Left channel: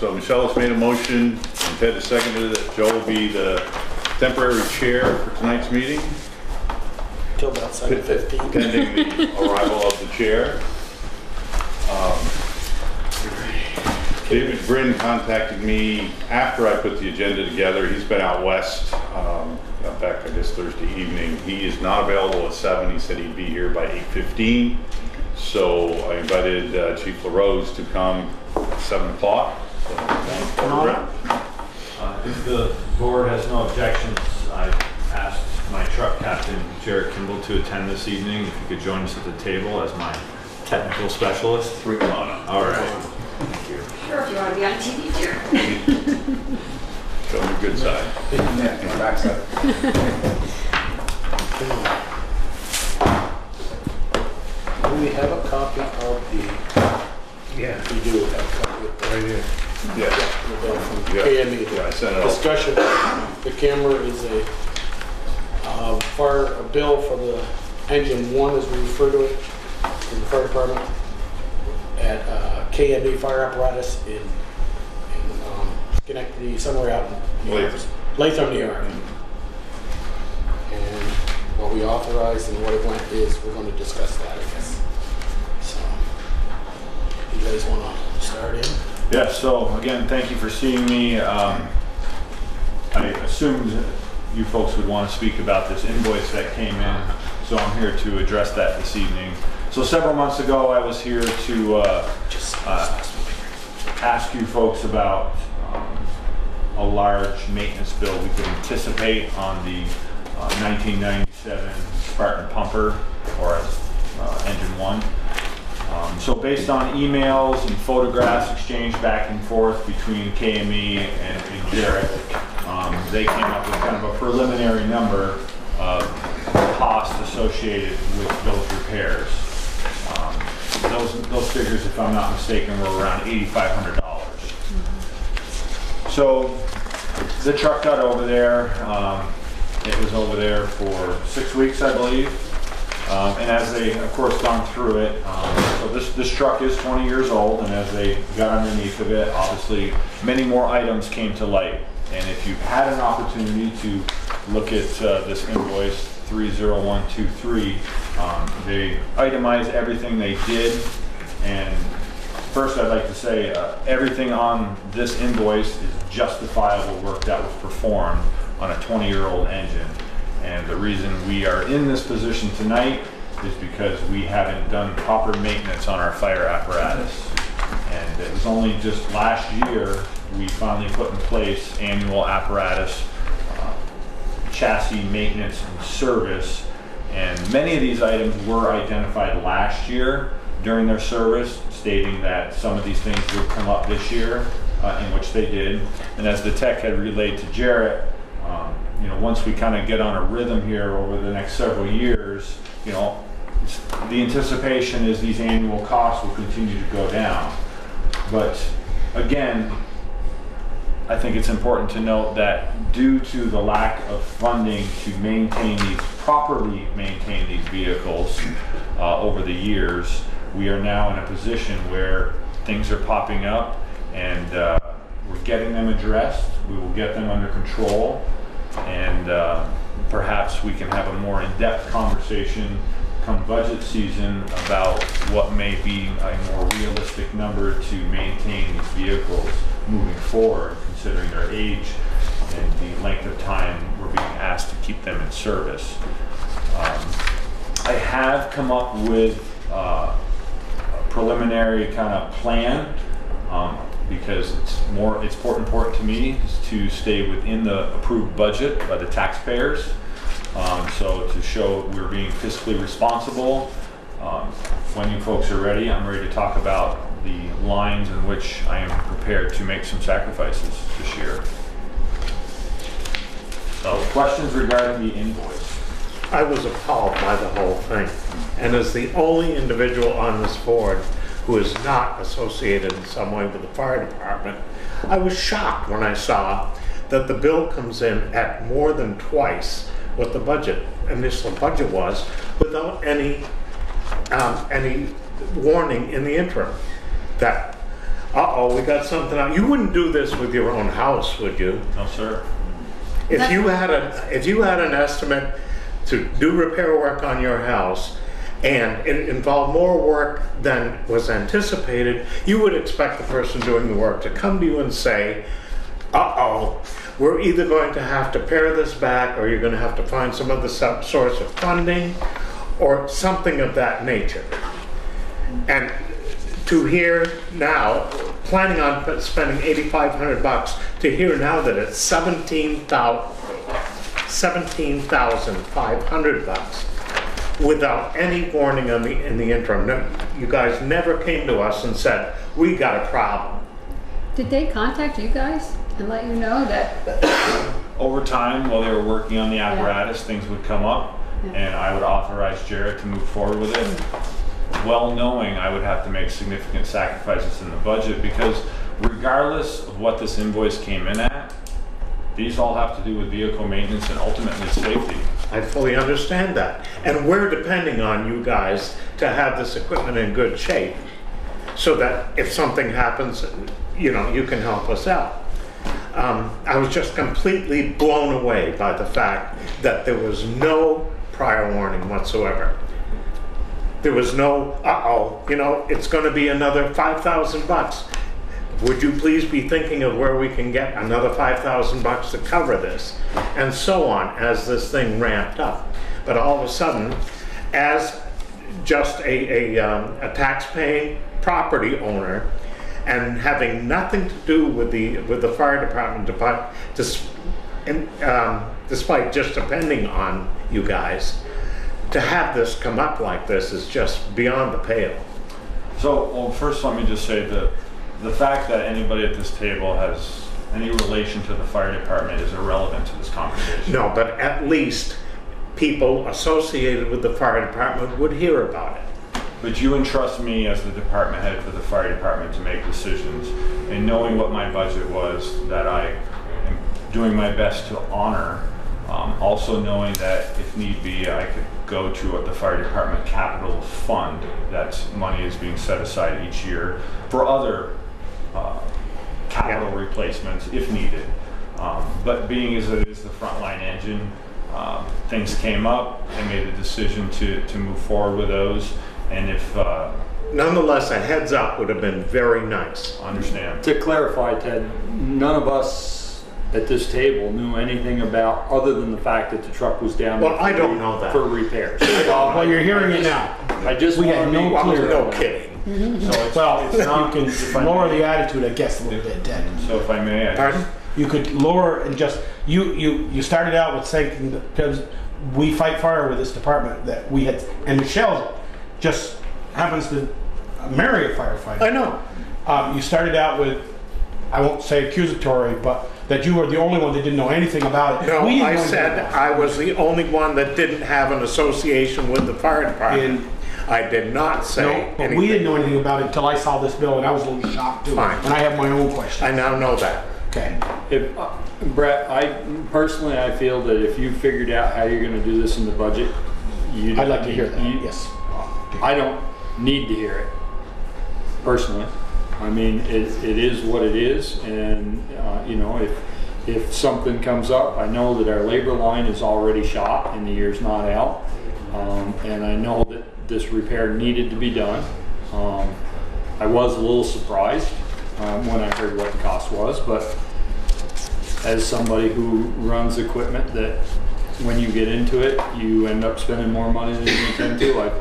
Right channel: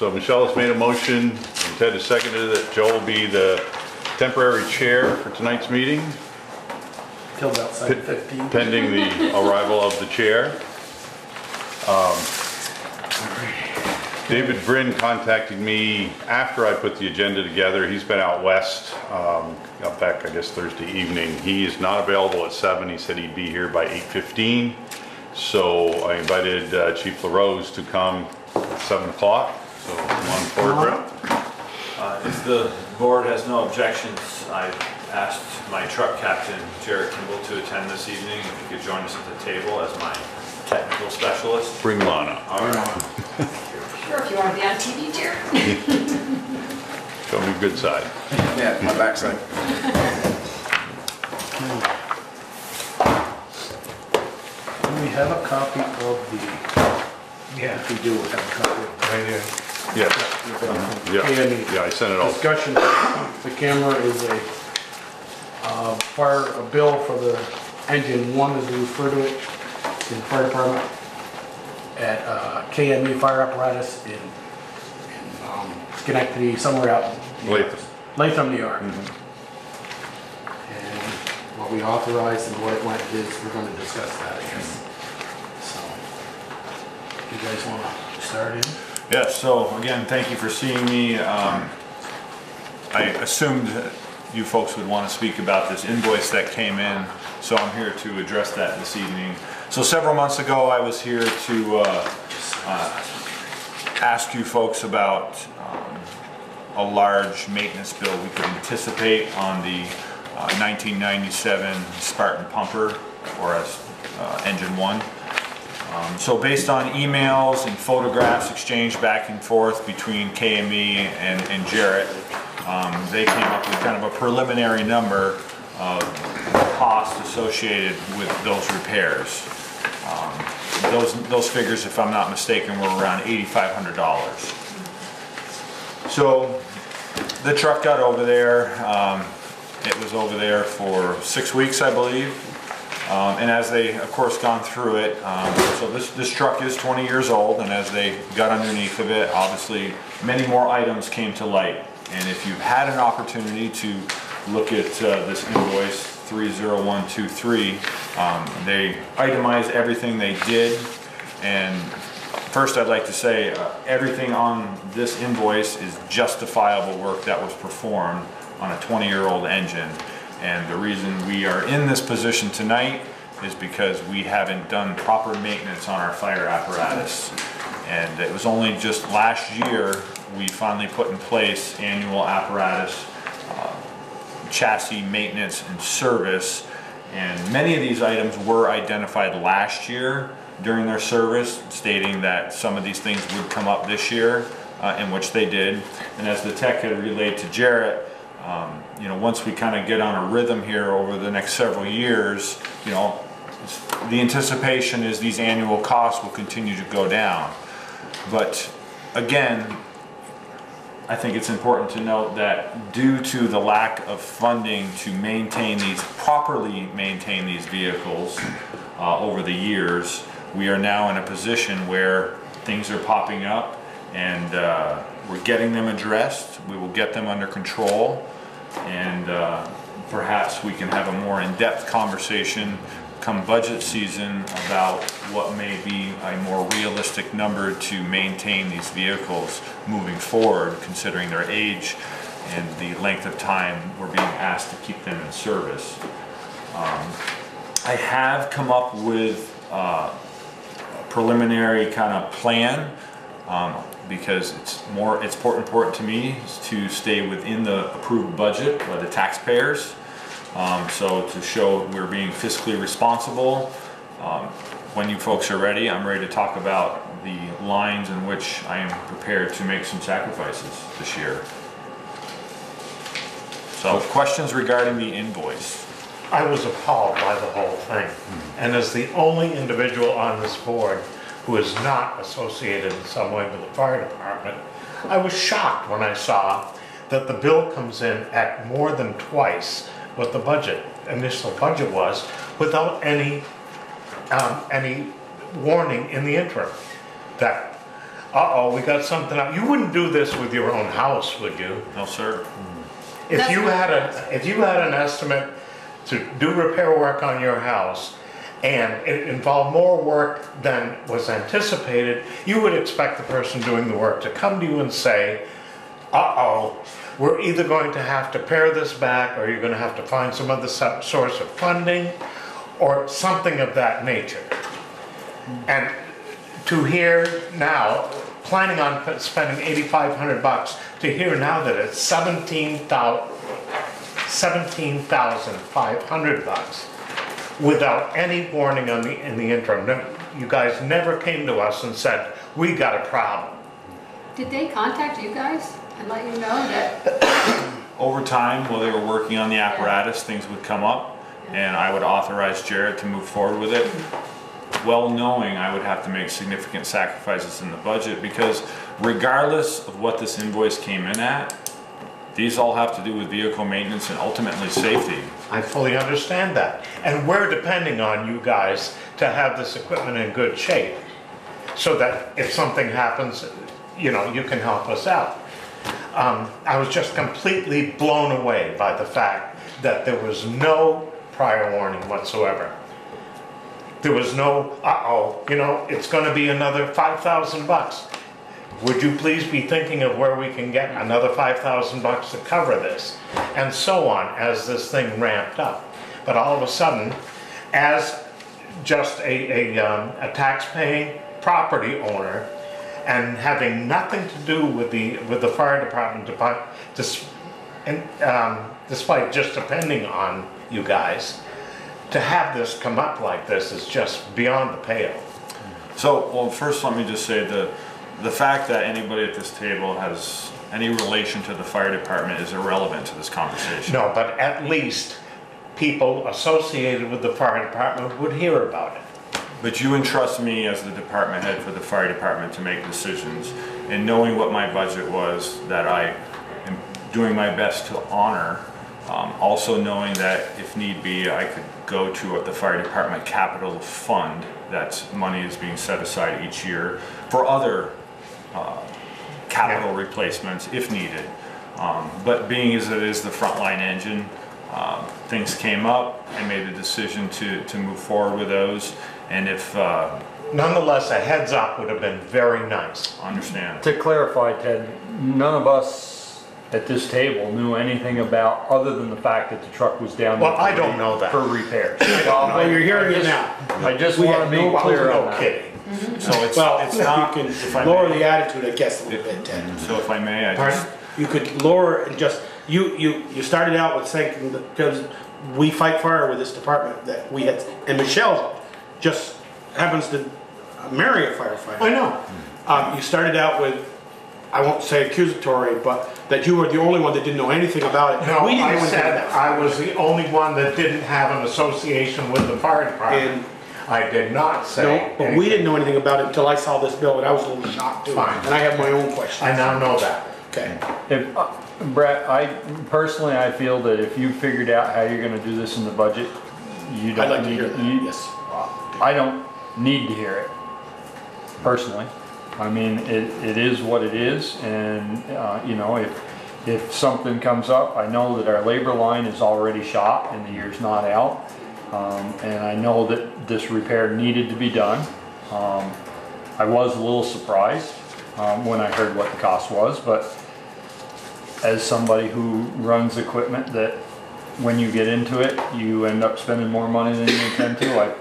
So Michelle has made a motion, and Ted has seconded it. Joe will be the temporary chair for tonight's meeting. Till about 7:15. Pending the arrival of the chair. David Bryn contacted me after I put the agenda together. He's been out west, got back I guess Thursday evening. He is not available at 7. He said he'd be here by 8:15. So I invited Chief LaRose to come at 7 o'clock. So if the board has no objections, I've asked my truck captain, Jarrett Kimball, to attend this evening. If he could join us at the table as my technical specialist. Bring Lana. All right. Thank you. Sure, if you want to be on TV, Jared. Show me your good side. Yeah, my backside. Do we have a copy of the... Yeah, we do have a copy. Right here. Yeah. Yeah, I sent it off. Discussion. The camera is a bill for the engine 1, as we refer to it, in the fire department, at KME Fire Apparatus in Schenectady, somewhere out in Latham, New York. And what we authorized and what it went is, we're going to discuss that, I guess. So, you guys want to start in? Yes, so again, thank you for seeing me. I assumed you folks would want to speak about this invoice that came in, so I'm here to address that this evening. So several months ago, I was here to ask you folks about a large maintenance bill we could anticipate on the 1997 Spartan pumper, or engine 1. So based on emails and photographs exchanged back and forth between KME and Jarrett, they came up with kind of a preliminary number of costs associated with those repairs. Those figures, if I'm not mistaken, were around $8,500. So the truck got over there. It was over there for 6 weeks, I believe. And as they, of course, gone through it, so this truck is 20 years old, and as they got underneath of it, obviously many more items came to light. And if you've had an opportunity to look at this invoice 30123, they itemize everything they did. And first, I'd like to say everything on this invoice is justifiable work that was performed on a 20-year-old engine. And the reason we are in this position tonight is because we haven't done proper maintenance on our fire apparatus. And it was only just last year we finally put in place annual apparatus, chassis maintenance and service. And many of these items were identified last year during their service, stating that some of these things would come up this year, in which they did. And as the tech had relayed to Jarrett, you know, once we kind of get on a rhythm here over the next several years, you know, the anticipation is these annual costs will continue to go down. But again, I think it's important to note that due to the lack of funding to properly maintain these vehicles over the years, we are now in a position where things are popping up, and we're getting them addressed. We will get them under control, and perhaps we can have a more in-depth conversation come budget season about what may be a more realistic number to maintain these vehicles moving forward, considering their age and the length of time we're being asked to keep them in service. I have come up with a preliminary kind of plan, because it's important to me to stay within the approved budget by the taxpayers. So to show we're being fiscally responsible. When you folks are ready, I'm ready to talk about the lines in which I am prepared to make some sacrifices this year. So questions regarding the invoice? I was appalled by the whole thing. And as the only individual on this board who is not associated in some way with the fire department, I was shocked when I saw that the bill comes in at more than twice what the initial budget was, without any warning in the interim. That uh-oh, we got something out. You wouldn't do this with your own house, would you? No, sir. If you had an estimate to do repair work on your house and it involved more work than was anticipated, you would expect the person doing the work to come to you and say, uh-oh, we're either going to have to pare this back, or you're going to have to find some other source of funding or something of that nature. And to hear now, planning on spending $8,500, to hear now that it's $17,500 without any warning in the interim. No, you guys never came to us and said, we got a problem. Did they contact you guys and let you know that? Over time, while they were working on the apparatus, things would come up, and I would authorize Jared to move forward with it, well knowing I would have to make significant sacrifices in the budget, because regardless of what this invoice came in at, these all have to do with vehicle maintenance and ultimately safety. I fully understand that. And we're depending on you guys to have this equipment in good shape so that if something happens, you know, you can help us out. I was just completely blown away by the fact that there was no prior warning whatsoever. There was no, uh-oh, you know, it's going to be another $5,000. Would you please be thinking of where we can get another $5,000 to cover this? And so on, as this thing ramped up. But all of a sudden, as just a tax-paying property owner, and having nothing to do with the fire department, despite just depending on you guys, to have this come up like this is just beyond the pale. So, well, first let me just say the fact that anybody at this table has any relation to the fire department is irrelevant to this conversation. No, but at least people associated with the fire department would hear about it. But you entrust me as the department head for the fire department to make decisions, and knowing what my budget was, that I am doing my best to honor. Also knowing that if need be, I could go to the fire department capital fund, that money is being set aside each year for other capital replacements if needed. But being as it is the frontline engine, things came up. I made a decision to move forward with those. And if nonetheless, a heads up would have been very nice. Understand. To clarify, Ted, none of us at this table knew anything about, other than the fact that the truck was down Well, I don't know that. for repairs. Well, you're hearing it now. I just We want had to be no clear. No on that. kidding. So it's Well, it's you not. can if I lower may- the attitude, I guess, a little bit, Ted. So if I may, I Pardon? just You could lower and just, you started out with saying, because we fight fire with this department, that we had, and Michelle just happens to marry a firefighter. I know. You started out with, I won't say accusatory, but that you were the only one that didn't know anything about it. No, We didn't I know anything said about it. I was the only one that didn't have an association with the fire department. And I did not say no, but we anything. didn't know anything about it until I saw this bill, and I was a little shocked too. Fine. And I have my own questions. I now know that. Okay. If, Brett, I feel that if you figured out how you're going to do this in the budget, you don't I'd like to need- hear that, you- yes. I don't need to hear it, personally. I mean, it is what it is, and you know, if something comes up, I know that our labor line is already shot and the year's not out, and I know that this repair needed to be done. I was a little surprised when I heard what the cost was, but as somebody who runs equipment that when you get into it, you end up spending more money than you intend to,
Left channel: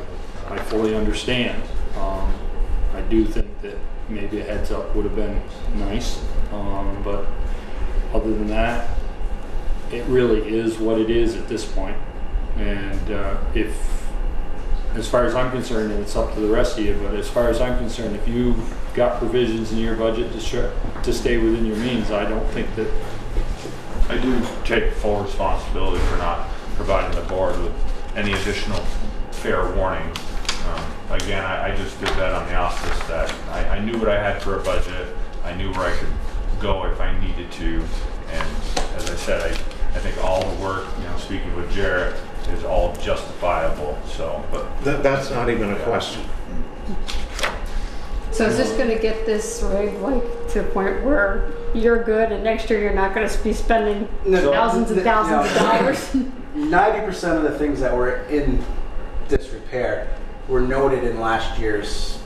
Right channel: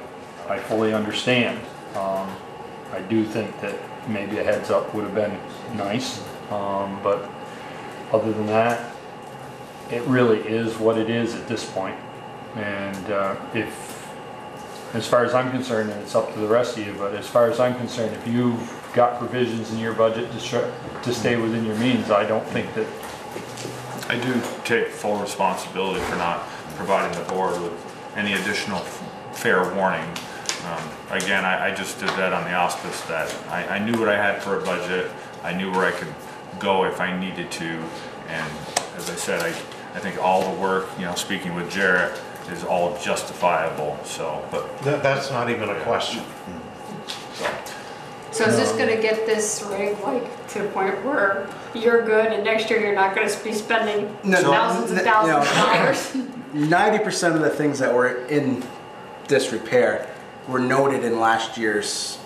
I fully understand. I do think that maybe a heads up would have been nice, but other than that, it really is what it is at this point. And if, as far as I'm concerned, and it's up to the rest of you, but as far as I'm concerned, if you've got provisions in your budget to stay within your means, I don't think that. I do take full responsibility for not providing the board with any additional fair warning. Again, I just did that on the auspice that I knew what I had for a budget. I knew where I could go if I needed to. And as I said, I think all the work, you know, speaking with Jarrett, is all justifiable. So, but That's not even a question. So is this gonna get this rig like to a point where you're good and next year you're not gonna be spending thousands and thousands of dollars? 90% of the things that were in disrepair were noted in last year's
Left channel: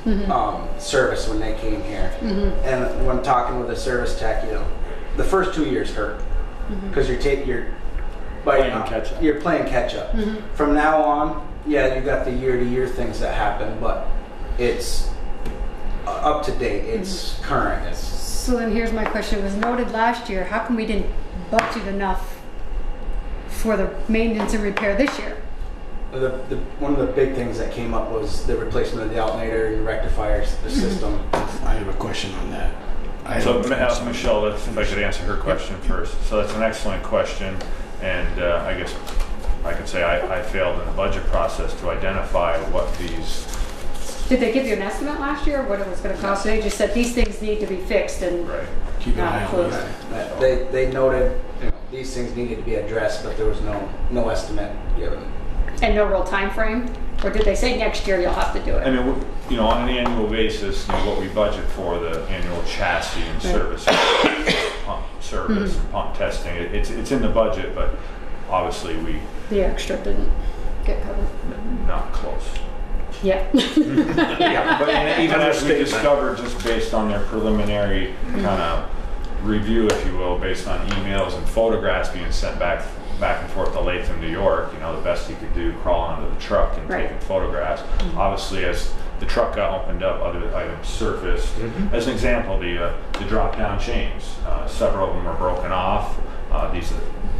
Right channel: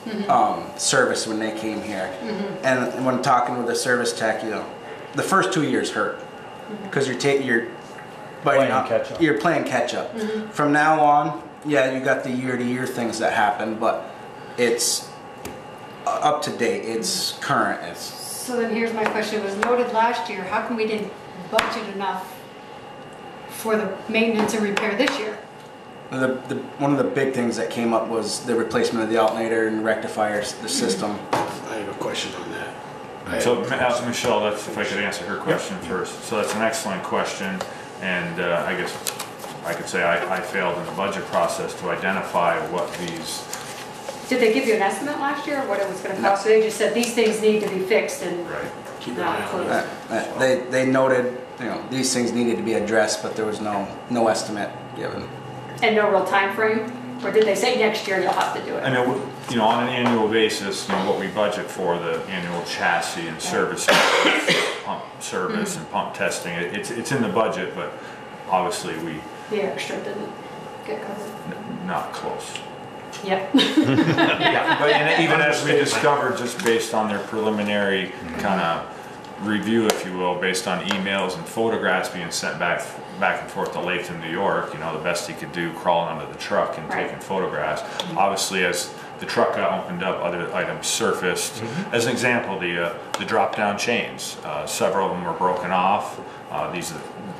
service when they came here. And when I'm talking with a service tech, the first 2 years hurt because you're Playing catch up. You're playing catch up. From now on, you got the year-to-year things that happen, but it's up to date. It's current. So then here's my question. It was noted last year. How come we didn't budget enough for the maintenance and repair this year? One of the big things that came up was the replacement of the alternator and rectifier, the system. I have a question on that. So, Michelle, that's, if I could answer her question first. So that's an excellent question, and I guess I could say I failed in the budget process to identify what these. Did they give you an estimate last year of what it was going to cost? They just said these things need to be fixed and Keep an eye on it. They noted, these things needed to be addressed, but there was no estimate given. And no real time frame? Or did they say next year you'll have to do it? I mean, on an annual basis, what we budget for the annual chassis and service, pump service and pump testing, it's in the budget, but obviously the extra didn't get covered. Not close. Yep. But even as we discovered, just based on their preliminary kind of review, if you will, based on emails and photographs being sent back and forth to Latham, New York, the best he could do crawling under the truck and taking photographs. Obviously, as the truck got opened up, other items surfaced. As an example, the drop-down chains, several of them were broken off.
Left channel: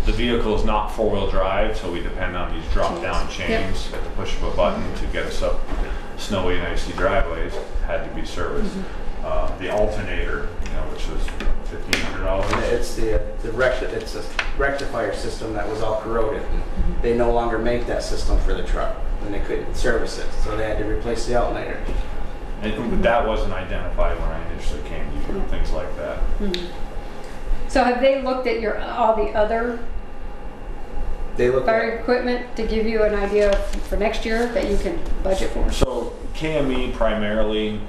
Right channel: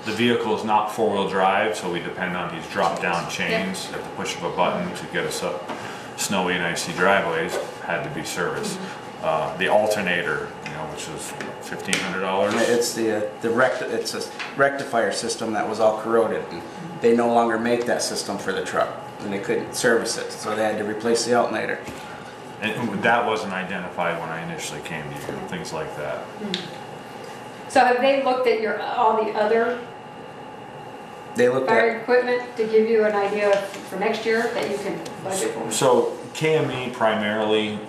The vehicle is not four-wheel drive, so we depend on these drop-down chains at the push of a button to get us up snowy and icy driveways. Had to be serviced. The alternator, which was $1,500. It's it's a rectifier system that was all corroded. And they no longer make that system for the truck, and they couldn't service it, so they had to replace the alternator. And that wasn't identified when I initially came to you. Things like that. So have they looked at all the other They looked fire at equipment to give you an idea for next year that you can budget for? So KME primarily,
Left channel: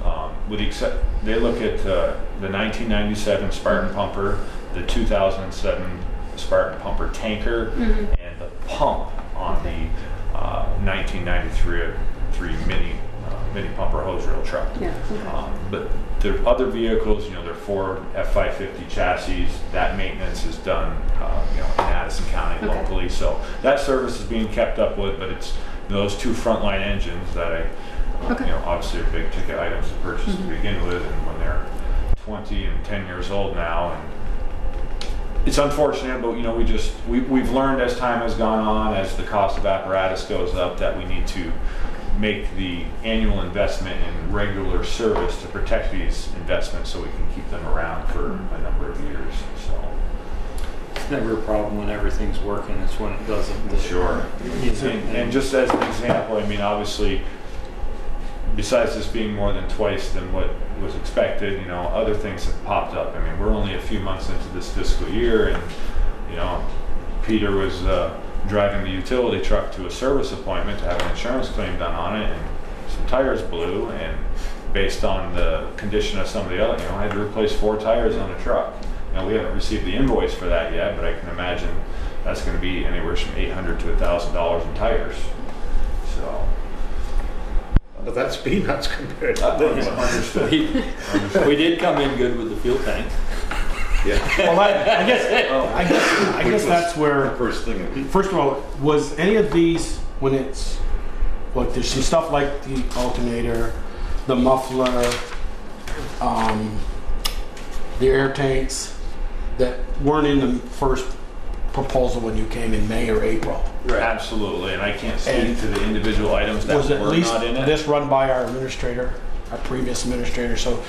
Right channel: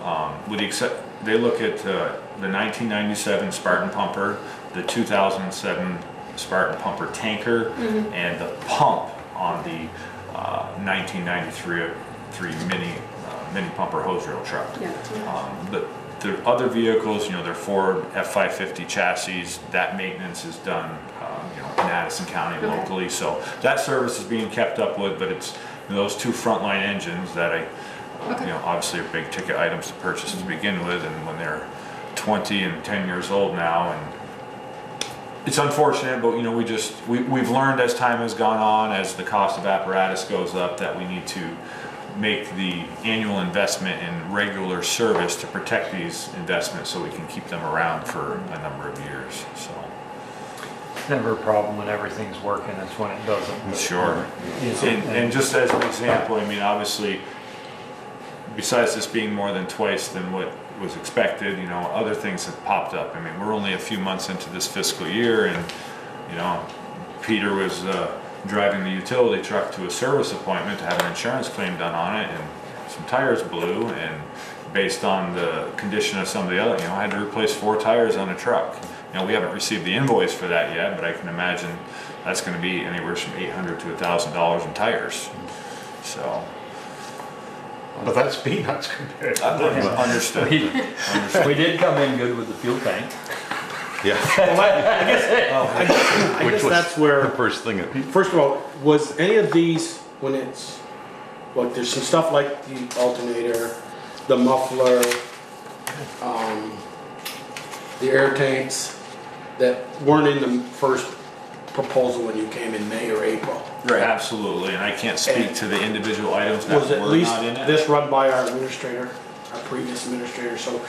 they look at the 1997 Spartan pumper, the 2007 Spartan pumper tanker, and the pump on the 1993 mini pumper hose reel truck. But the other vehicles, they're Ford F550 chassis. That maintenance is done, in Addison County locally. So that service is being kept up with, but it's those two frontline engines that obviously are big ticket items to purchase to begin with, and when they're 20 and 10 years old now, and it's unfortunate, but we've learned as time has gone on, as the cost of apparatus goes up, that we need to make the annual investment in regular service to protect these investments so we can keep them around for a number of years. So It's never a problem when everything's working, it's when it doesn't. sure. And just as an example, obviously, besides this being more than twice than what was expected, other things have popped up. We're only a few months into this fiscal year, and Peter was driving the utility truck to a service appointment to have an insurance claim done on it, and some tires blew, and based on the condition of some of the other, had to replace 4 tires on a truck. We haven't received the invoice for that yet, but I can imagine that's going to be anywhere from $800 to $1,000 in tires. So. But that's peanuts compared to Understood. We did come in good with the fuel tank. Yeah. Well, I guess that's where. First thing. First of all, was any of these when it's there's some stuff like the alternator, the muffler, the air tanks that weren't in the first proposal when you came in May or April? Right. Absolutely, and I can't speak to the individual items that Was at were least not in it. this run by our administrator, our previous administrator? So,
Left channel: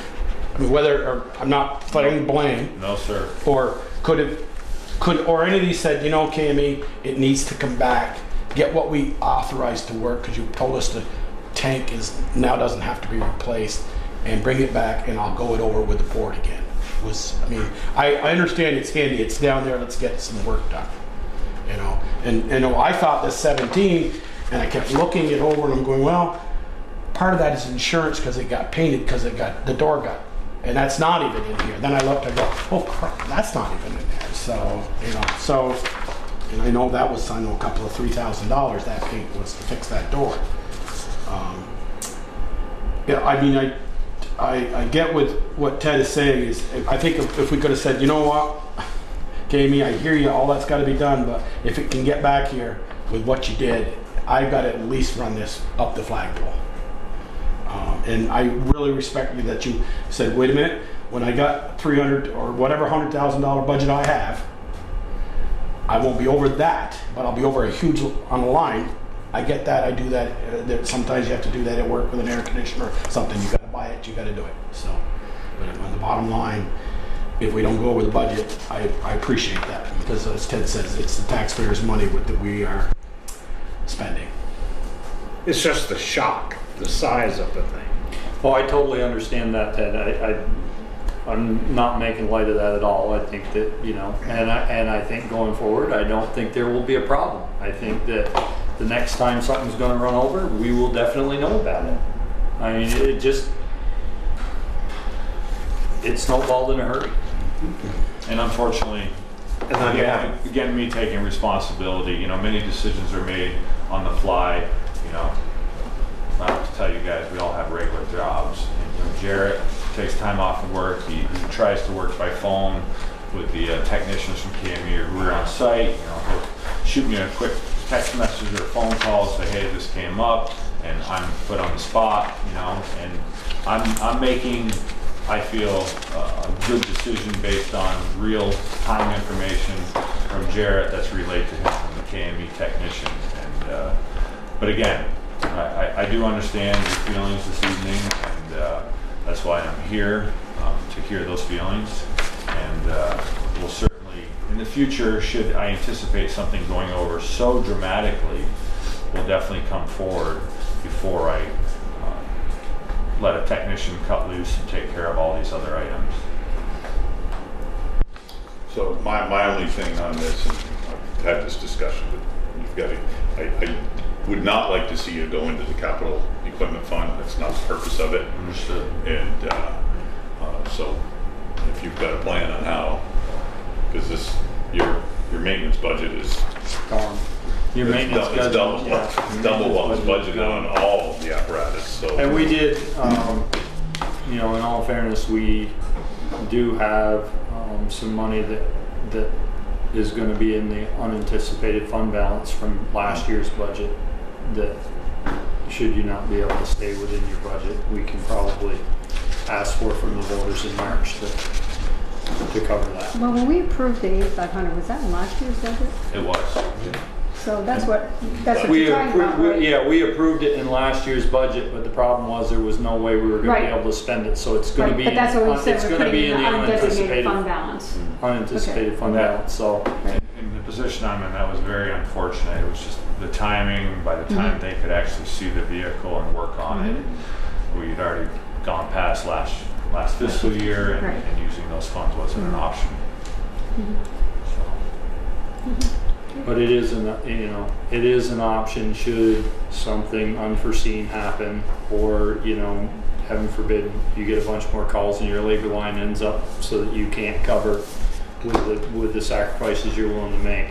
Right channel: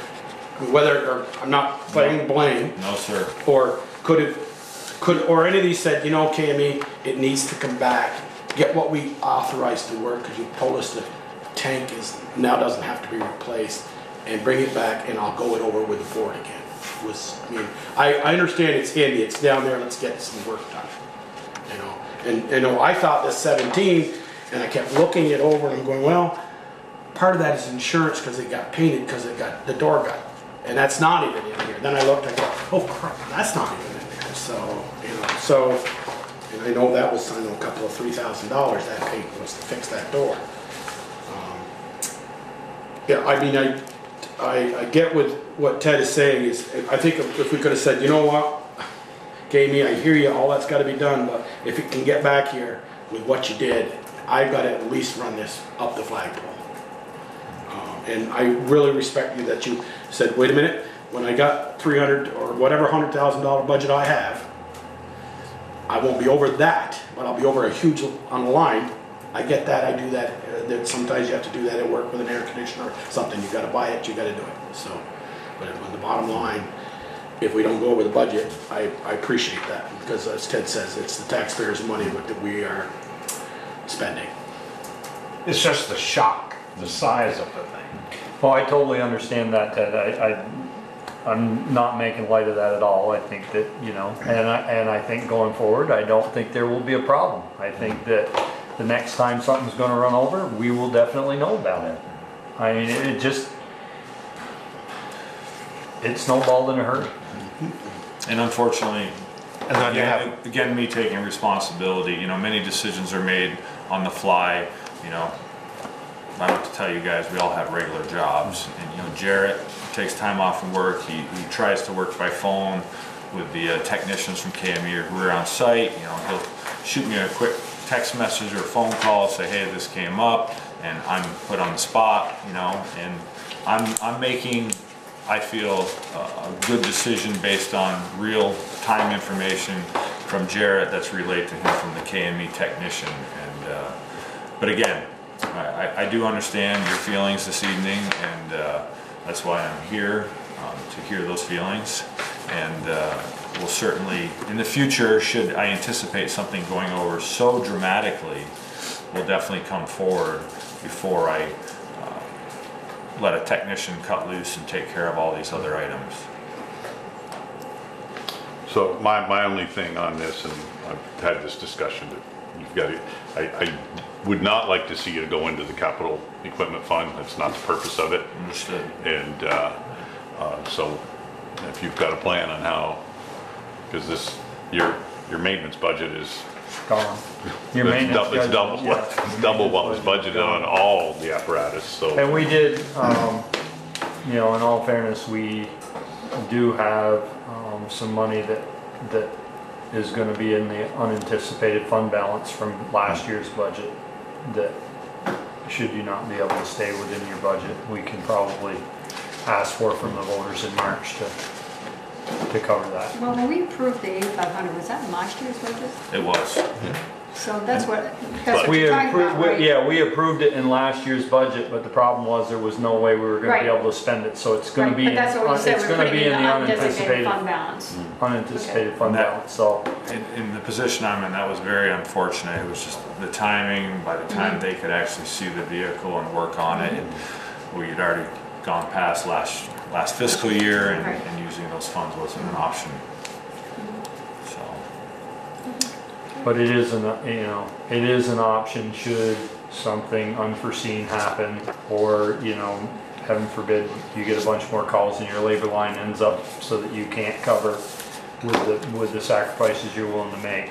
I'm not playing blame. No, sir. Or or any of these said, KME, it needs to come back, get what we authorized to work, because you told us the tank doesn't have to be replaced, and bring it back, and I'll go it over with the board again. I understand it's handy, it's down there, let's get some work done. And I thought this 17, and I kept looking it over, and I'm going, well, part of that is insurance because it got painted because the door got, and that's not even in here. Then I looked, I go, oh crap, that's not even in there. So, you know, and I know that was, I know, a couple of $3,000 that paint was to fix that door. Yeah, I mean, I get what Ted is saying is, I think if we could have said, you know what, Jamie, I hear you, all that's got to be done, but if it can get back here with what you did, I've got to at least run this up the flagpole. And I really respect you that you said, wait a minute, when I got 300 or whatever $100,000 budget I have, I won't be over that, but I'll be over a huge on the line. I get that, I do that. Sometimes you have to do that at work with an air conditioner or something. You got to buy it, you got to do it. So, but on the bottom line, if we don't go over the budget, I appreciate that because, as Ted says, it's the taxpayers' money that we are spending. It's just the shock, the size of the thing. Oh, I totally understand that, Ted. I'm not making light of that at all. I think that, you know, and I think going forward, I don't think there will be a problem. I think that the next time something's going to run over, we will definitely know about it. I mean, it snowballed in a hurry. And unfortunately, And then again, me taking responsibility, you know, many decisions are made on the fly, you know. I have to tell you guys, we all have regular jobs. And, you know, Jarrett takes time off from work. He tries to work by phone with the technicians from KME who are on site. You know, he'll shoot me a quick text message or a phone call, say, hey, this came up, and I'm put on the spot, you know, and I'm making, I feel, a good decision based on real time information from Jarrett that's relayed to him from the KME technician. And but again, I do understand your feelings this evening, and that's why I'm here, to hear those feelings. And we'll certainly, in the future, should I anticipate something going over so dramatically, we'll definitely come forward before I let a technician cut loose and take care of all these other items. So my only thing on this, and I've had this discussion, but you've got to, I would not like to see it go into the capital equipment fund. That's not the purpose of it. Understood. And so if you've got a plan on how, because this, your maintenance budget is Gone. Your maintenance it's schedule, double what was budgeted on all the apparatus. So and we did, you know, in all fairness, we do have some money that is going to be in the unanticipated fund balance from last year's budget that, should you not be able to stay within your budget, we can probably ask for from the voters in March to cover that. Well, when we approved the 8,500, was that in last year's budget? It was. So that's what We you're talking about, right? Yeah, we approved it in last year's budget, but the problem was there was no way we were going to be able to spend it. So it's going to be. But that's what we said. It's We're going to putting be in in the the undesignated unanticipated fund balance. Unanticipated fund That- balance. So In the position I'm in, that was very unfortunate. It was just the timing. By the time they could actually see the vehicle and work on it, we had already gone past last fiscal year, and using those funds wasn't an option. So. but it is it is an option should something unforeseen happen, or, you know, heaven forbid, you get a bunch more calls and your labor line ends up so that you can't cover with the sacrifices you're willing to make.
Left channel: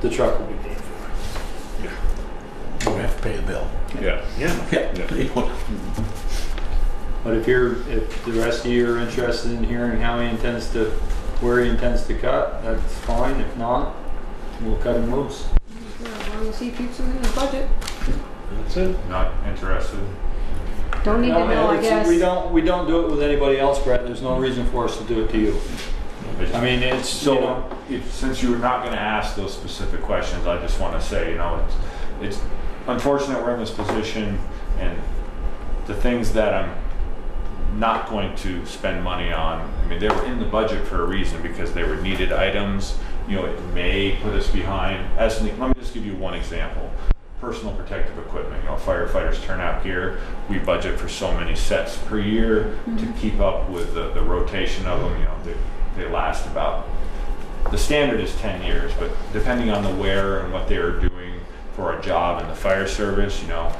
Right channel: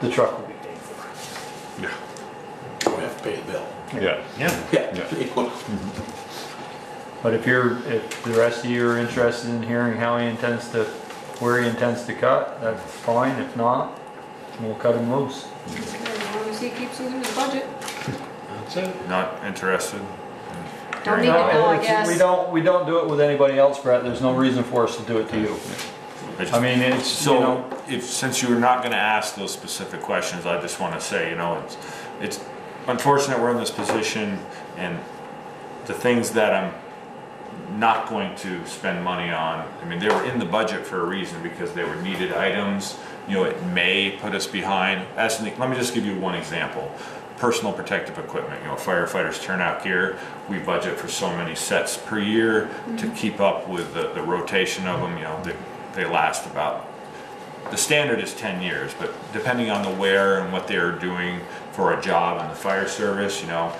The truck will be paid for. yeah, We have to pay the bill. yeah. But if the rest of you are interested in hearing where he intends to cut, that's fine. If not, we'll cut him loose. As long as he keeps them in his budget. That's it. Not interested. Don't need to know, I it's- guess. We don't do it with anybody else, Brett. There's no reason for us to do it to you. I mean, it's, So, you know, since you're not going to ask those specific questions, I just want to say, you know, it's unfortunate we're in this position, and the things that I'm not going to spend money on, I mean, they were in the budget for a reason, because they were needed items. You know, it may put us behind. Let me just give you one example. Personal protective equipment. You know, firefighters turnout gear. We budget for so many sets per year to keep up with the rotation of them. You know, they last about, the standard is 10 years, but depending on the wear and what they are doing, for a job in the fire service. You know,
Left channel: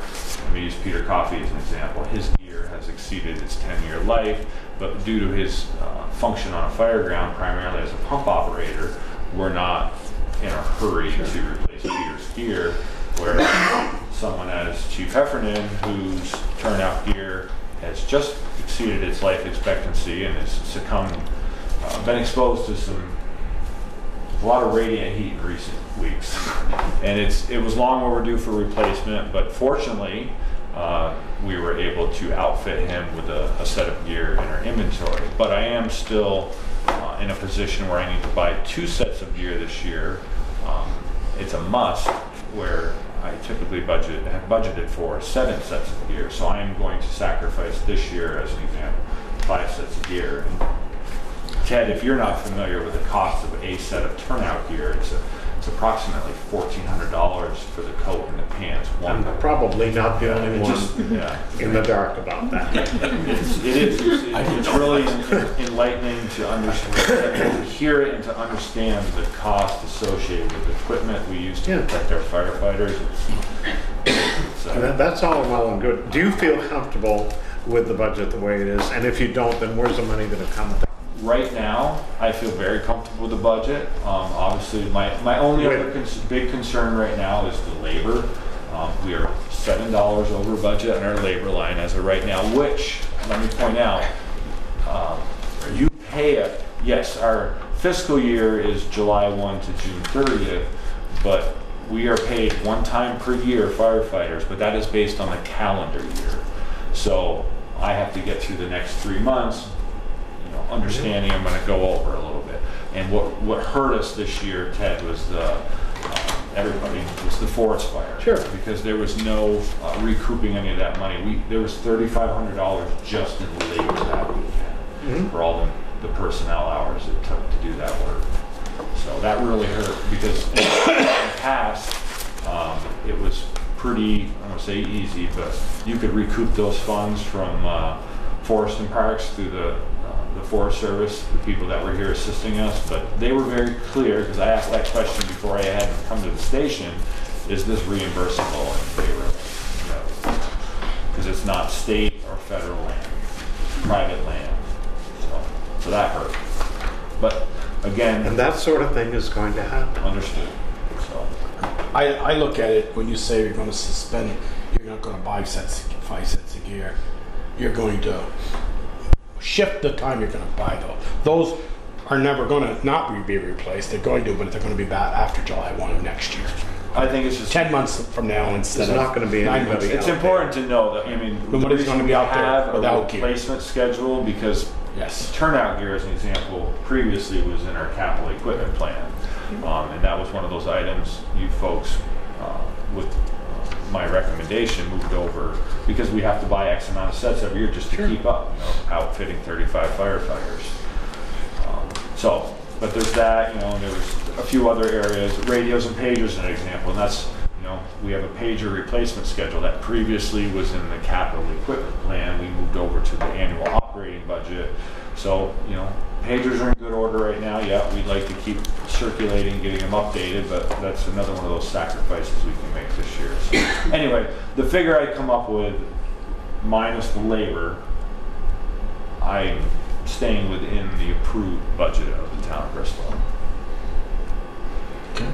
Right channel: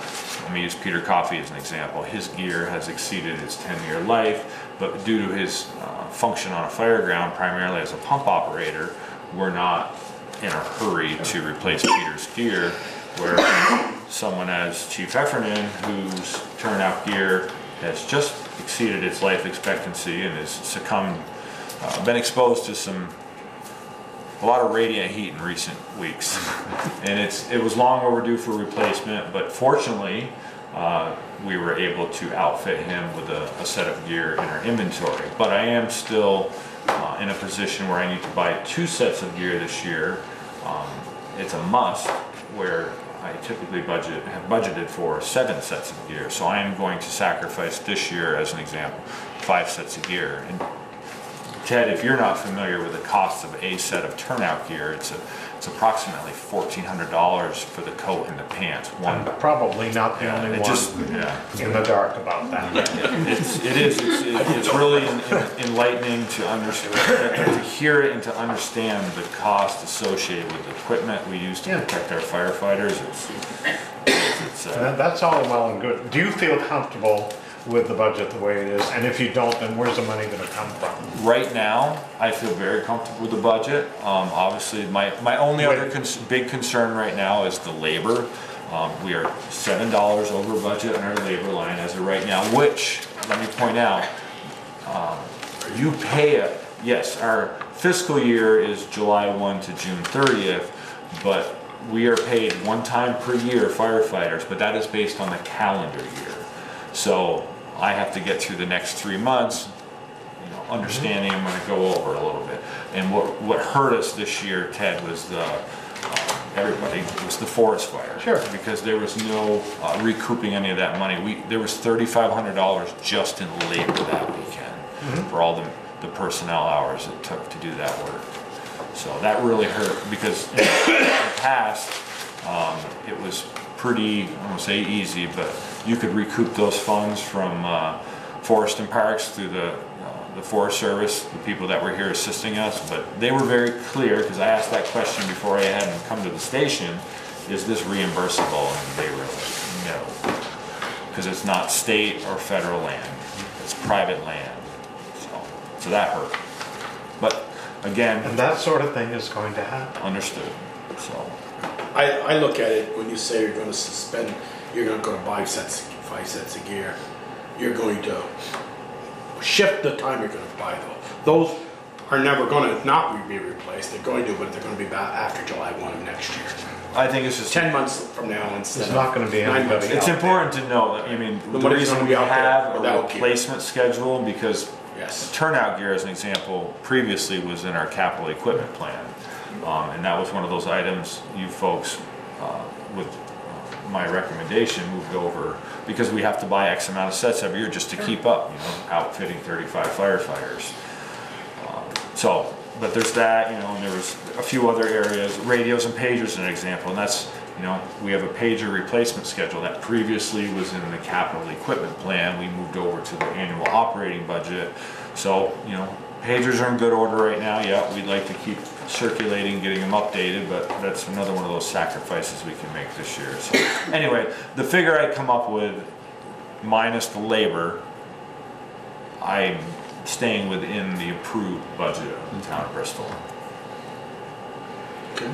let me use Peter Coffey as an example. His gear has exceeded its 10-year life, but due to his function on a fire ground, primarily as a pump operator, we're not in a hurry to replace Peter's gear, where someone as Chief Heffernan, whose turnout gear has just exceeded its life expectancy and has succumbed, been exposed to a lot of radiant heat in recent weeks, and it was long overdue for replacement. But fortunately, we were able to outfit him with a set of gear in our inventory. But I am still in a position where I need to buy 2 sets of gear this year. It's a must, where I typically have budgeted for 7 sets of gear. So I am going to sacrifice this year, as an example, 5 sets of gear. And Ted, if you're not familiar with the cost of a set of turnout gear, it's approximately $1,400 for the coat and the pants. I'm probably not the only one in the dark about that. It's really enlightening to understand, to hear it, and to understand the cost associated with the equipment we use to protect our firefighters. That's all well and good. Do you feel comfortable with the budget the way it is? And if you don't, then where's the money going to come from? Right now, I feel very comfortable with the budget. Obviously, my only other big concern right now is the labor. We are $7 over budget on our labor line as of right now, which, let me point out, you pay it. Yes, our fiscal year is July 1 to June 30th, but we are paid one time per year, firefighters, but that is based on the calendar year. So I have to get through the next 3 months, understanding I'm going to go over a little bit. And what hurt us this year, Ted, was was the forest fire. Sure. Because there was no recouping any of that money. There was $3,500 just in labor that weekend for all the personnel hours it took to do that work. So that really hurt, because in the past it was pretty, I won't say easy, but you could recoup those funds from Forest and Parks through the Forest Service, the people that were here assisting us. But they were very clear, because I asked that question before I had them come to the station, is this reimbursable? And they were no, because it's not state or federal land, it's private land. So that hurt. But again, and that sort of thing is going to happen. Understood. So I look at it, when you say you're going to suspend, you're going to go to 5 sets of gear. You're going to shift the time you're going to buy those. Those are never going to not be replaced. They're going to, but they're going to be back after July 1 of next year. I think it's just 10 months from now instead It's of not going to be 9 anybody months. It's important to know that, I mean, the Nobody's reason gonna we be out there have a without gear. replacement schedule, because Yes. turnout gear, as an example, previously was in our capital equipment plan. And that was one of those items you folks, with my recommendation, moved over, because we have to buy X amount of sets every year just to keep up, outfitting 35 firefighters. But there's that, and there was a few other areas, radios and pagers, an example, and that's, we have a pager replacement schedule that previously was in the capital equipment plan. We moved over to the annual operating budget. So, pagers are in good order right now. Yeah, we'd like to keep circulating, getting them updated, but that's another one of those sacrifices we can make this year. So anyway, the figure I come up with, minus the labor, I'm staying within the approved budget of the town of Bristol. Okay.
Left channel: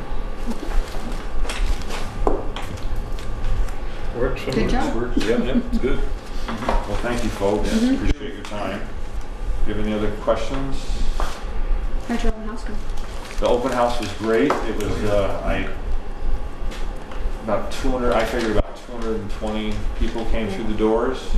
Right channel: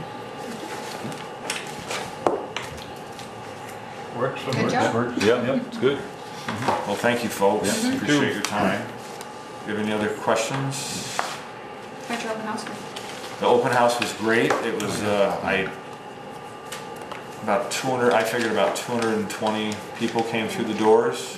Works for Good me. job. Yeah, it's good. Well, thank you, folks. Appreciate your time. Do you have any other questions? How'd your open house go? The open house was great. It was, I figured about 220 people came through the doors.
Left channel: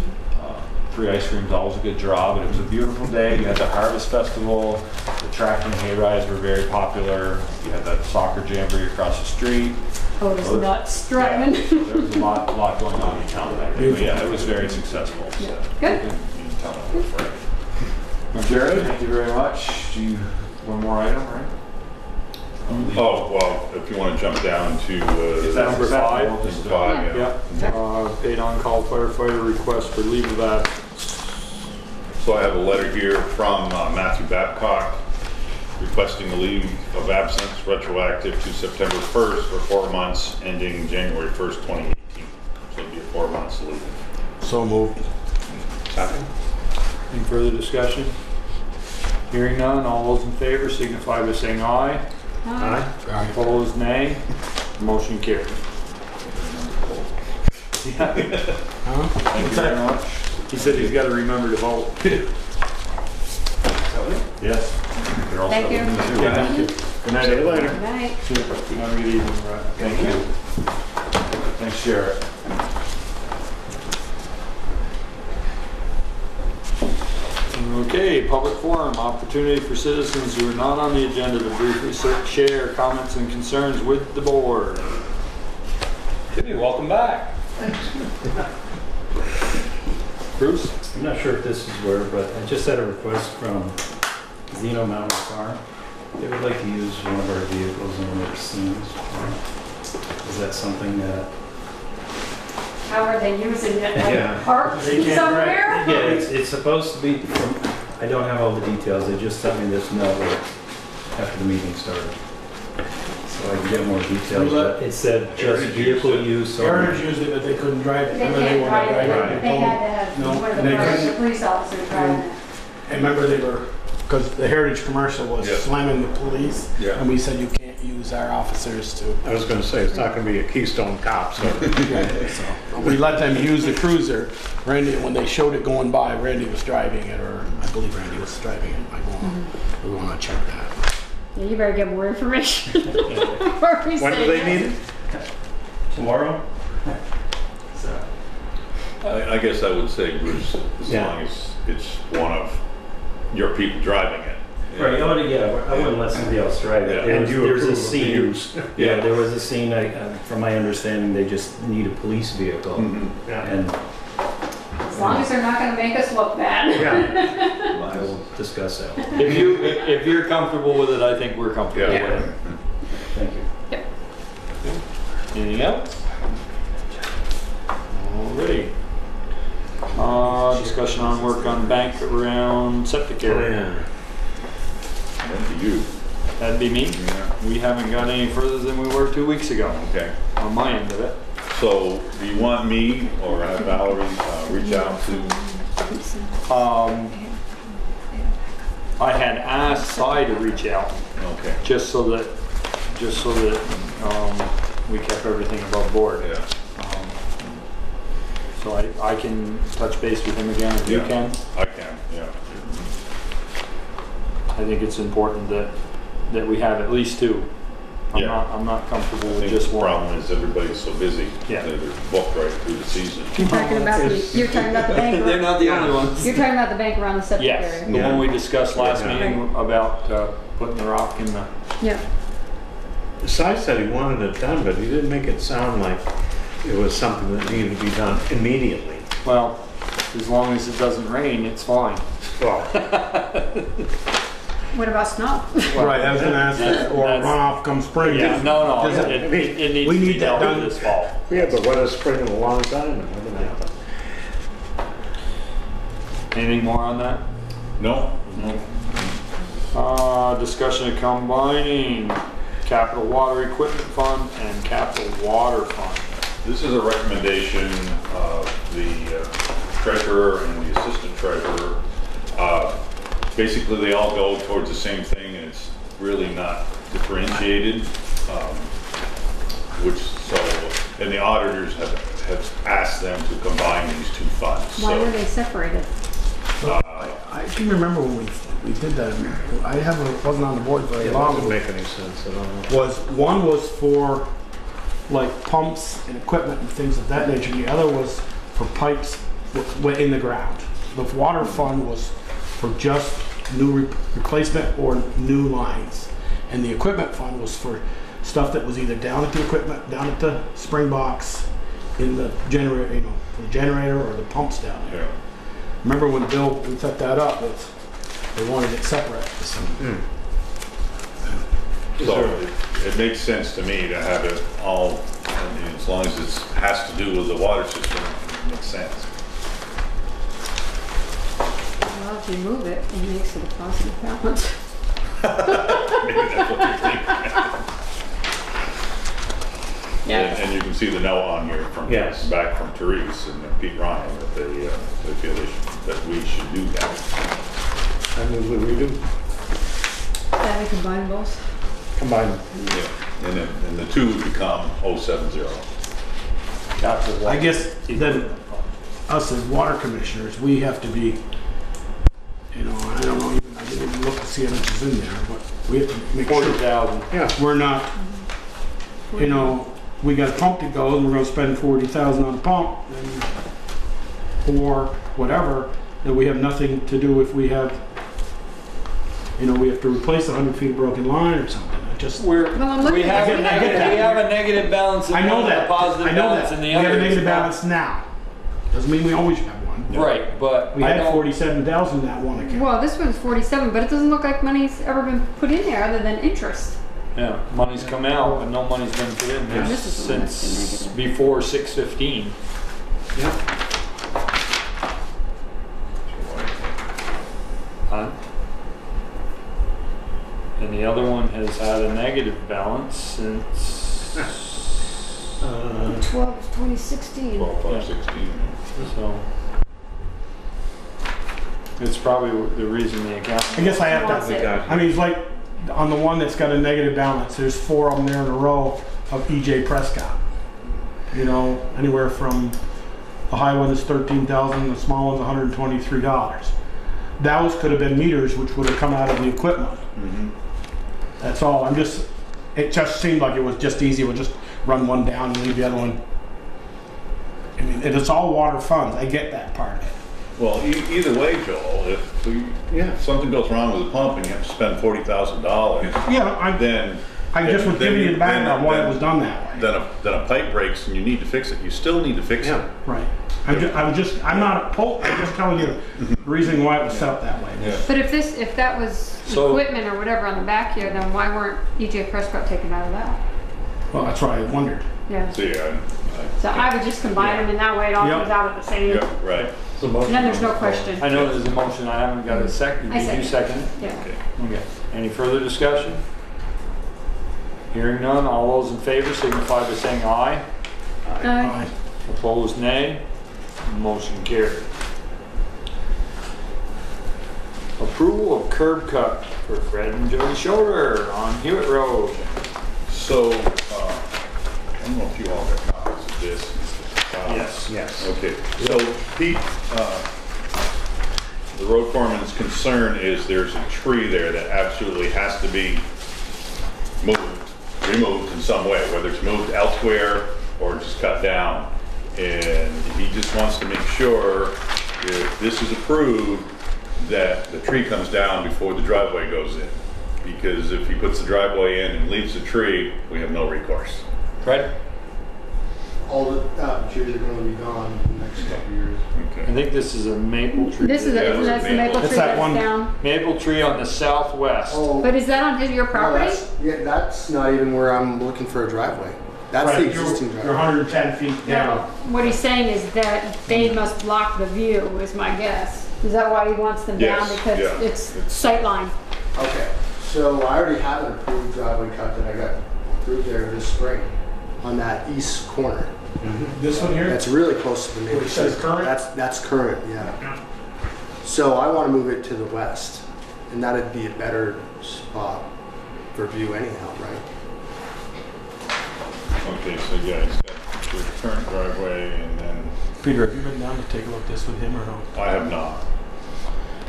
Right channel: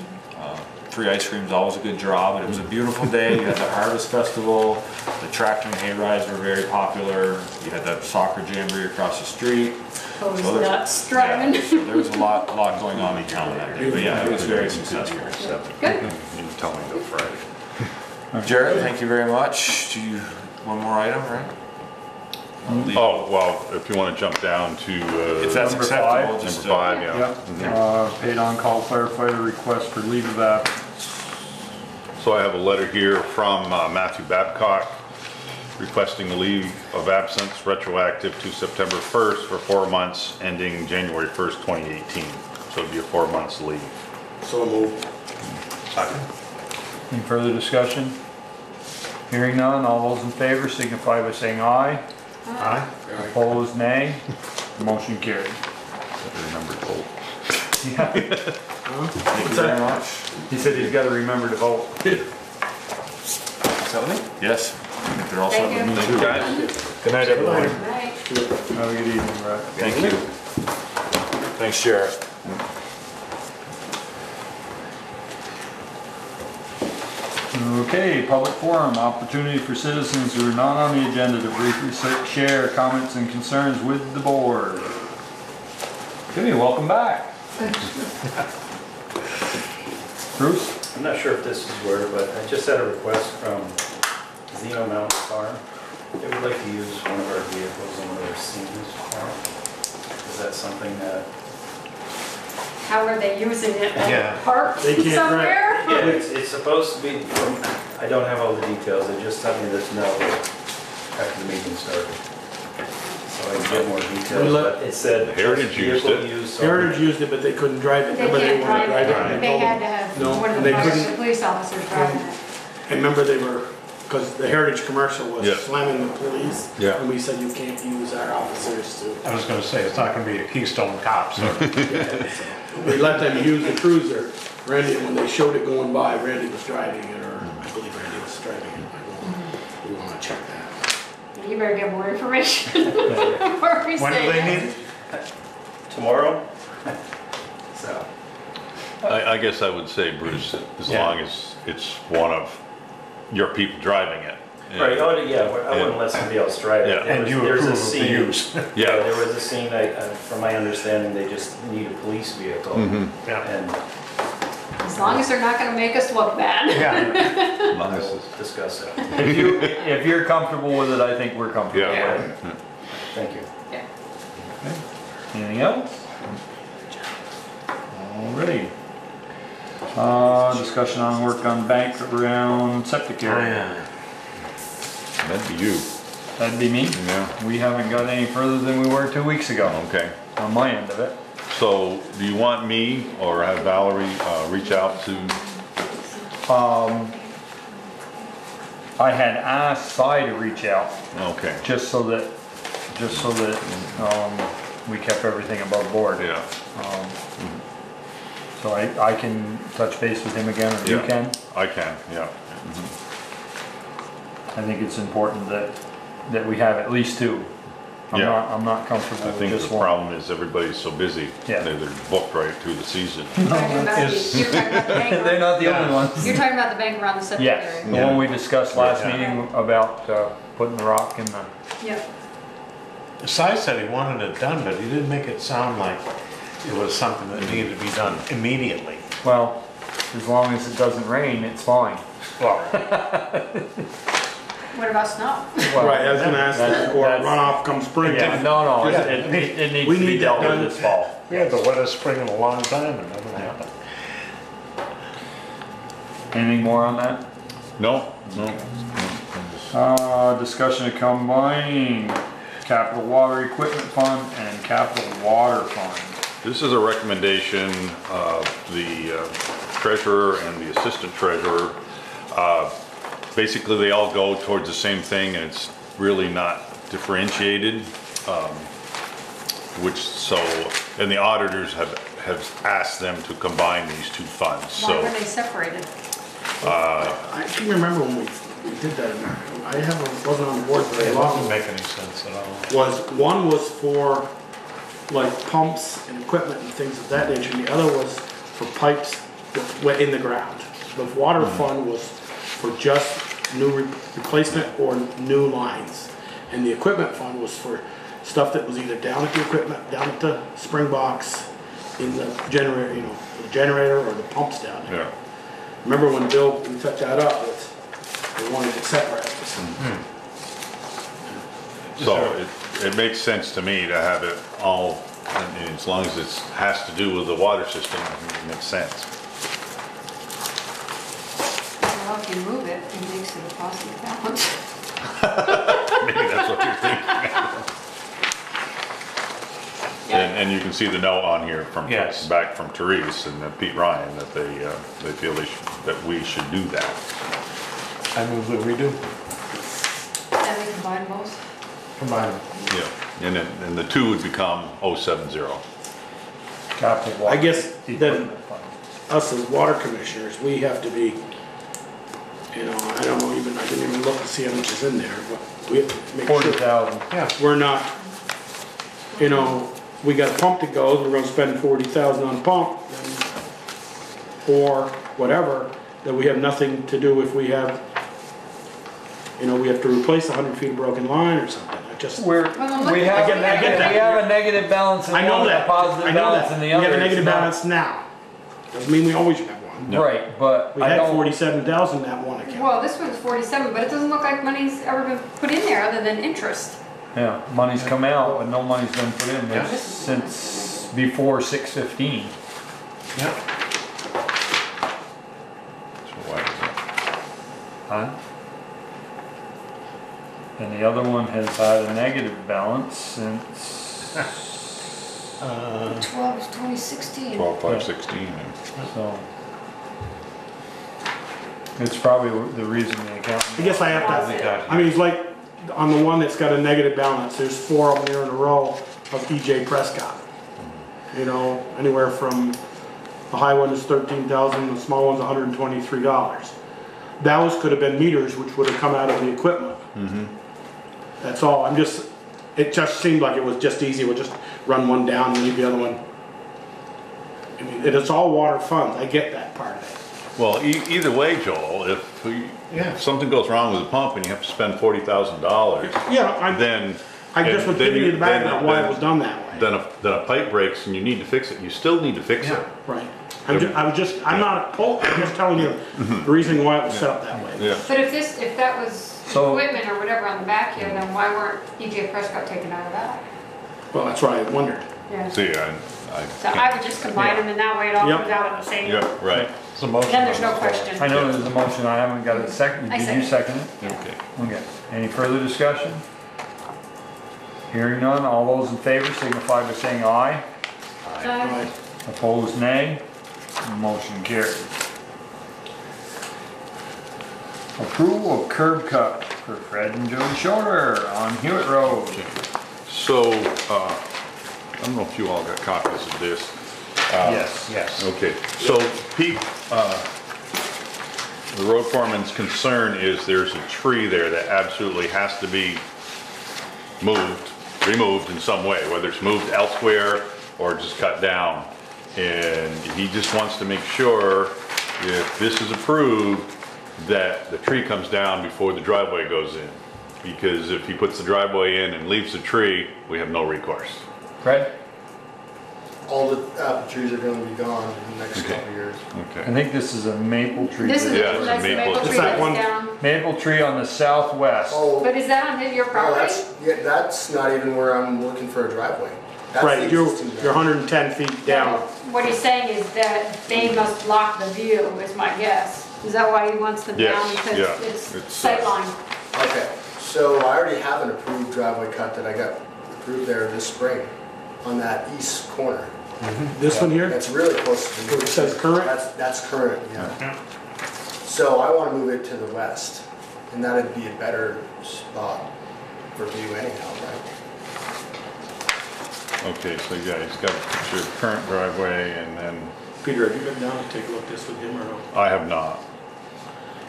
Free ice cream is always a good draw, but it was a beautiful day. You had the Harvest Festival, the tractor and hay rides were very popular. You had that soccer jamboree across the street. Oh, it So was nuts driving. Yeah, so there was a lot going on in town that day. But yeah, it was very successful. So. Good. Jared, thank you very much. Do you, one more item, right? Oh, well, if you want to jump down to If that's Number acceptable, five. just number 5, yeah. Yep. Paid on-call firefighter request for leave of absence. So I have a letter here from Matthew Babcock. requesting a leave of absence retroactive to September 1st for 4 months, ending January 1st, 2018. So it'll be a 4 months leave. So moved. Second. Any further discussion? Hearing none, all those in favor signify by saying aye. Aye. Opposed, nay. Motion carried. Yeah. Thank you very much. He said he's got to remember to vote. Yes. I think they're all Thank set. you. Good night, everyone. Good night. Have a good evening, Brad. Thank you. Thanks, Sheriff. Okay, public forum, opportunity for citizens who are not on the agenda to briefly share comments and concerns with the board. Timmy, welcome back. Bruce? I'm not sure if this is where, but I just had a request from Zeno Mountain Farm. They would like to use one of our vehicles on their scenes farm. Is that something that... How are they using it? Yeah. Parked They can't somewhere? Yeah, it's supposed to be, I don't have all the details, they just sent me this note after the meeting started. So I can get more details, but it said just Heritage used vehicle it. use. so- Heritage used it, but they couldn't drive it. They When can't wanted drive to it. drive They had to have No, one of the they fire couldn't. police officers driving it. And remember they were, because the Heritage commercial was Yeah. slamming the police. Yeah. And we said you can't use our officers to. I was gonna say, it's not gonna be a Keystone Cop, so. So we let them use the cruiser. Randy, when they showed it going by, Randy was driving it, or I believe Randy was driving it. We want to check that. Yeah, you better get more information before we When say do they yes. need it? Tomorrow? So, I guess I would say, Bruce, as Yeah. long as it's one of your people driving it. right, oh, yeah, but I wouldn't let somebody else drive it. Yeah. There And was- you there's a approve of the scene- use. Yeah, there was a scene, from my understanding, they just need a police vehicle. Mhm. Yeah. And As long as they're not going to make us look bad. Yeah. I will discuss that. If you're comfortable with it, I think we're comfortable Yeah. with it. Thank you. Anything else? Alrighty. Discussion on work on bank around septic area. That'd be you. That'd be me. Yeah. We haven't got any further than we were 2 weeks ago Okay. on my end of it. So do you want me or have Valerie reach out to? I had asked Cy to reach out Okay. just so that we kept everything above board. Yeah. So I can touch base with him again, if you Yeah. can. I can, yeah. I think it's important that we have at least two. Yeah. I'm not I comfortable with think just the one. problem is everybody's so busy. Yeah. They're booked right through the season. You're talking about you're talking about the bank. They're not the only ones. You're talking about the bank around the septic Yes, area. the one we discussed last Yeah. meeting about putting the rock in the. Yeah. Cy said he wanted it done, but he didn't make it sound like it was something that needed to be done immediately. Well, as long as it doesn't rain, it's fine. Well, What about snow? Right, I was going to ask that, or That's- runoff come spring. Yeah, no, Yeah. it needs We to be need dealt that with done. this fall. we had the wettest spring in a long time and nothing happened. Anything more on that? No? No. Discussion of combining capital water equipment fund and capital water fund. This is a recommendation of the treasurer and the assistant treasurer. Basically, they all go towards the same thing, and it's really not differentiated. And the auditors have asked them to combine these two funds. Why were So they separated? I can remember when we did that. Wasn't on the board very It long. doesn't make any sense at all. One was for like pumps and equipment and things of that nature. And the other was for pipes in the ground. The water fund was for just new replacement or new lines, and the equipment fund was for stuff that was either down at the equipment, down at the spring box, in the generator, the generator or the pumps down there. yeah. Remember when Bill, we took that up, they wanted it separate. So it makes sense to me to have it all, I mean, as long as it has to do with the water system, it makes sense. Well, if you move it, it makes it a positive balance. Maybe that's what you're thinking. Yeah. And you can see the note on here from, Yes. back from Therese and Pete Ryan, that they feel that we should do that. I move that we do. Then we combine both. Combine them. Yeah, and the two would become 070. Capital I water. guess then us as water commissioners, we have to be, you know, I don't know even, I didn't even look to see how much is in there, but we have to make sure 40,000. we're not, you know, we got a pump to go and we're gonna spend 40,000 on pump or whatever, that we have nothing to do if we have, you know, we have to replace 100 feet of broken line or something. It just, Well, I'm looking We have, at- I get that. we have a negative balance in I know one, that. a positive I know balance that. in We the have other. a negative It's not- balance now. Doesn't mean we always have one. Right, but We I had don't, 47,000 in that one account. Well, this one's 47, but it doesn't look like money's ever been put in there other than interest. yeah, money's come out, but no money's been put in there This is- since before 6/15. Yeah. Huh? And the other one has had a negative balance since, 12 is 2016. 12,516. so. It's probably the reason the account. I guess I have Wants to, it. I mean, it's like on the one that's got a negative balance, there's 4 of them there in a row of EJ Prescott. You know, anywhere from, the high one is 13,000, the small one's $123. Those could have been meters which would have come out of the equipment. That's all. It just seemed like it was just easy. We'll just run one down and leave the other one. I mean, it's all water funds. I get that part of it. Well, either way, Joel, if something goes wrong with the pump and you have to spend $40,000, Yeah, then I just was giving you the background why it was done that way. then a pipe breaks and you need to fix it. You still need to fix it. Right. I'm not opposed. I'm just telling you the reason why it was set up that way. Yeah. But if that was So- equipment or whatever on the back here, then why weren't EJ Prescott taken out of that? Well, that's why I wondered. Yeah. See, So I would just combine them, and that way it all Yep. comes out at the same. yeah, right. It's a motion. Then there's no question. I know there's a motion, I haven't got a second. I Did you second it? Yeah. Okay. Okay. Any further discussion? Hearing none, all those in favor signify by saying aye. Aye. Opposed, nay. Motion carried. Approval of curb cut for Fred and Jody Shorter on Hewitt Road. So, I don't know if you all got copies of this. Yes. Yes. Okay, so Pete, the road foreman's concern is there's a tree there that absolutely has to be removed in some way, whether it's moved elsewhere or just cut down. And he just wants to make sure if this is approved, that the tree comes down before the driveway goes in. Because if he puts the driveway in and leaves the tree, we have no recourse. Fred? All the apple trees are gonna be gone in the next couple of years. I Okay. think this is a maple tree. This is Yeah, a, it's a that's the maple. maple It's tree that that's one- down. Maple tree on the southwest. Oh, But is that on your no, property? that's not even where I'm looking for a driveway. That's Right, the you're existing driveway. 110 feet No, down. what he's saying is that they must block the view, is my guess. Is that why he wants them down? Yes, Because yeah, it's it's- sightline. Okay, so I already have an approved driveway cut that I got approved there this spring on that east corner. This one here? That's really close to the new. Where it says current? That's current, yeah. So I want to move it to the west, and that'd be a better spot for view anyhow, right? Okay, so yeah, he's got your current driveway and then, Peter, have you been down to take a look at this with him or no? I have not.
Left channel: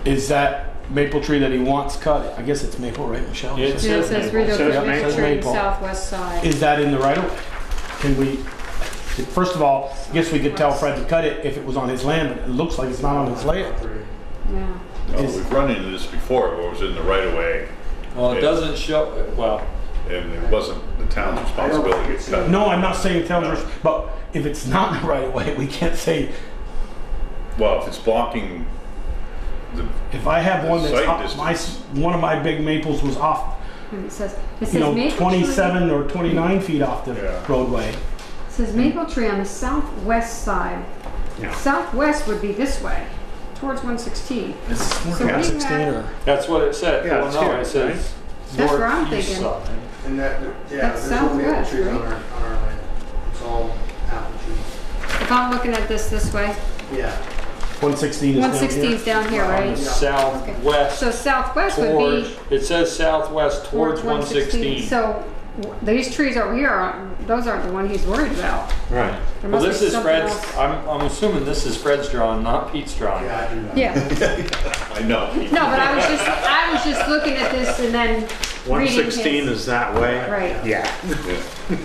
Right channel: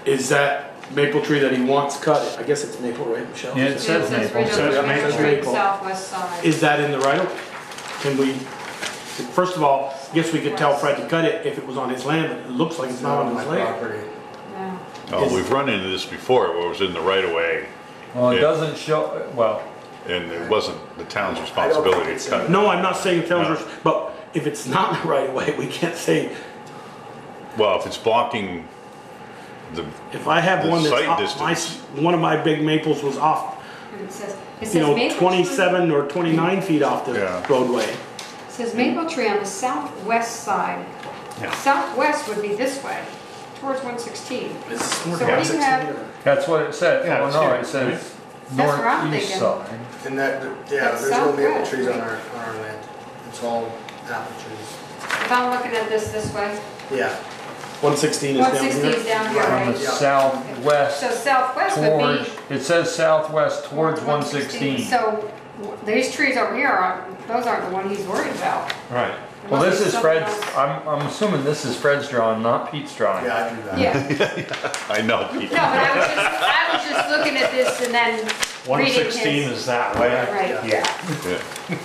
Is that maple tree that he wants cut? I guess it's maple, right, Michelle? Yeah, Yeah, it says maple. Rideau Says River maple. Tree, Maple. southwest side. Is that in the right of way? Can we, first of all, I guess we could tell Fred to cut it if it was on his land, but it looks like it's not on his My land. property. Yeah. Oh, Is- we've run into this before, where it was in the right of way Well, it Yeah. doesn't show, well, and it wasn't the town's responsibility to cut it. No, I'm not saying tell us, but if it's not in the right of way, we can't say, Well, if it's blocking the, if I have The one that's site off, distance. one of my big maples was off, It says you know, maple 27 or 29 feet off the Yeah. roadway. tree. It says maple tree on the southwest side. Yeah. Southwest would be this way, towards 116. Is this So more we than 16 have- or? that's what it said. Yeah, Well, it's no, here, it says That's what I'm northeast thinking. side. And that, yeah, That's there's no maple southwest, trees on right? our land. It's all apple trees. If I'm looking at this way, Yeah. 116 is down 116 here. is down here, On right? the southwest, So southwest would towards, be it says southwest towards 116. So these trees over here those aren't the one he's worried about. Right. There Well, must this be is something Fred's, else. I'm assuming this is Fred's drawing, not Pete's drawing. Yeah, I drew that. Yeah. I know. No, but I was just looking at this and then reading 116 his. is that way? Right. Yeah. Yeah. Yeah.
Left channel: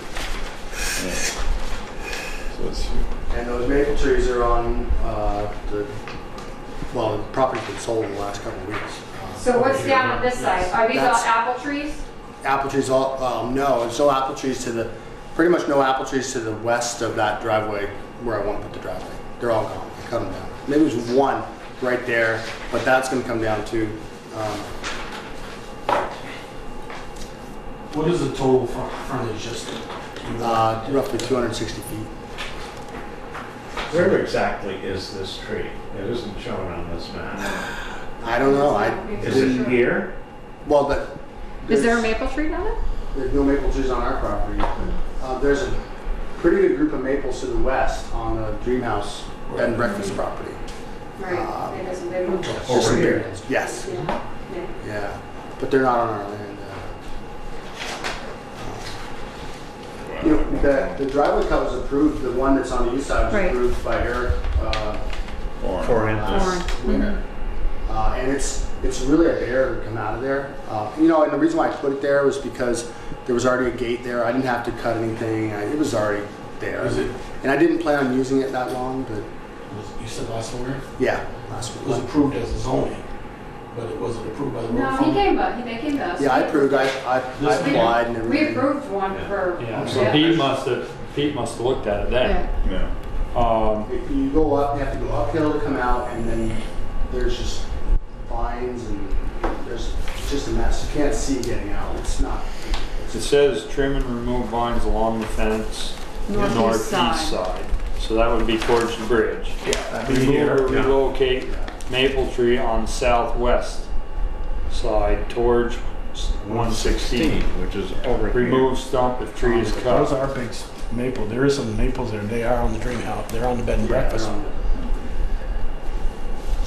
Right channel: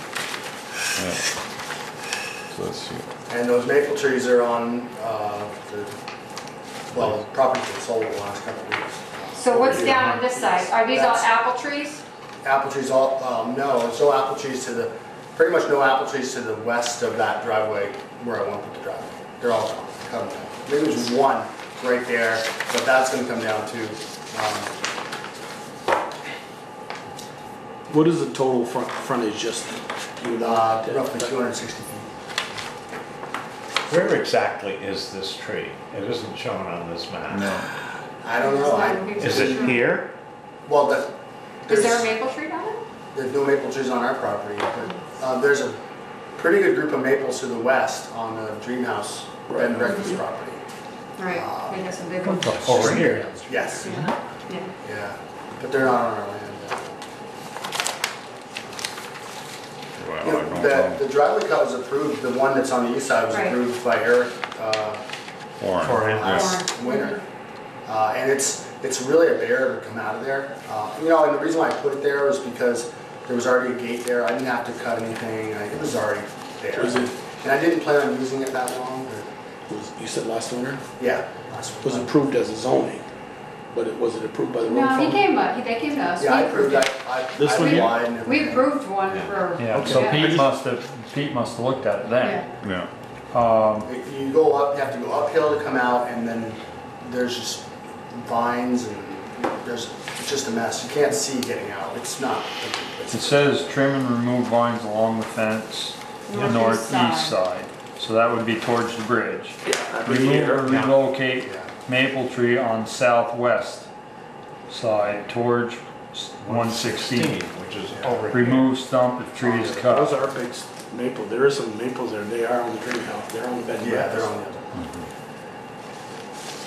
So let's see. And those maple trees are on the property's been sold the last couple of weeks. So what's down on this side? Are these all That's- apple trees? Apple trees all, no, there's no apple trees to the, pretty much no apple trees to the west of that driveway where I want to put the driveway. They're all gone, cut them down. Maybe there's one right there, but that's gonna come down too. What is the total frontage just? Roughly 260 feet. Where exactly is this tree? It isn't shown on this map. I don't know, Is it here? well, but. Is there a there's- maple tree down there? There's no maple trees on our property. There's a pretty good group of maples to the west on the Dream House bed and breakfast property. Right. They have some big ones. Over here. Yes, Yeah. Yeah. yeah, but they're not on our land. You know, the driveway cut was approved, the one that's on the east side was Right. approved by Eric Orange. last winter. And it's really a bear to come out of there. You know, and the reason why I put it there was because there was already a gate there. I didn't have to cut anything. It was already there. Is it- And I didn't plan on using it that long, but You said last winter? yeah, that's It was what. approved as a zoning, but it wasn't approved by the road No, fund? they came to us. Yeah, I approved. I This one? applied and We everything. approved one for. Yeah, so Yeah. Pete must have looked at it then. Yeah. Yeah. You go up, you have to go uphill to come out, and then there's just vines and it's just a mess. You can't see getting out. It's not. It says trim and remove vines along the fence, the Northeast northeast side. side. So that would be towards the bridge. Yeah. Remove or relocate maple tree on southwest side towards 116. Which is over here. Remove stump if tree is cut. Those are big maple. There is some maples there. They are on the Dream House. They're on the bed and Yeah, breakfast. they're on.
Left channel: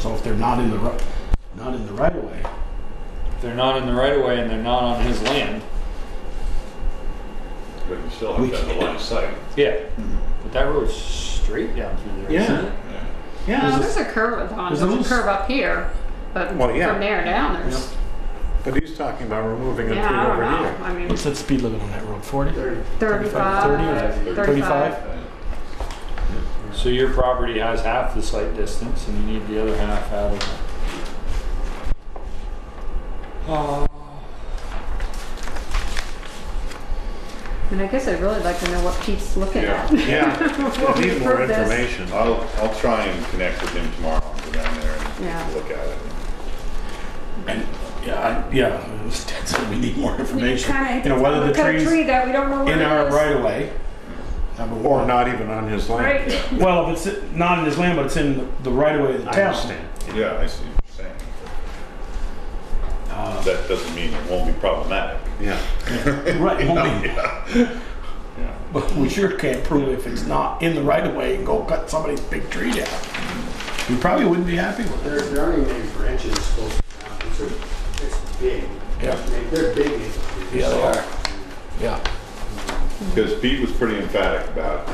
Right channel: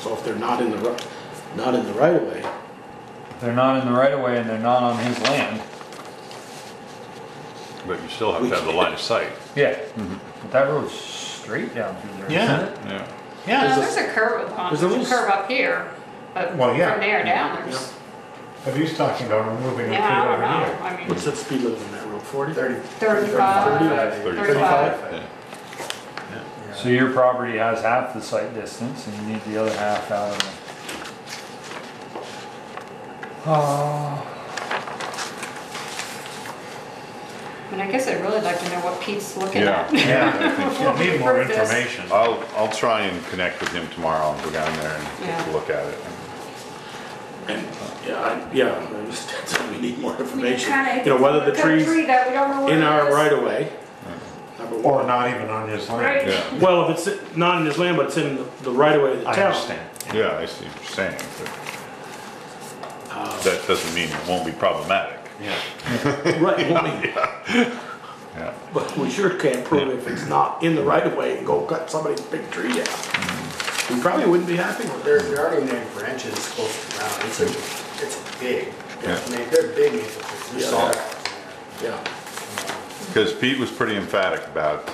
So if they're not in the right of way, They're not in the right of way and they're not on his land. But you still have to have the line of sight. Yeah. But that road's straight down through there. Yeah. isn't it? Yeah. Yeah. No, there's a curve on. there's There's a a little- curve up here, but Well, yeah. from there down, there's. But he's talking about removing a tree Yeah, I don't over know. here. I mean, what's that speed limit on that road? 40? 35, 35. 35. So your property has half the site distance and you need the other half out of it. And I guess I'd really like to know what Pete's looking Yeah. at. Yeah, we need more Approve this. information. I'll try and connect with him tomorrow and go down there and Yeah. take a look at it. And yeah, I understand. So we need more information. Kinda- You know, whether the cut a trees tree that we don't know where in it our is. right of way. Number Or one. not even on his land. Right. Yeah. Well, if it's not in his land, but it's in the right of way of the I town. understand. Yeah, I see what you're saying. But that doesn't mean it won't be problematic. Yeah. Right, it won't be. Yeah. But we sure can't prove if it's not in the right of way and go cut somebody's big tree down. We probably wouldn't be happy with it. There aren't even any branches close to the ground. It's big. Yeah. I mean, they're big maple trees. Yeah, they are. Yeah. Because Pete was pretty emphatic about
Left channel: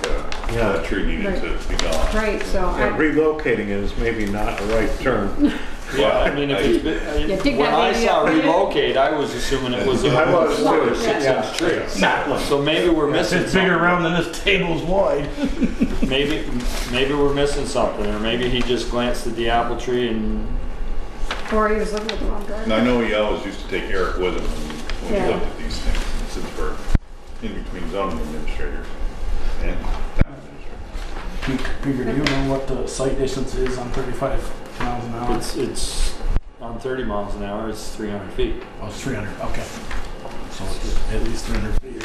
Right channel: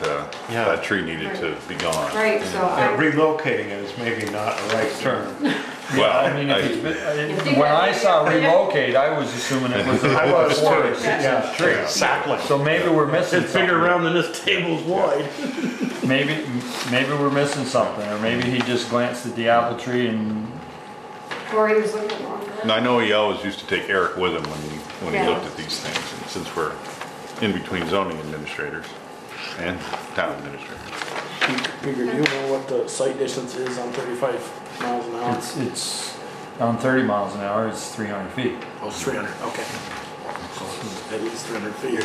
that tree needed to be gone. Right, so Yeah, I, relocating it is maybe not the right term. Well, I mean, if it's If you been, when got I maybe saw a branch- relocate, I was assuming it was a I was too. 4 or 6 Yeah. inch tree. Exactly. So maybe we're missing It's bigger something. around than this table's wide. Maybe we're missing something, or maybe he just glanced at the apple tree and or he was looking at the wrong And direction. I know he always used to take Eric with him when Yeah. he looked at these things, and since we're in between zoning administrators and town administrators. Figure, do you know what the site distance is on 35 miles an hour? it's on 30 miles an hour, it's 300 feet. Oh, it's 300, okay. So it's at least 300 feet.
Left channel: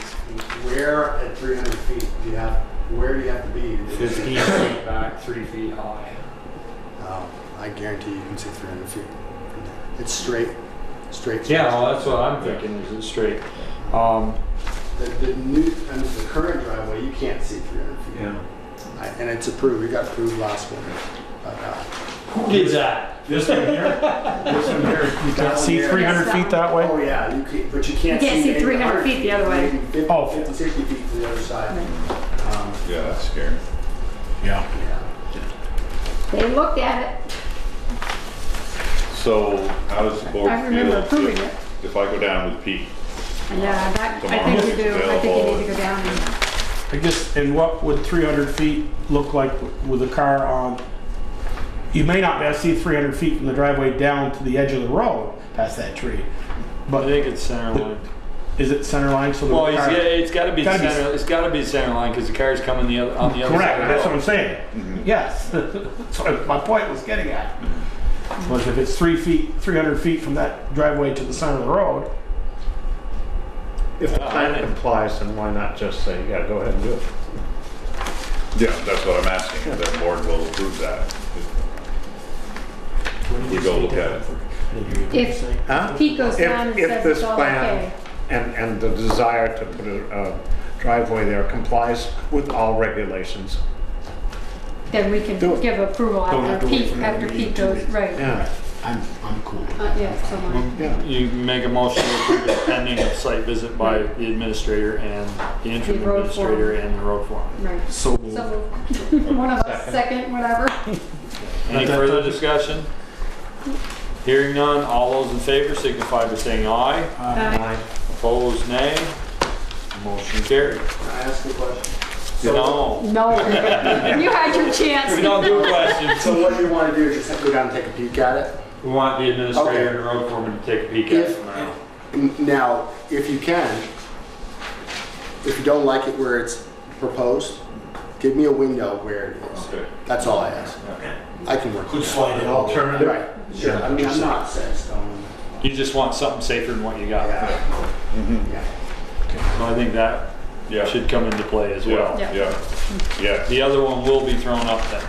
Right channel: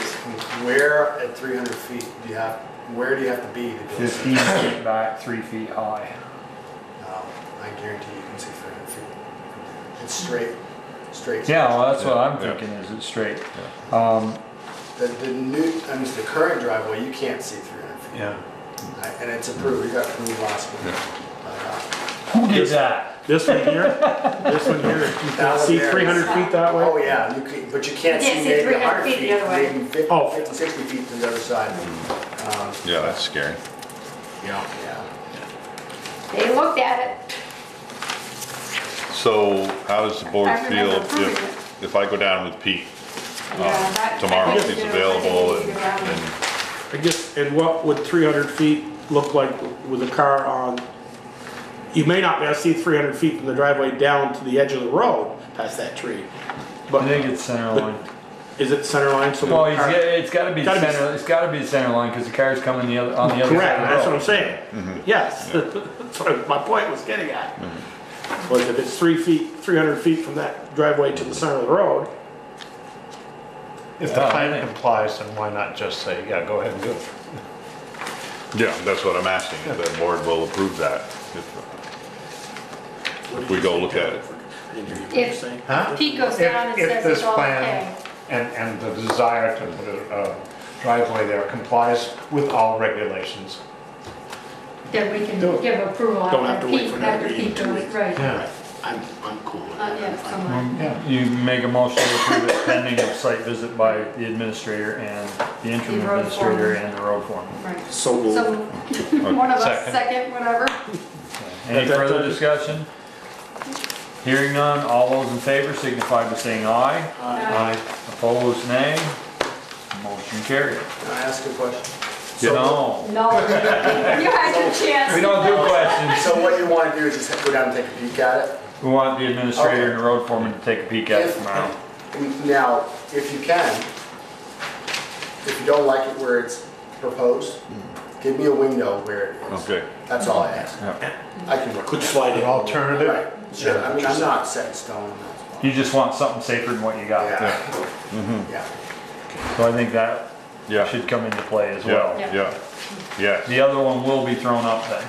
Where at 300 feet where do you have to be to do this? 15 feet back, 3 feet high. I guarantee you can see 300 feet. It's straight. straight. Yeah, well, that's what I'm thinking, is it straight? The current driveway, you can't see 300 feet. Yeah. And it's approved, we got approved last week. Who did that? This one here, this one here, you can see 300 feet that way? Oh, yeah, you can, but you can't You can't see see maybe 300 100 feet the other way. maybe 50, Oh. 50, 60 feet to the other side. Yeah, that's scary. Yeah. Yeah. They looked at it. So how does the board I remember feel approving it. if I go down with Pete? Yeah, that, tomorrow I think if we he's do. I think we available need to go down and. I guess, and what would 300 feet look like with a car on? You may not be able to see 300 feet from the driveway down to the edge of the road past that tree. I But think it's center line. is it center line? So the Well, car- it's gotta be Gotta be- center, it's gotta be center line, because the car's coming on the other Correct, side of that's the what road. I'm saying. Yes, that's what my point was getting at. Was if it's 300 feet from that driveway to the center of the road, If the Yeah, plan I think- complies, then why not just say, yeah, go ahead and do it? Yeah, that's what I'm asking, if the board will approve that. If we go look at it. If Huh? Pete goes down and If says this it's all plan okay. and the desire to put a driveway there complies with all regulations. Then we can Do it. give approval Don't have after to wait Pete, for another after meeting Pete in 2 goes, weeks. right. Yeah. I'm cool with Not that. yet, somewhere. Yeah. You make a motion to approve it pending a site visit by the administrator and the interim The road administrator foreman. and the road foreman. Right. So moved. So, one of us, second, whatever. Any further discussion? Hearing none, all those in favor signify by saying aye. Aye. Opposed, nay. Motion carried. Can I ask a question? You know, No, you had your chance. we don't do questions. So what you want to do is just go down and take a peek at it? We want the administrator Okay. and the road foreman to take a peek at it tomorrow. Now, if you can, if you don't like it where it's proposed, give me a window where it is. Okay. That's all I ask. I can work Could with slide An it. alternative? Right, sure. I mean, I'm not set in stone. You just want something safer than what you got. Yeah. Mm-hmm. Yeah. So I think that Yeah. should come into play as well. Yeah, Yeah. yeah. The other one will be thrown up then.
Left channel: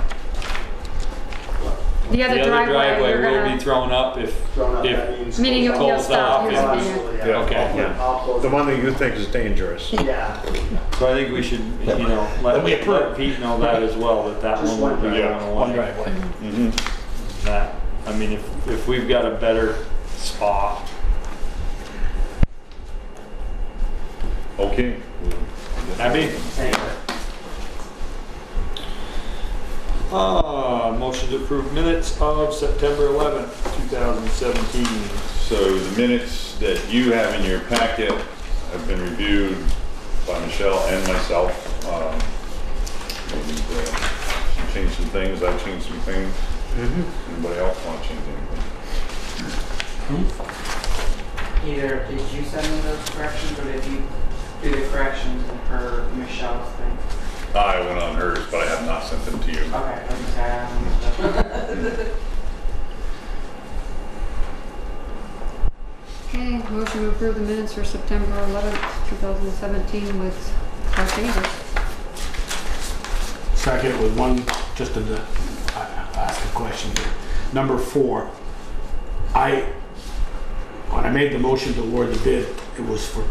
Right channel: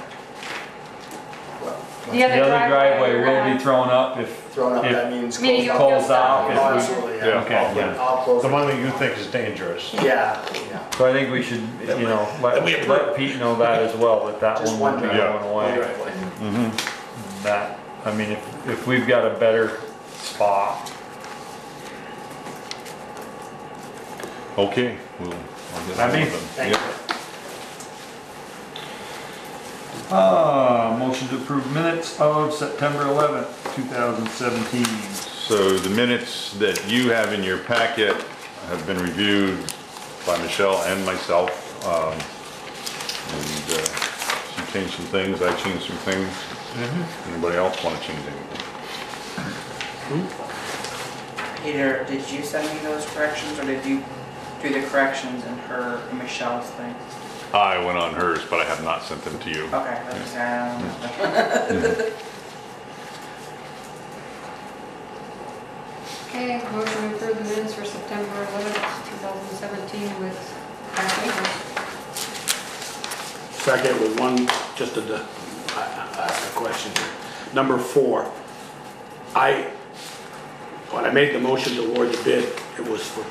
The The other other driveway you're will gonna- be thrown up if, Thrown up, If- that means. Meaning you'll Close stop. off, using yeah. it. Absolutely, Yeah. yeah. I'll close The it. one that you think is dangerous. Yeah, yeah. so I think we should, you know, Then we approve. let Pete know that as well, that Just one will be one going driveway. One away. driveway. Mm-hmm. That, I mean, if we've got a better spot, Okay. I mean, Thank you. motion to approve minutes of September 11th, 2017. So the minutes that you have in your packet have been reviewed by Michelle and myself. She changed some things, I changed some things. Anybody else want to change anything? Peter, did you send me those corrections, or did you do the corrections in her Michelle's thing? I went on hers, but I have not sent it to you. Okay, I just said Okay, motion to approve the minutes for September 11th, 2017 with our changes. Second with one, just to ask a question here. Number 4, when I made the motion to award the bid, it was for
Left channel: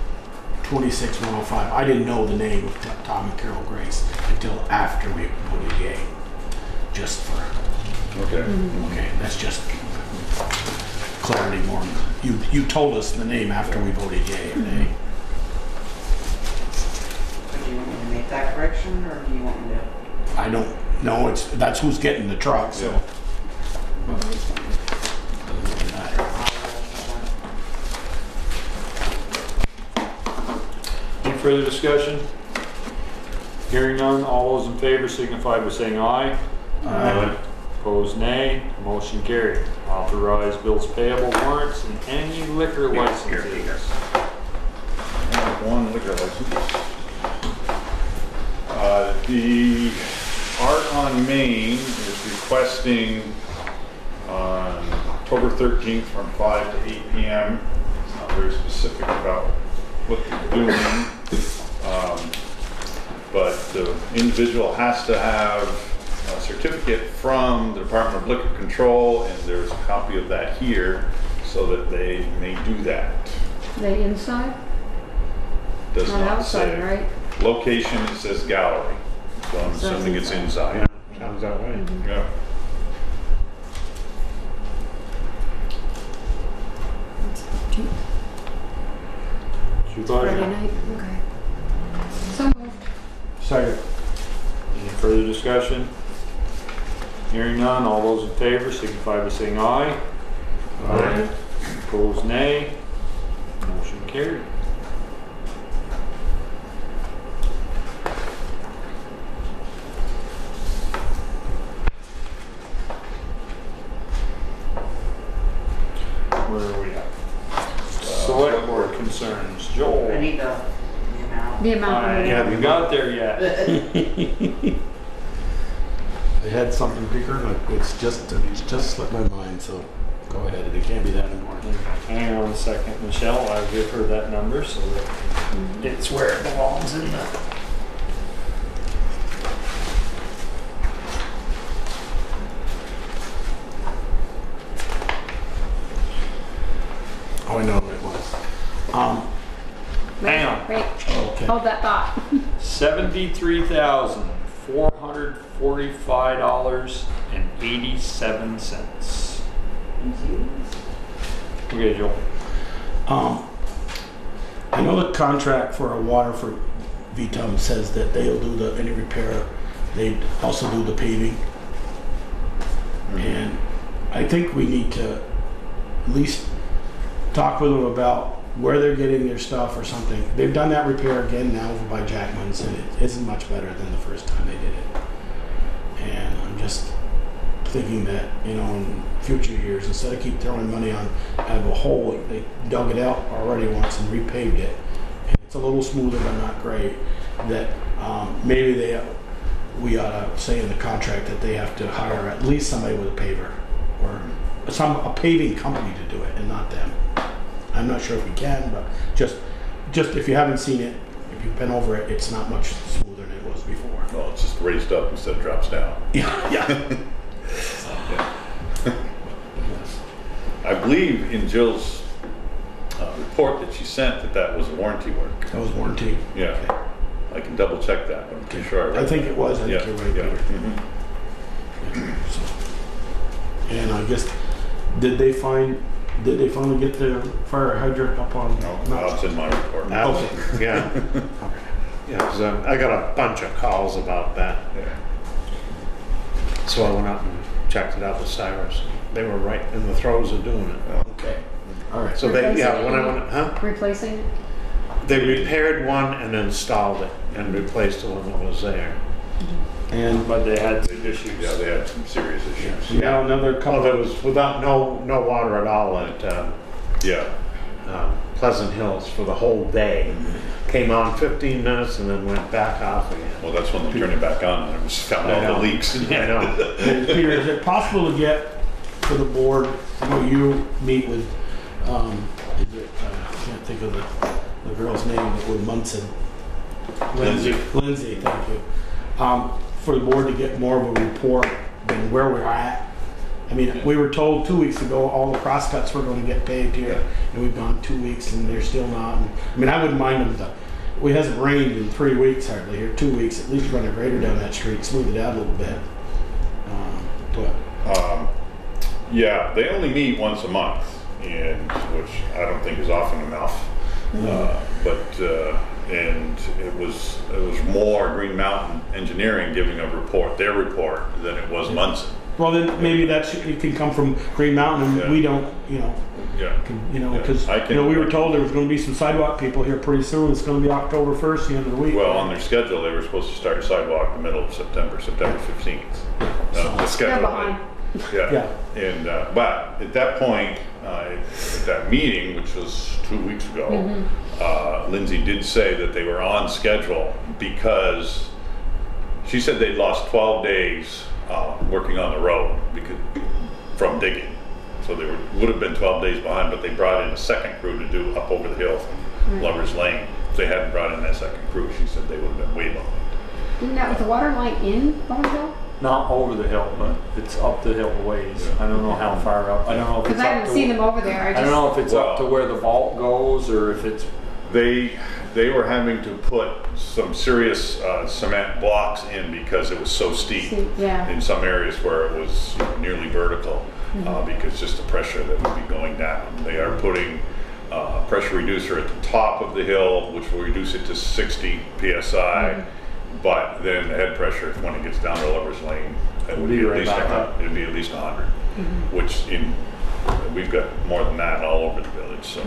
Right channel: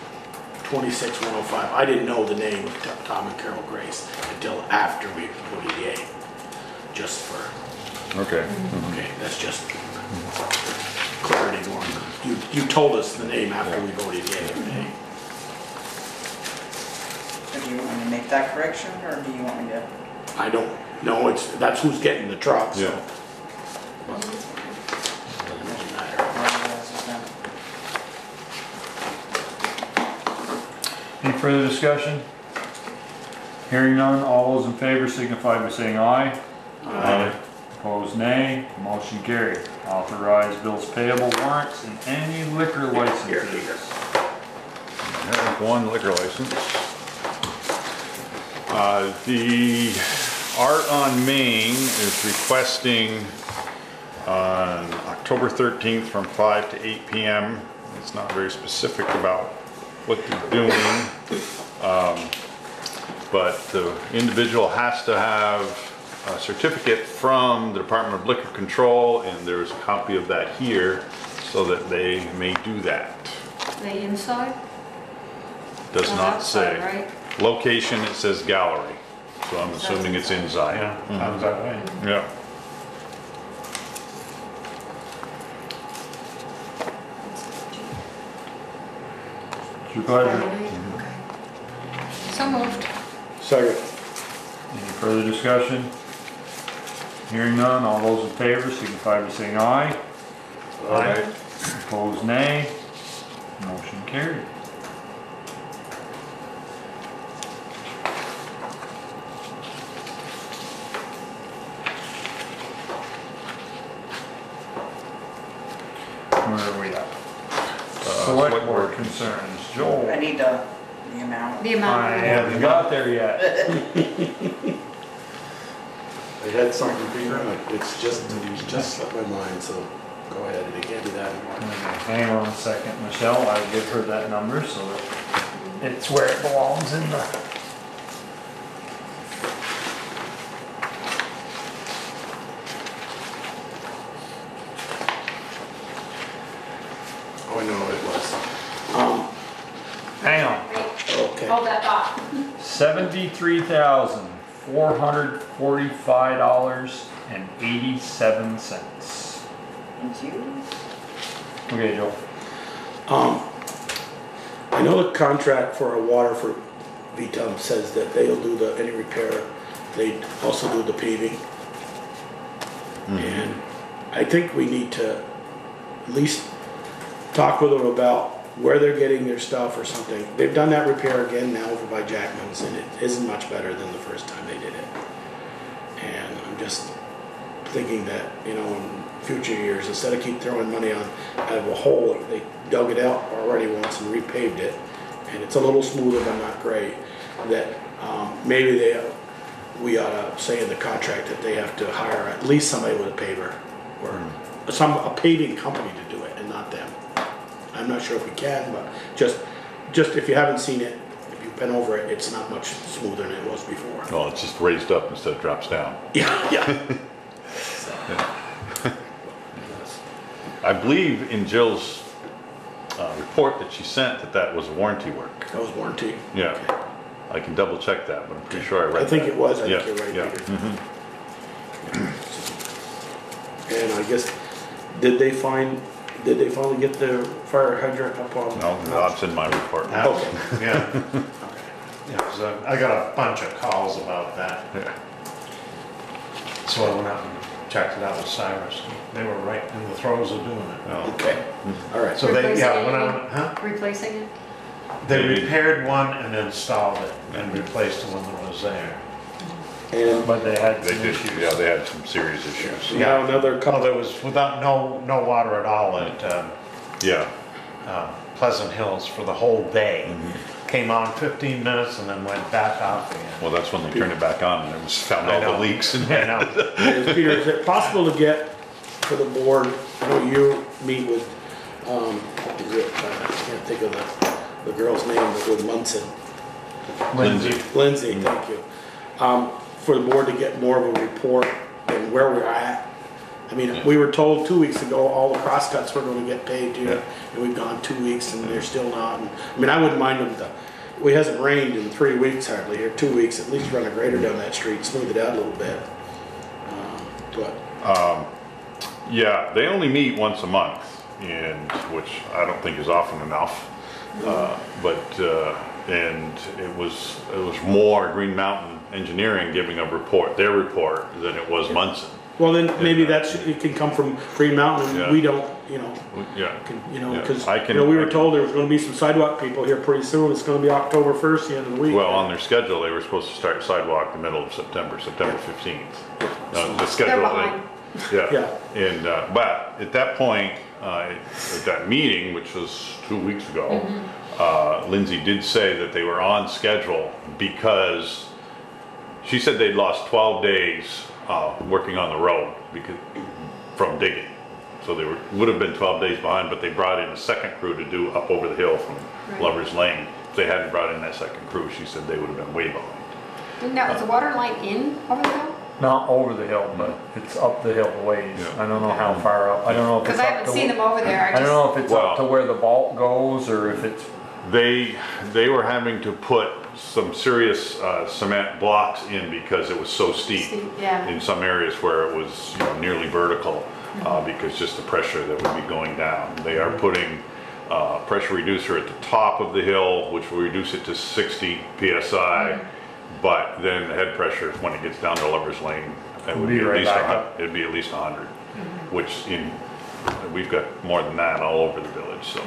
26,105. I didn't know the name of Tom and Carol Grace until after we voted yay. Just for, Okay. okay, that's just clarity more. You told us the name after we voted yay or nay. So do you want me to make that correction, or do you want me to? I don't know, that's who's getting the truck, so. Yeah. Doesn't really matter. Any further discussion? Hearing none, all those in favor signify by saying aye. Aye. Opposed, nay. Motion carried. Authorize bills payable, warrants, and any liquor licenses. One liquor license. The Art on Main is requesting on October 13th from 5 to 8 p.m. It's not very specific about what they're doing, but the individual has to have a certificate from the Department of Liquor Control, and there's a copy of that here. so that they may do that. They inside? Does Not not outside, say. right? Location, it says gallery, so I'm So that's assuming it's inside. inside. Yeah, sounds that way. Yeah. It's your pleasure. Friday night, okay. So moved. Second. Any further discussion? Hearing none, all those in favor signify by saying aye. Aye. Opposed, nay. Motion carried. Where are we at? Select board concerns. Joel. I need the amount. The amount. I of it. haven't got there yet. I had something bigger, but it's just slipped my mind, so go ahead, it can't be that anymore. Hang on a second, Michelle, I'll give her that number so that it's where it belongs in the. Oh, I know what it was. Hang on. Wait, Okay. hold that thought. $73,445.87. Thank you. Okay, Joel. I know the contract for our water for VTUM says that they'll do any repair. They also do the paving. And I think we need to at least talk with them about where they're getting their stuff or something. They've done that repair again now over by Jackman's, and it isn't much better than the first time they did it. And I'm just thinking that, you know, in future years, instead of keep throwing money on out of a hole, they dug it out already once and repaved it, and it's a little smoother but not great, that maybe we ought to say in the contract that they have to hire at least somebody with a paver or a paving company to do it and not them. I'm not sure if we can, but just if you haven't seen it, if you've been over it, it's not much smoother than it was before. Oh, it's just raised up instead of drops down. Yeah. I believe in Jill's report that she sent that was warranty work. That was warranty. Yeah. Okay. I can double check that, but I'm pretty sure I read I think that. it was. I Yeah, think you're right, yeah. Peter. And I guess, did they finally get the fire hydrant up on? No, that's in my report. Okay. Yeah. Okay. Yeah, 'cause I got a bunch of calls about that. Yeah. So I went out and checked it out with Cyrus. They were right in the throes of doing it. Oh. Okay. All right. So when I went, Replacing it? they repaired one and installed it and replaced the one that was there. And But they had They some did, issues. yeah, they had some serious issues. now another Oh, couple. there was without no water at all at Yeah. Pleasant Hills for the whole day. Came on 15 minutes and then went back off again. Well, that's when they turned it back on and it was found I all know. the leaks. I know. Peter, is it possible to get for the board? I know you meet with. I can't think of the girl's name with Munson. Lindsay. Lindsay, thank you. For the board to get more of a report than where we're at. I mean, we were told 2 weeks ago all the crosscuts were going to get paved here, and we've gone 2 weeks and they're still not. And, I mean, I wouldn't mind them it hasn't rained in 3 weeks hardly here. 2 weeks, at least run a grader down that street, smooth it out a little bit. Yeah, they only meet once a month, which I don't think is often enough. And it was more Green Mountain Engineering giving their report than it was Munson. Well, then maybe it can come from Green Mountain, and Yeah. we don't, Yeah. because Yeah, we were told there was going to be some sidewalk people here pretty soon. It's going to be October 1st, the end of the week. Well, on their schedule, they were supposed to start sidewalk the middle of September 15th. The They're schedule. behind. Yeah. Yeah. And but at that point, at that meeting, which was 2 weeks ago, Lindsay did say that they were on schedule because she said they'd lost 12 days working on the road from digging. So they would have been 12 days behind, but they brought in a second crew to do up over the hill from Lover's Lane. If they hadn't brought in that second crew, she said they would have been way behind. Now, is the water line in over the hill? Not over the hill, but it's up the hill ways. Yeah. I don't know how far up. I don't know if it's Because I up haven't to, seen them over there. I don't know if it's up to where the vault goes or if it's. They were having to put some serious cement blocks in because it was so steep Yeah. in some areas where it was nearly vertical because just the pressure that would be going down. They are putting a pressure reducer at the top of the hill, which will reduce it to 60 psi. But then the head pressure, when it gets down to Lover's Lane, it would be at least 100. It'd be at least 100, which we've got more than that all over the village. So.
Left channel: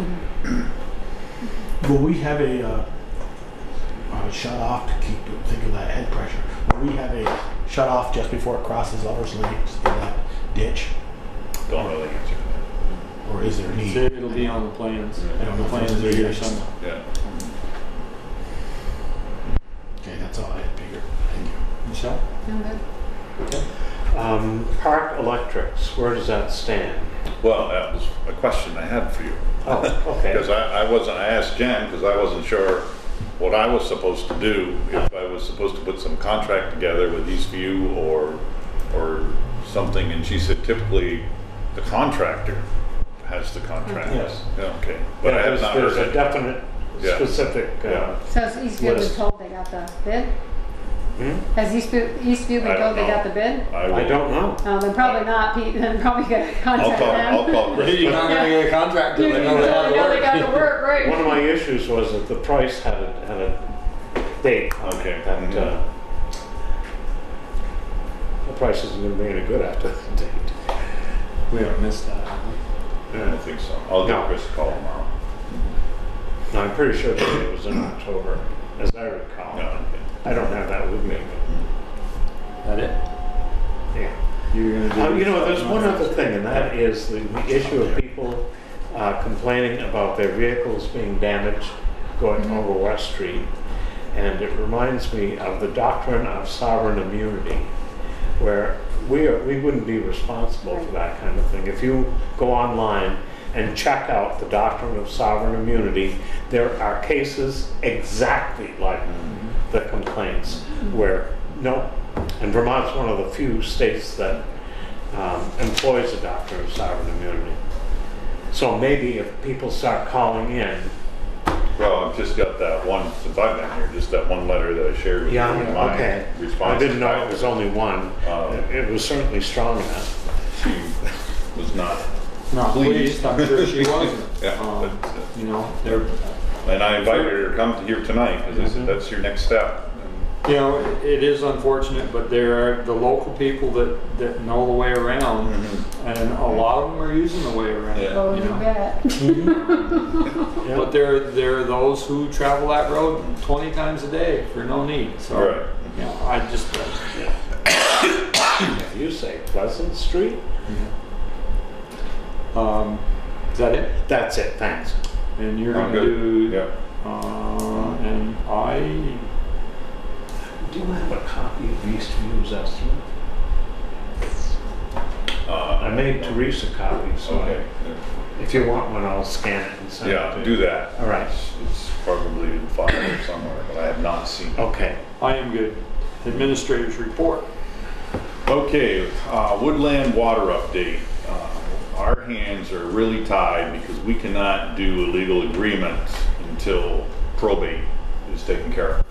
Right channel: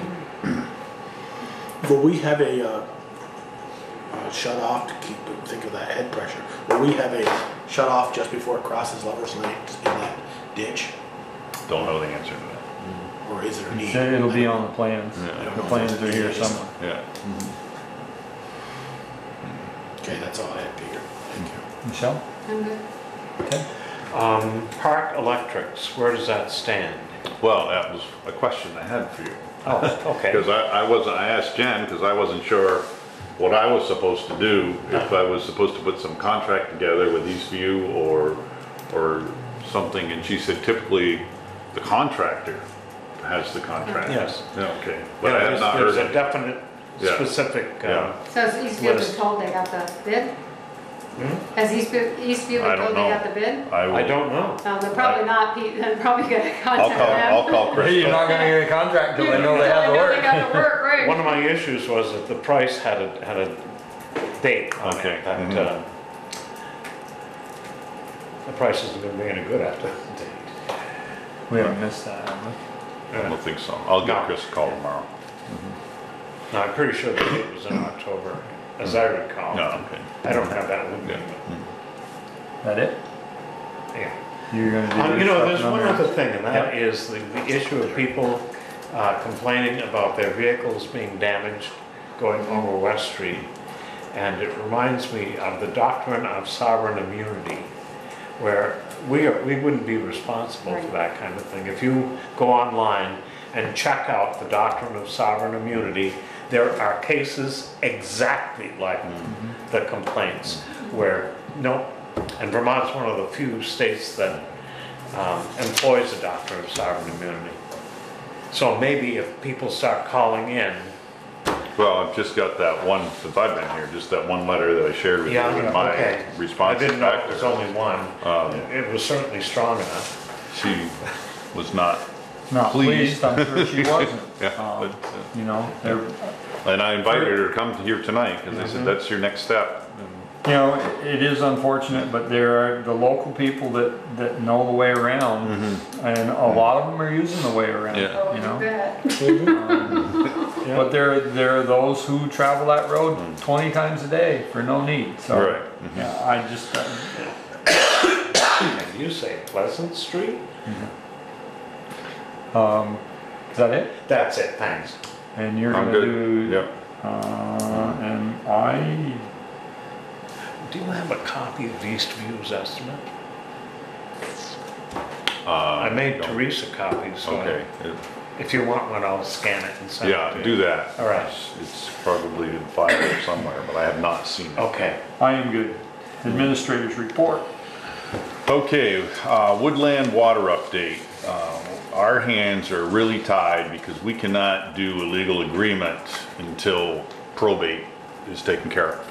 Will we have a shut off to think of that head pressure? Will we have a shut off just before it crosses Lover's Lane, just in that ditch? Don't know the answer to that. Or is there a need? Then it'll be on the plans. I don't know if Plans it's are here or somewhere. something. Yeah. Okay, that's all I had to hear. Thank you. Michelle? I'm good. Park electrics, where does that stand? Well, that was a question I had for you. Oh, okay. Because I asked Jen because I wasn't sure what I was supposed to do, if I was supposed to put some contract together with Eastview or something, and she said typically the contractor has the contract. Yes. Yeah, okay. But I have not There's heard a definite, specific. Yeah. So has Eastview List. been told they got the bid? Hmm? Has Eastview I been don't told they got know. the bid? I don't know. They're probably not. They're probably going to I'll contact them. call Chris. You're not gonna get a contract till You they know they have the know they work. got the work, right? One of my issues was that the price had a date on Okay. it. That, the price isn't going to be any good after the date. We haven't missed that, have we? I don't think so. I'll give No. Chris a call tomorrow. No, I'm pretty sure the date was in October, as I recall. No, okay. I don't have that with me. That it? Yeah. You're gonna do There's this one stuff? other thing, and that is the issue of people complaining about their vehicles being damaged going over West Street. And it reminds me of the doctrine of sovereign immunity, where we wouldn't be responsible for that kind of thing. If you go online and check out the doctrine of sovereign immunity, there are cases exactly like the complaints where and Vermont's one of the few states that employs the doctrine of sovereign immunity. So maybe if people start calling in. Well, I've just got that one, since I've been here, just that one letter that I shared with you in my okay. response. I didn't know back it was to her. only one. It was certainly strong enough. She was not Not pleased. pleased, I'm sure she wasn't. Yeah, but, You know, they're, and I invited her to come to here tonight because I said, that's your next step. you know, it is unfortunate, but there are the local people that know the way around, and a lot of them are using the way around. Yeah. Oh, you you know? bet. But there are those who travel that road 20 times a day for no need. So Right. yeah, I just You say Pleasant Street? is that it? That's it, thanks. And you're I'm gonna good. do Yep. and I Do you have a copy of Eastview's estimate? I made Teresa copies, so Okay. if you want one, I'll scan it and send it Yeah, to do you. that. All right. It's probably in file there somewhere, but I have not seen it. Okay. I am good. Administrator's report. Okay, woodland water update. Our hands are really tied because we cannot do a legal agreement until probate is taken care of.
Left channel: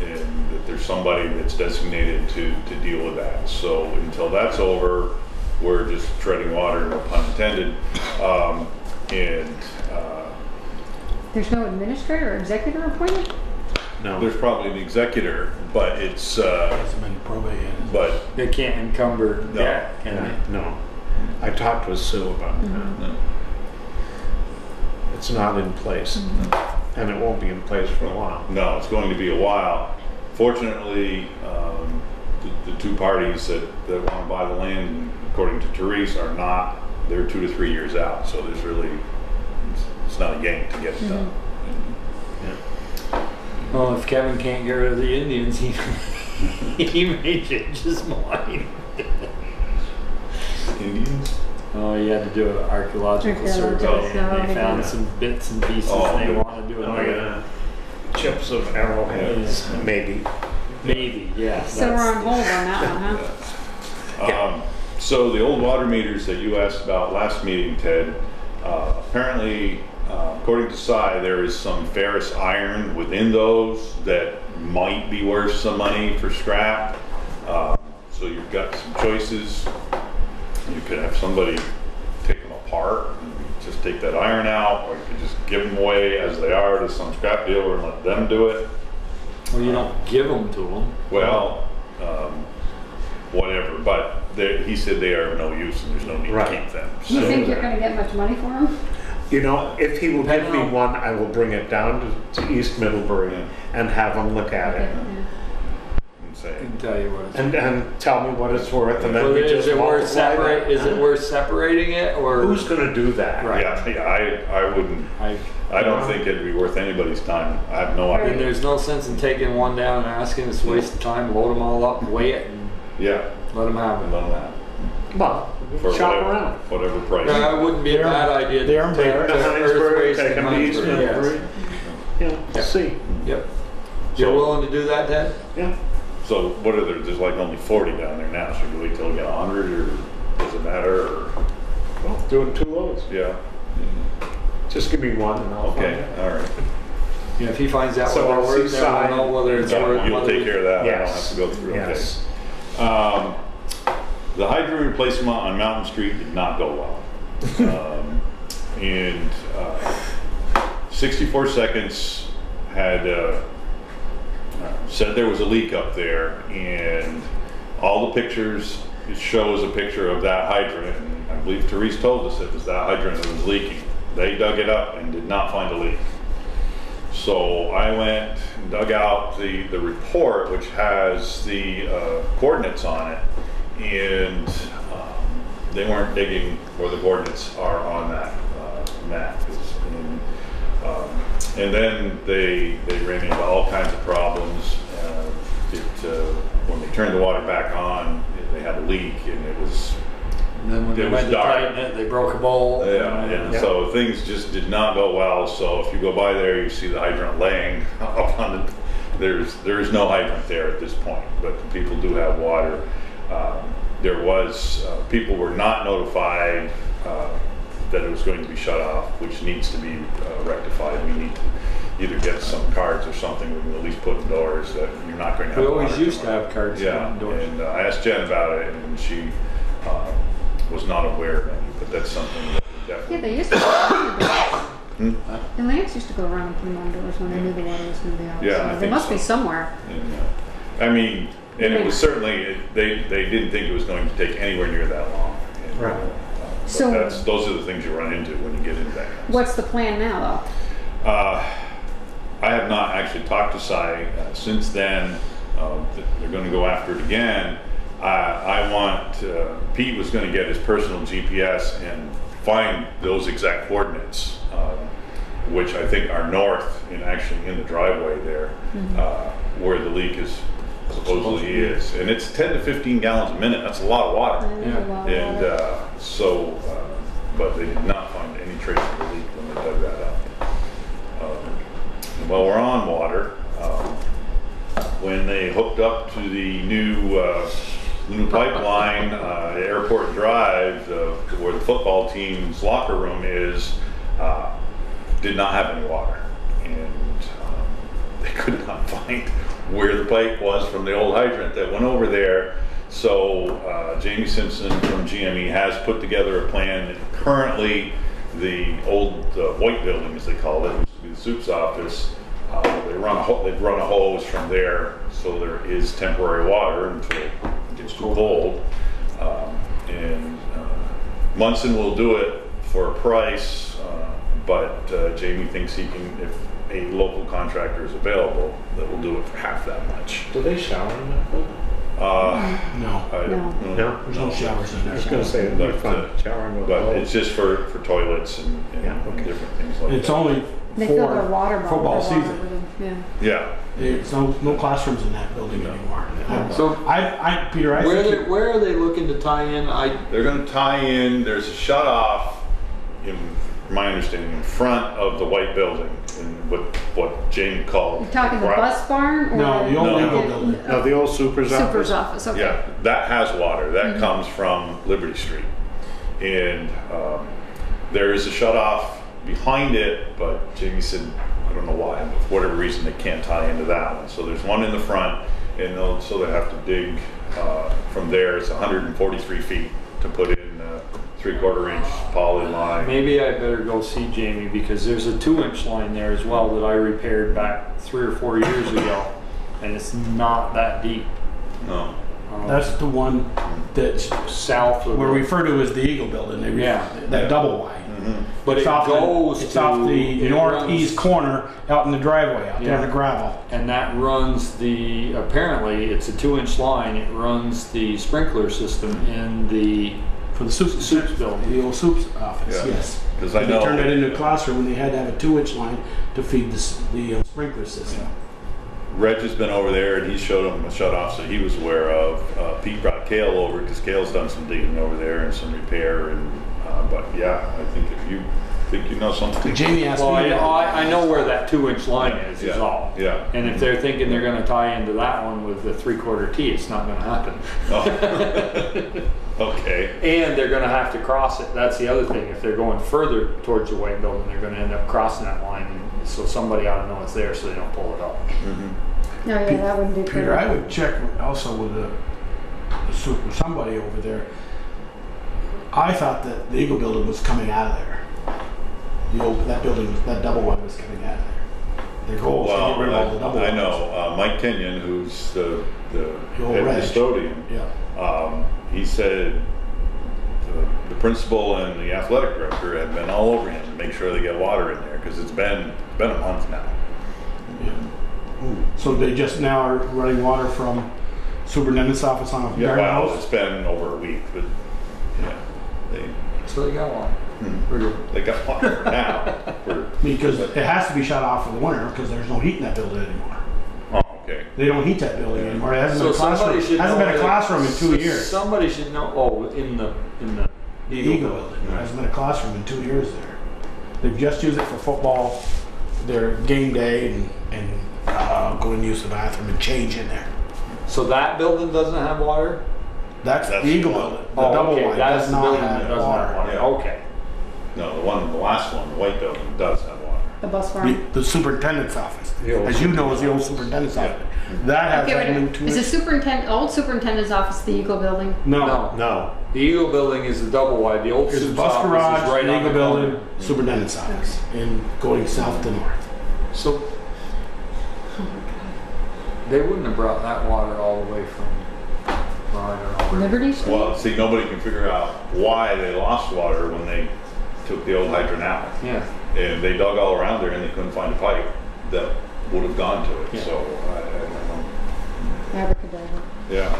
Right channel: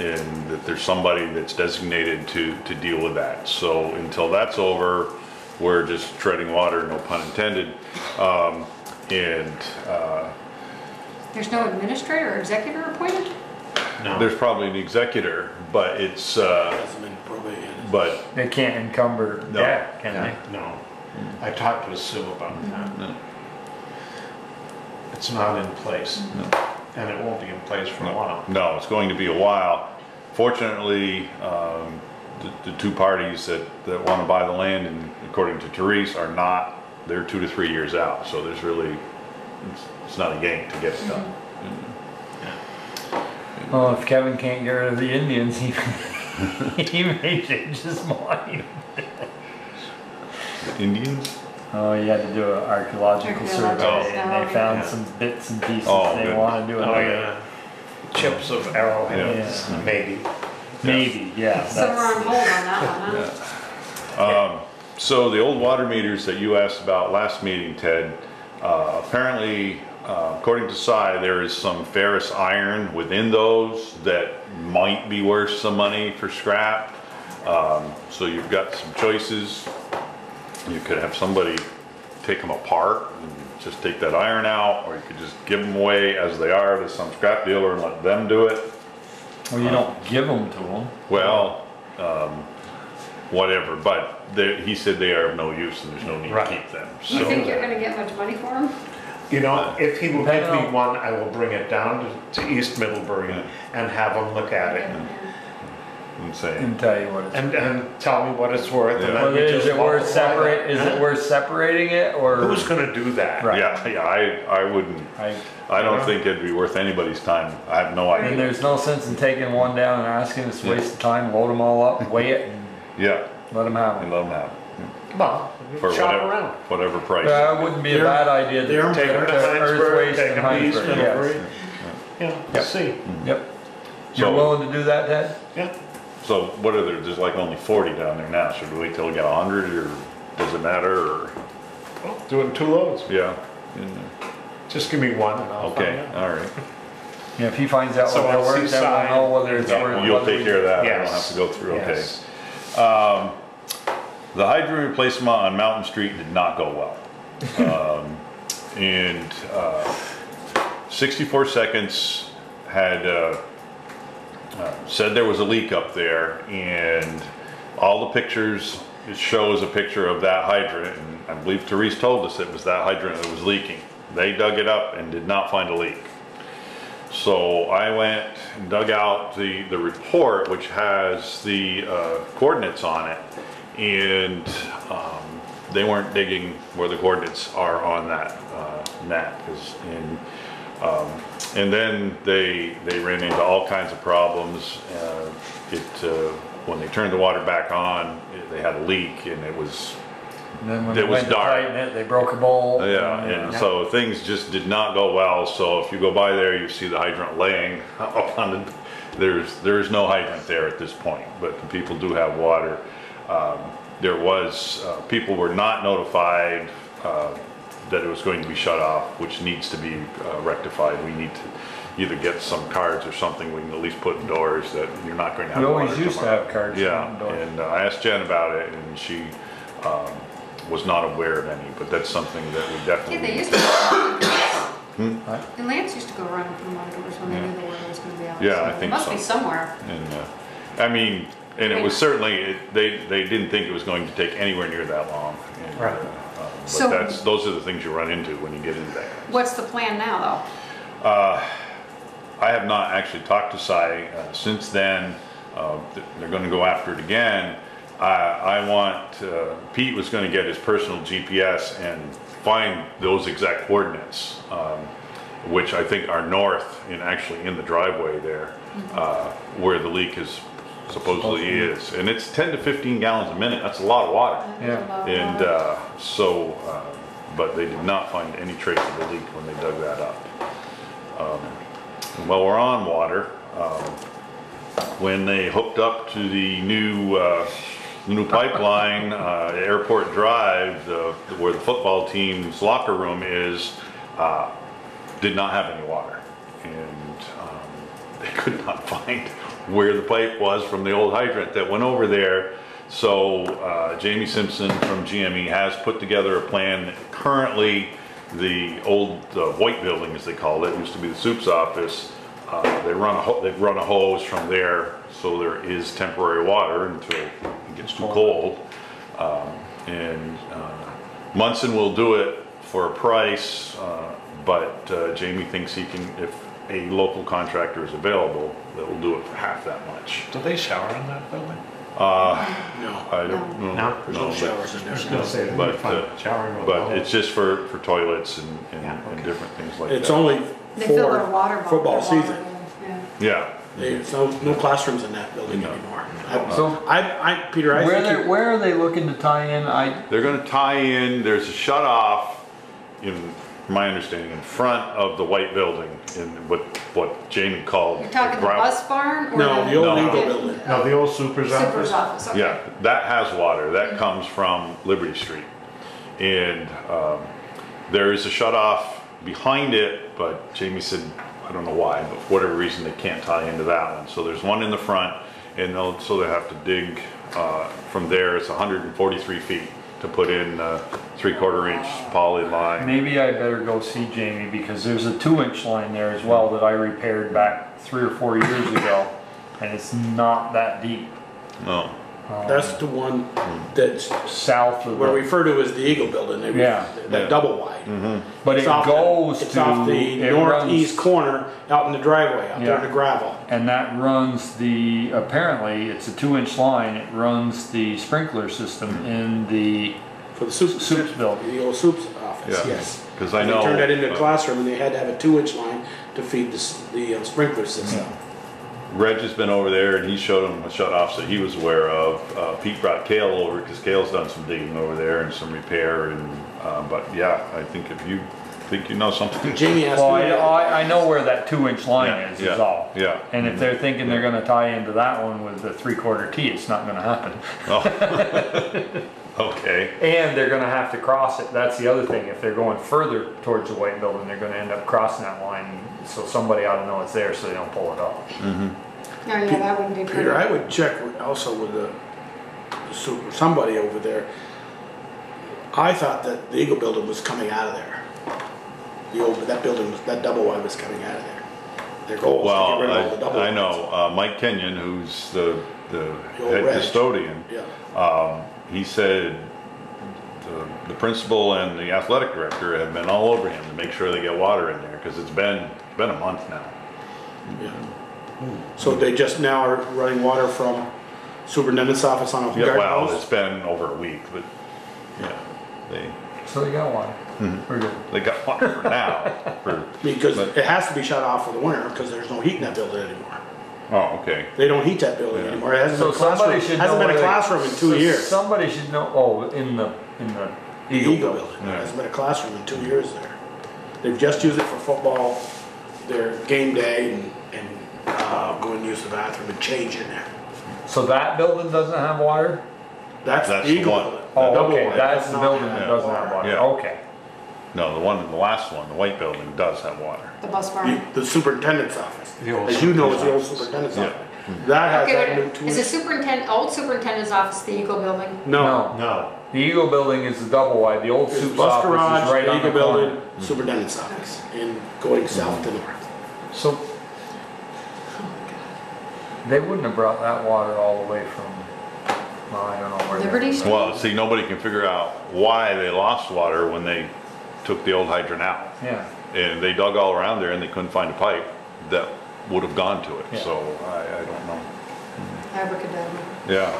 And that there's somebody that's designated to deal with that. So until that's over, we're just treading water, no pun intended. There's no administrator or executor appointed? No. There's probably an executor, but it's, Hasn't been probate yet. but They can't encumber No. debt, can they? No. I talked with Sue about that. no. It's not in place. And it won't be in place for a while. No, it's going to be a while. Fortunately, the two parties that want to buy the land, and according to Therese, are not. They're 2 to 3 years out. So there's really, it's not a game to get done. Well, if Kevin can't get rid of the Indians, he may change his mind. Indians? Oh, you had to do an archaeological Archaeological, survey, yeah, and they found yeah. some bits and pieces, Oh, and they good. want to do Oh, another. yeah. Chips of arrowheads, maybe. Maybe, yeah. So we're on that's- hold on that one, huh? Yeah. So the old water meters that you asked about last meeting, Ted, apparently, according to SI, there is some ferrous iron within those that might be worth some money for scrap. So you've got some choices. You could have somebody take them apart and just take that iron out, or you could just give them away as they are to some scrap dealer and let them do it. Well, you don't give them to them. Well, whatever, but he said they are of no use and there's no need to keep them. You think you're going to get much money for them? You know, if he will give me one, I will bring it down to East Middlebury and have him look at it. And tell you what it's and tell me what it's worth. And then well, we is just it worth multiply that. is it worth separating it, or Who's going to do that? Right. Yeah, I wouldn't. I don't think it'd be worth anybody's time. I have no idea. And there's no sense in taking one down and asking us to waste of time, load them all up, weigh it, Yeah, let them have and it. let them have it. Well, For shop whatever, around. whatever price. It wouldn't be a bad idea to Take them to Heinsberg, take them to East Middlebury. Yeah, see. Yep. You're So- willing to do that, Ted? Yeah. So what are there? There's like only 40 down there now. Should we wait till we get 100, or does it matter? Or Well, doing 2 loads. yeah. Just give me one and I'll Okay. find out. All right. Yeah, if he finds out So what they're it's worth, then Seaside. we'll know whether it's Yeah, worth. you'll whether take care of that. I don't have Yes. to go through. Yes. Okay. The hydrant replacement on Mountain Street did not go well. And 64 Seconds had said there was a leak up there, and all the pictures, it shows a picture of that hydrant, and I believe Therese told us it was that hydrant that was leaking. They dug it up and did not find a leak. So I went and dug out the report, which has the coordinates on it, and they weren't digging where the coordinates are on that map. And then they ran into all kinds of problems. When they turned the water back on, they had a leak, and it was Then when it they was went to dark. tighten it, they broke a bowl. Yeah, and so things just did not go well. So if you go by there, you see the hydrant laying up on the. There's no hydrant there at this point, but the people do have water. There was people were not notified that it was going to be shut off, which needs to be rectified. We need to either get some cards or something we can at least put indoors that you're not going to have. We always water used to tomorrow. have cards. Yeah, and I asked Jen about it, and she was not aware of any, but that's something that we definitely. Yeah, they used to. And Lance used to go around and put them on doors when they knew the water was going to be out. Yeah, I so they think must so. be somewhere. And, I mean, and it was certainly, they didn't think it was going to take anywhere near that long. And, Right. But So- those are the things you run into when you get into that. What's the plan now, though? I have not actually talked to Cy since then. They're going to go after it again. I want, Pete was going to get his personal GPS and find those exact coordinates, which I think are north and actually in the driveway there, where the leak is supposedly is. And it's 10 to 15 gallons a minute. That's a lot of water. That is a lot of And water. but they did not find any trace of the leak when they dug that up. While we're on water, when they hooked up to the new pipeline, Airport Drive, where the football team's locker room is, did not have any water, and they could not find where the pipe was from the old hydrant that went over there. So Jamie Simpson from GME has put together a plan. Currently, the old white building, as they call it, used to be the soup's office. They run a hose from there, so there is temporary water until it gets too cold. And Munson will do it for a price, but Jamie thinks he can, if a local contractor is available, that will do it for half that much. Do they shower in that building? No. I don't know. No? There's no showers in I was there. going to say, But, fun showering with But the it's just for toilets and different things like It's that. only They fill for their water bottle. football their water season. with them, Yeah. There's no classrooms in that building No. anymore. So Peter, I think where are they looking to tie in? They're going to tie in. There's a shut off in from my understanding, in front of the white building, in what Jane called. You're talking the gra- bus barn or No, the old No. legal building. No, the old super's Super's office. office, okay. Yeah, that has water. That comes from Liberty Street. And there is a shut off behind it, but Jamie said, I don't know why, but for whatever reason, they can't tie into that one. So there's one in the front, and so they have to dig from there. It's 143 feet to put in 3/4 inch poly line. Maybe I better go see Jamie, because there's a 2-inch line there as well that I repaired back 3 or 4 years ago, and it's not that deep. No. That's the one that's South of where the- we refer to as the Eagle Building. Yeah. That double wide. but It's it off goes it's to off the it northeast runs- corner out in the driveway, out there in Yeah. the gravel. and that runs apparently it's a 2-inch line. It runs the sprinkler system in the For the soups building. The old soups office, Yeah. yes. 'Cause I They know- turned that into a classroom, and they had to have a 2-inch line to feed the sprinkler system. Reg has been over there, and he showed him a shut offs that he was aware of. Pete brought Kale over because Kale's done some digging over there and some repair. And but yeah, I think if you think you know something, Jamie asked Well, me. I know where that 2-inch line is. yeah, Is all. yeah. And if they're thinking they're going to tie into that one with a 3/4 T, it's not going to happen. Oh. Okay. And they're going to have to cross it. That's the other thing. If they're going further towards the white building, they're going to end up crossing that line. So somebody ought to know it's there so they don't pull it up. Oh, yeah, that wouldn't be Peter, I pretty. would check also with the super somebody over there. I thought that the Eagle Building was coming out of there. That building that double wide was coming out of there. Their goal was to Well, get rid of all the double I wides. know Mike Kenyon, who's the old head Reg. custodian. Yeah. He said the principal and the athletic director have been all over him to make sure they get water in there because it's been a month now. So they just now are running water from superintendent's office on a Yeah, garden well, hose? it's been over a week, but yeah, So they got water. Pretty good. they got water for now. Because it has to be shut off for the winter because there's no heat in that building anymore. Oh, okay. They don't heat that building anymore. It hasn't So been a classroom, somebody should hasn't know been a where- classroom in 2 so years. Somebody should know. Oh, in the The Eagle Building. There hasn't been a classroom in 2 years there. They've just used it for football, their game day, and go and use the bathroom and change in there. So that building doesn't have water? That's the That's Eagle one. Building. Oh, the double okay. wide That's does the not building have that doesn't have water. Yeah. Okay. No, the last one, the white building, does have water. The bus barn. The superintendent's office. The old As you know, is the old superintendent's Yeah. office. That has Okay, that wait, new is the 2-inch. old superintendent's office the Eagle Building? No. No. The Eagle building is the double wide. The old It's Soup's bus office garage, is right the on Eagle the corner. Building, superintendent's office, and going south to north. So they wouldn't have brought that water all the way from, well, I don't know where. Liberty Street? Well, see, nobody can figure out why they lost water when they took the old hydrant out. Yeah. And they dug all around there and they couldn't find a pipe that would have gone to it. Yeah. So I don't know. Abracadabra. Yeah.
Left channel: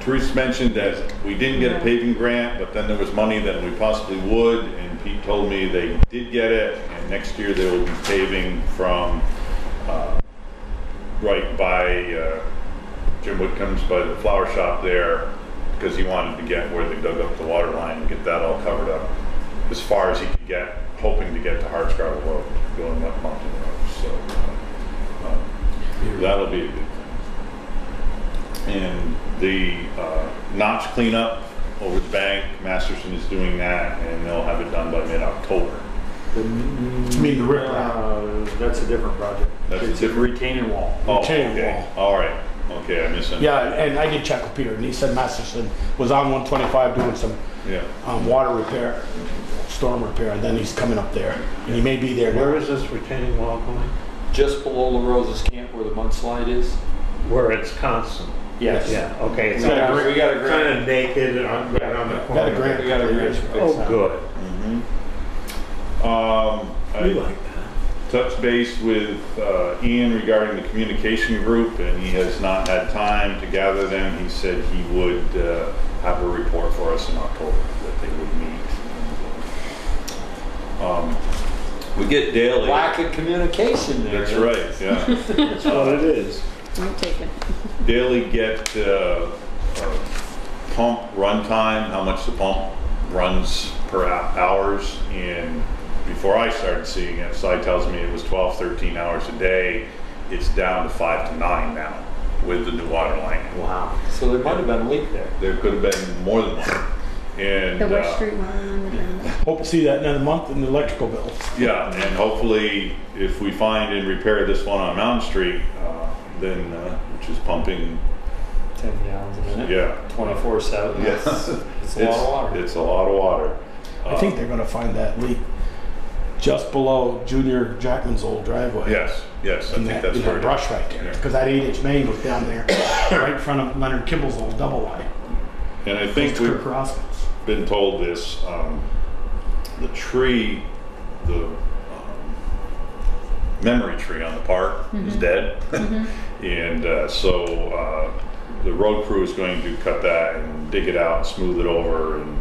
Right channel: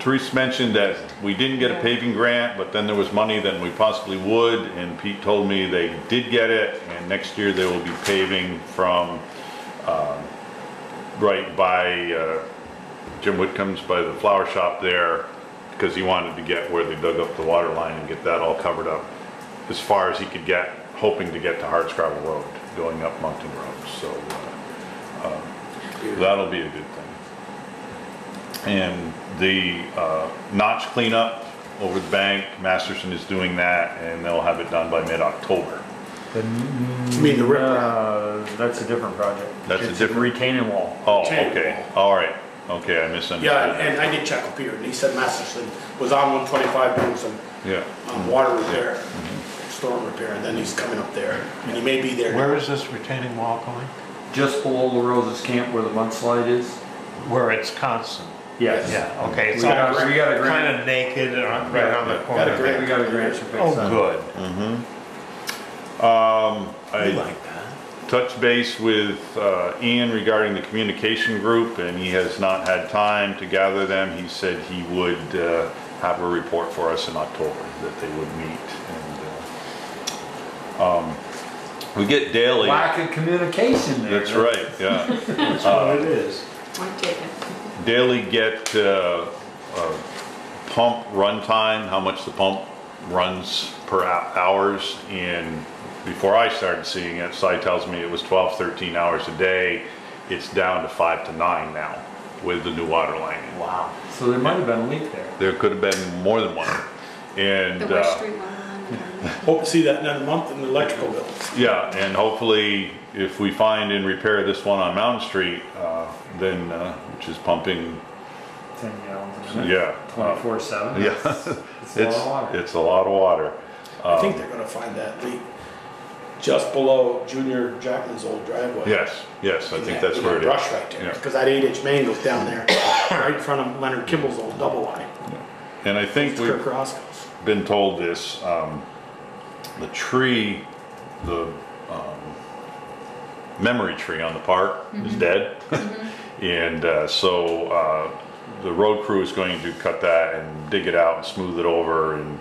Therese mentioned that we didn't get a paving grant, but then there was money that we possibly would, and Pete told me they did get it, and next year they will be paving from right by Jim Whitcomb's, by the flower shop there, because he wanted to get where they dug up the water line and get that all covered up as far as he could get, hoping to get to Hardscrabble Road, going up Mountain Road. So that'll be a good thing. And the notch cleanup over the bank, Masterson is doing that, and they'll have it done by mid-October. You mean the riprap? That's a different project. That's a It's different- retaining wall. Oh, Retaining okay, all right, okay, I misunderstood. Yeah, and I did check with Peter, and he said Masterson was on 125 doing some Yeah, water repair, storm repair, and then he's coming up there, and he may be there. Where is this retaining wall going? Just below La Rosa's camp where the mudslide is. Where it's constant. Yes. Yeah, okay. We got a grant. Kind of naked and right on the corner. Got a grant. We got a grant. to fix Oh, that. good. I We like that. touched base with Ian regarding the communication group, and he has not had time to gather them. He said he would have a report for us in October, that they would meet. We get daily. Lack of communication there. That's right, yeah. That's what it is. Point taken. Daily get pump runtime, how much the pump runs per hours, and before I started seeing it, Cy tells me it was 12, 13 hours a day. It's down to 5 to 9 now with the new water line. Wow. So there might have been a leak there. There could have been more than one. And The West Street one. Hope to see that in another month in the electrical bill. yeah, and hopefully if we find and repair this one on Mountain Street, then, which is pumping, 10 gallons a minute. yeah. 24/7. Yeah. It's a lot of water. It's a lot of water. I think they're gonna find that leak just below Junior Jackman's old driveway. Yes, yes, I In think that that's little where it is. brush right there, Yeah. because that 8-inch main goes down there, right in front of Leonard Kimball's old double wide. And I think It's we've Kirk Roscoe's. been told this, the tree, the memory tree on the park is dead. And so the road crew is going to cut that and dig it out and smooth it over, and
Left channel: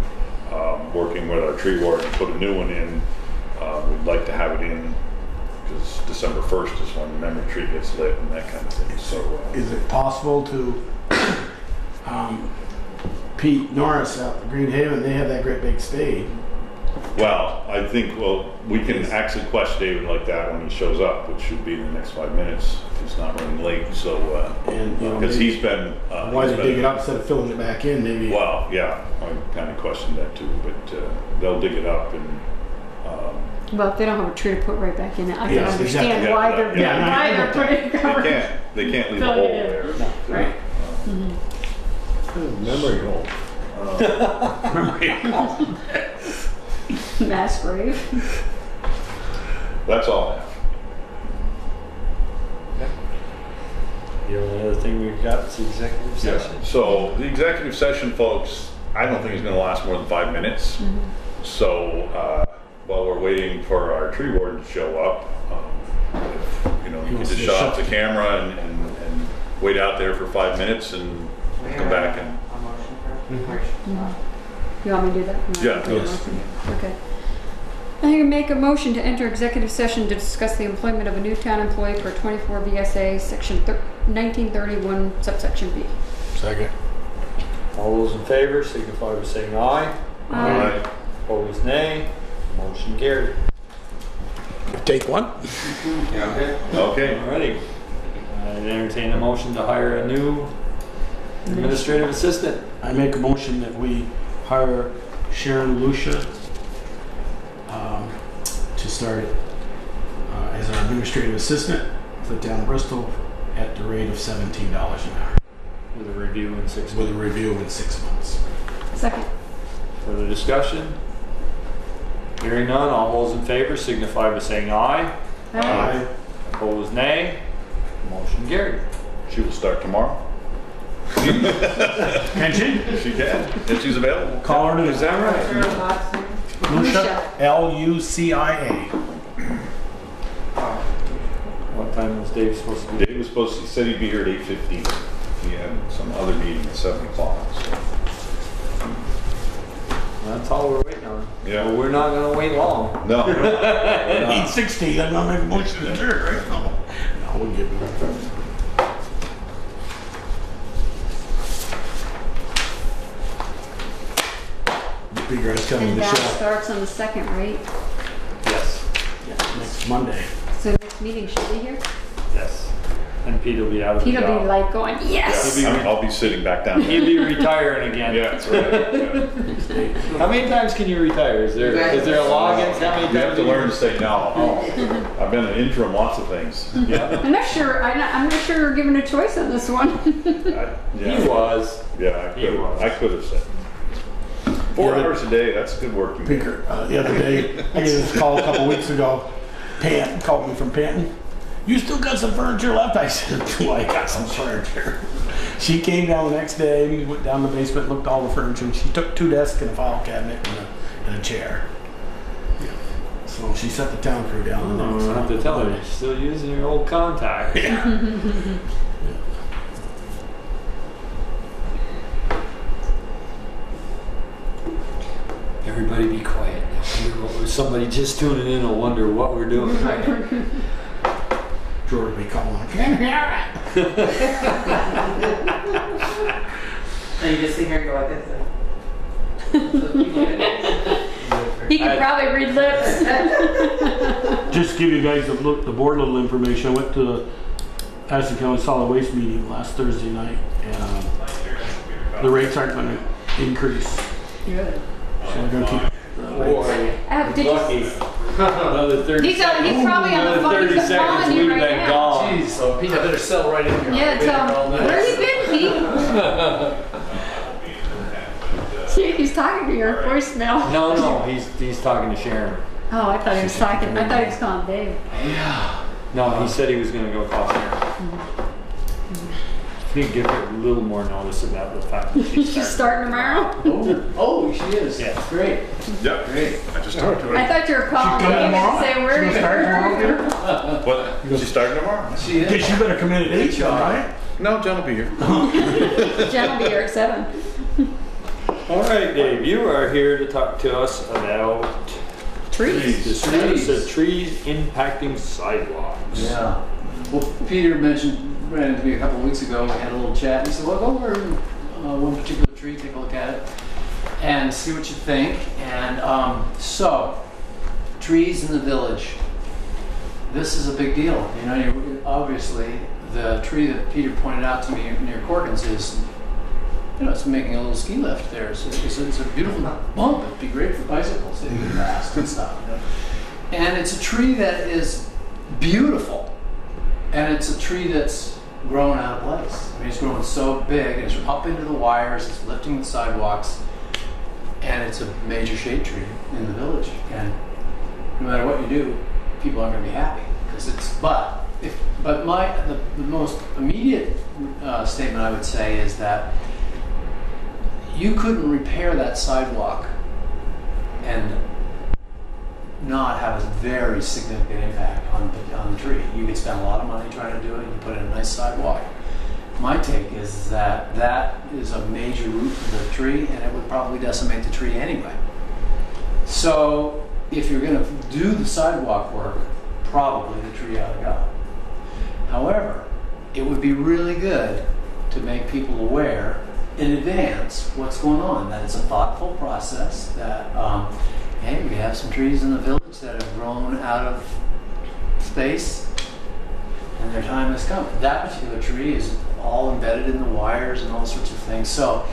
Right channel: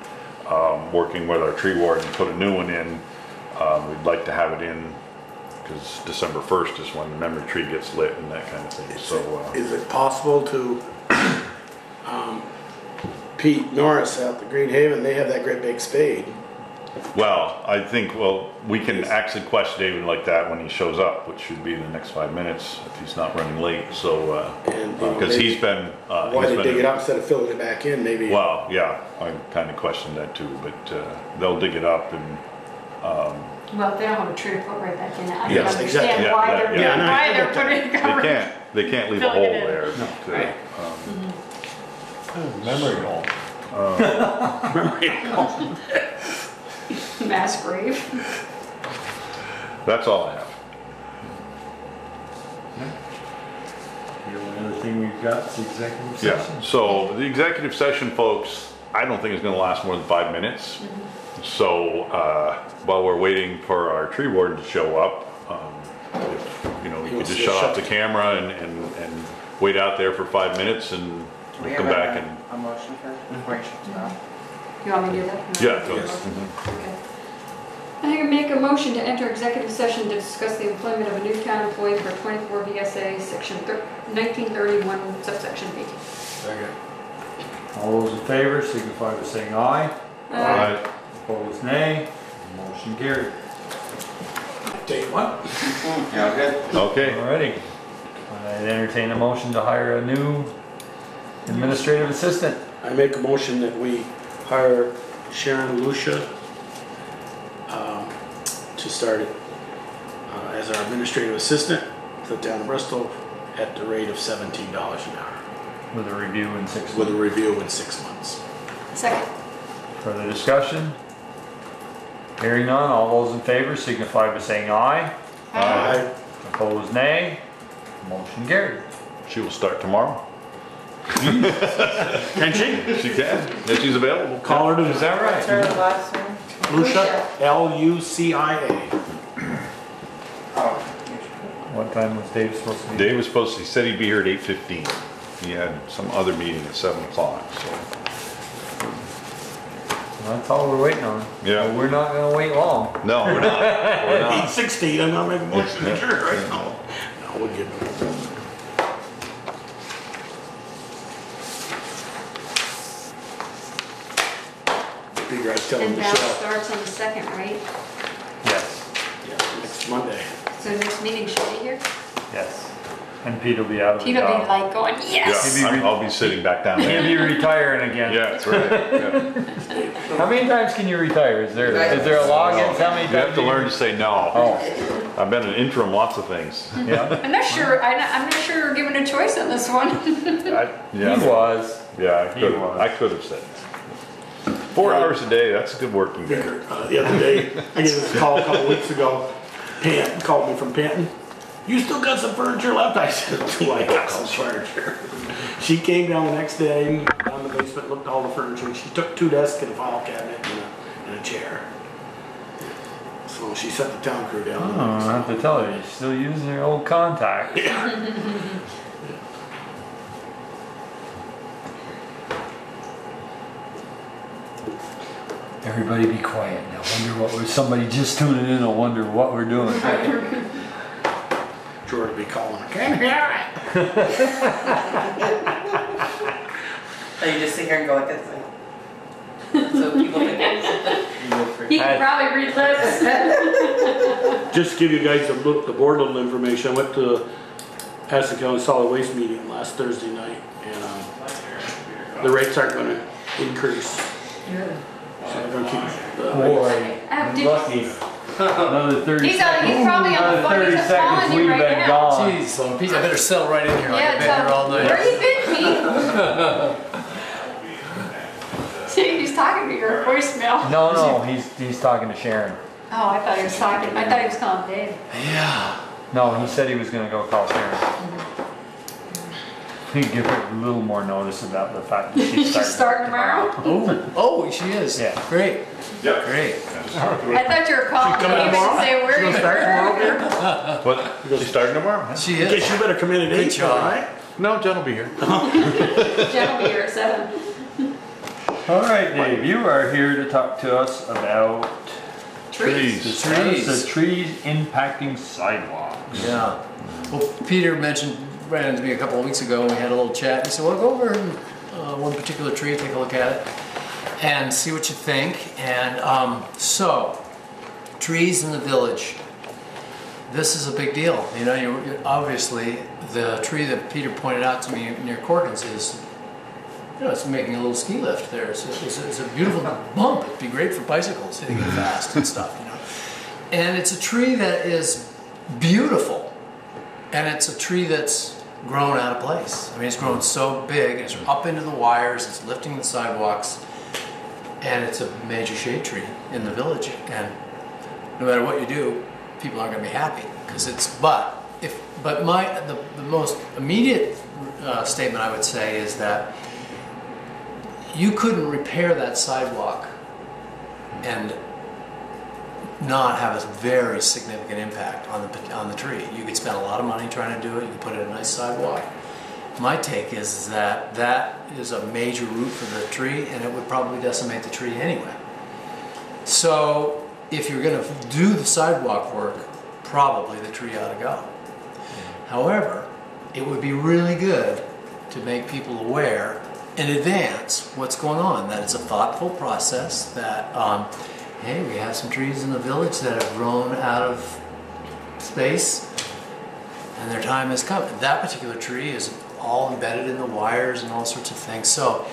working with our tree warden to put a new one in. We'd like to have it in because December 1st is when the memory tree gets lit and that kind of thing. So Is it possible to, Pete Norris out at Green Haven, they have that great big spade. well, I think, we can actually question David like that when he shows up, which should be in the next 5 minutes if he's not running late. So, And, you know, because maybe- he's been, Why they dig it up instead of filling it back in, maybe. well, yeah, I kind of questioned that too, but they'll dig it up and, Well, if they don't have a tree to put right back in it, I can Yes, understand exactly. why Yeah, they're yeah, yeah. why they're putting it covered. they can't leave a Filling hole it in. there. to, Right. Memory hole. Mass grave. That's all I have. The only other thing we've got is the executive Yeah, session. so the executive session, folks, I don't think is gonna last more than 5 minutes. So, while we're waiting for our tree warden to show up, you know, we can just shut off the camera and wait out there for 5 minutes and Do we come have back and, a motion for it? You want me to do that? yeah, no, Okay. I make a motion to enter executive session to discuss the employment of a new town employee for 24 VSA section 1931 subsection B. Second. All those in favor signify by saying aye. all right. Opposed, nay. Motion carried. Take one. Okay, Alrighty. I entertain a motion to hire a new administrative assistant. I make a motion that we hire Sharon Lucia to start as our administrative assistant for the town of Bristol at the rate of $17 an hour With a review in 6 with a months. review in 6 months. Second. Further discussion? Hearing none, all those in favor signify by saying aye. Aye. Opposed, nay. Motion carried. She will start tomorrow. Can she? She can, if she's available. Call her to, is that What's her right? last name? Lucia, Lucia. What time was Dave supposed to be? Dave was supposed to, he said he'd be here at 8:15. He had some other meeting at 7 o'clock, so. That's all we're waiting on. Yeah. Well, we're not gonna wait long. No, we're not. We're not. 8:16, I'm not making a motion to adjourn right now. No, we'll give it. Figure I was telling And that Michelle. starts on the 2nd, right? Yes. Yeah, next Monday. So next meeting should be here. Yes. And Pete will be out of the Pete'll job. be like going, yes! Yeah, I'll be sitting back down He'll here. be retiring again. Yeah, that's right. Yeah. How many times can you retire? Is there a law against how many You times? have to learn to say no. Oh, I've been an interim lots of things. yeah. I'm not sure, I'm not sure you're given a choice on this one. He Yeah, was. yeah, He was. I could have said. 4 hours a day, that's good working. Speaker, the other day, I get this call a couple weeks ago. Pant called me from Panton. You still got some furniture left? I said, do I got some furniture? She came down the next day, went down the basement, looked at all the furniture, and she took 2 desks and a file cabinet and a chair. So she set the town crew down. Oh, I have to tell her, you're still using your old contact. Everybody be quiet now. Wonder what we're, somebody just tuning in will wonder what we're doing. George will be calling. I can't hear it. And you just sit here and go like this. So He can probably read lips. Just to give you guys the board little information, I went to Aston County Solid Waste meeting last Thursday night, and the rates aren't going to increase. So they're going to keep. Another 30 He's probably on the phone. He's calling you right now. Jeez, so Pete, I better settle right in here. Yeah, I've been here all so night. where you been, Pete? See, he's talking to your voicemail. No, he's talking to Sharon. Oh, I thought he was talking. I thought he was calling Dave. Yeah. No, he said he was going to go call Sharon. He'd give her a little more notice about the fact that she's She's starting tomorrow. Oh, she is. Yeah. Great. Yeah. Great. I just talked to her. I thought you were calling Dave and say where you were. What? She's starting tomorrow? She is. Guess you better come in at 8, all right? No, Jen will be here. Jen will be here at 7. All right, Dave, you are here to talk to us about Trees. the trees impacting sidewalks. Yeah. Well, Peter ran into me a couple of weeks ago and we had a little chat. He said, well, go over one particular tree, take a look at it, and see what you think. And so, trees in the village. This is a big deal. You know, obviously, the tree that Peter pointed out to me near Corkins is, you know, it's making a little ski lift there. It's a beautiful bump. It'd be great for bicycles hitting it fast and stuff, you know. And it's a tree that is beautiful. And it's a tree that's grown out of place. I mean, it's grown so big, and it's up into the wires, it's lifting the sidewalks, and it's a major shade tree in the village. And no matter what you do, people aren't going to be happy because it's. But the most immediate statement I would say is that you couldn't repair that sidewalk and not have a very significant impact on the tree. You could spend a lot of money trying to do it. You could put in a nice sidewalk. My take is that is a major root for the tree, and it would probably decimate the tree anyway. So if you're going to do the sidewalk work, probably the tree ought to go. However, it would be really good to make people aware in advance what's going on, that it's a thoughtful process, that hey, we have some trees in the village that have grown out of space and their time has come. That particular tree is all embedded in the wires and all sorts of things. So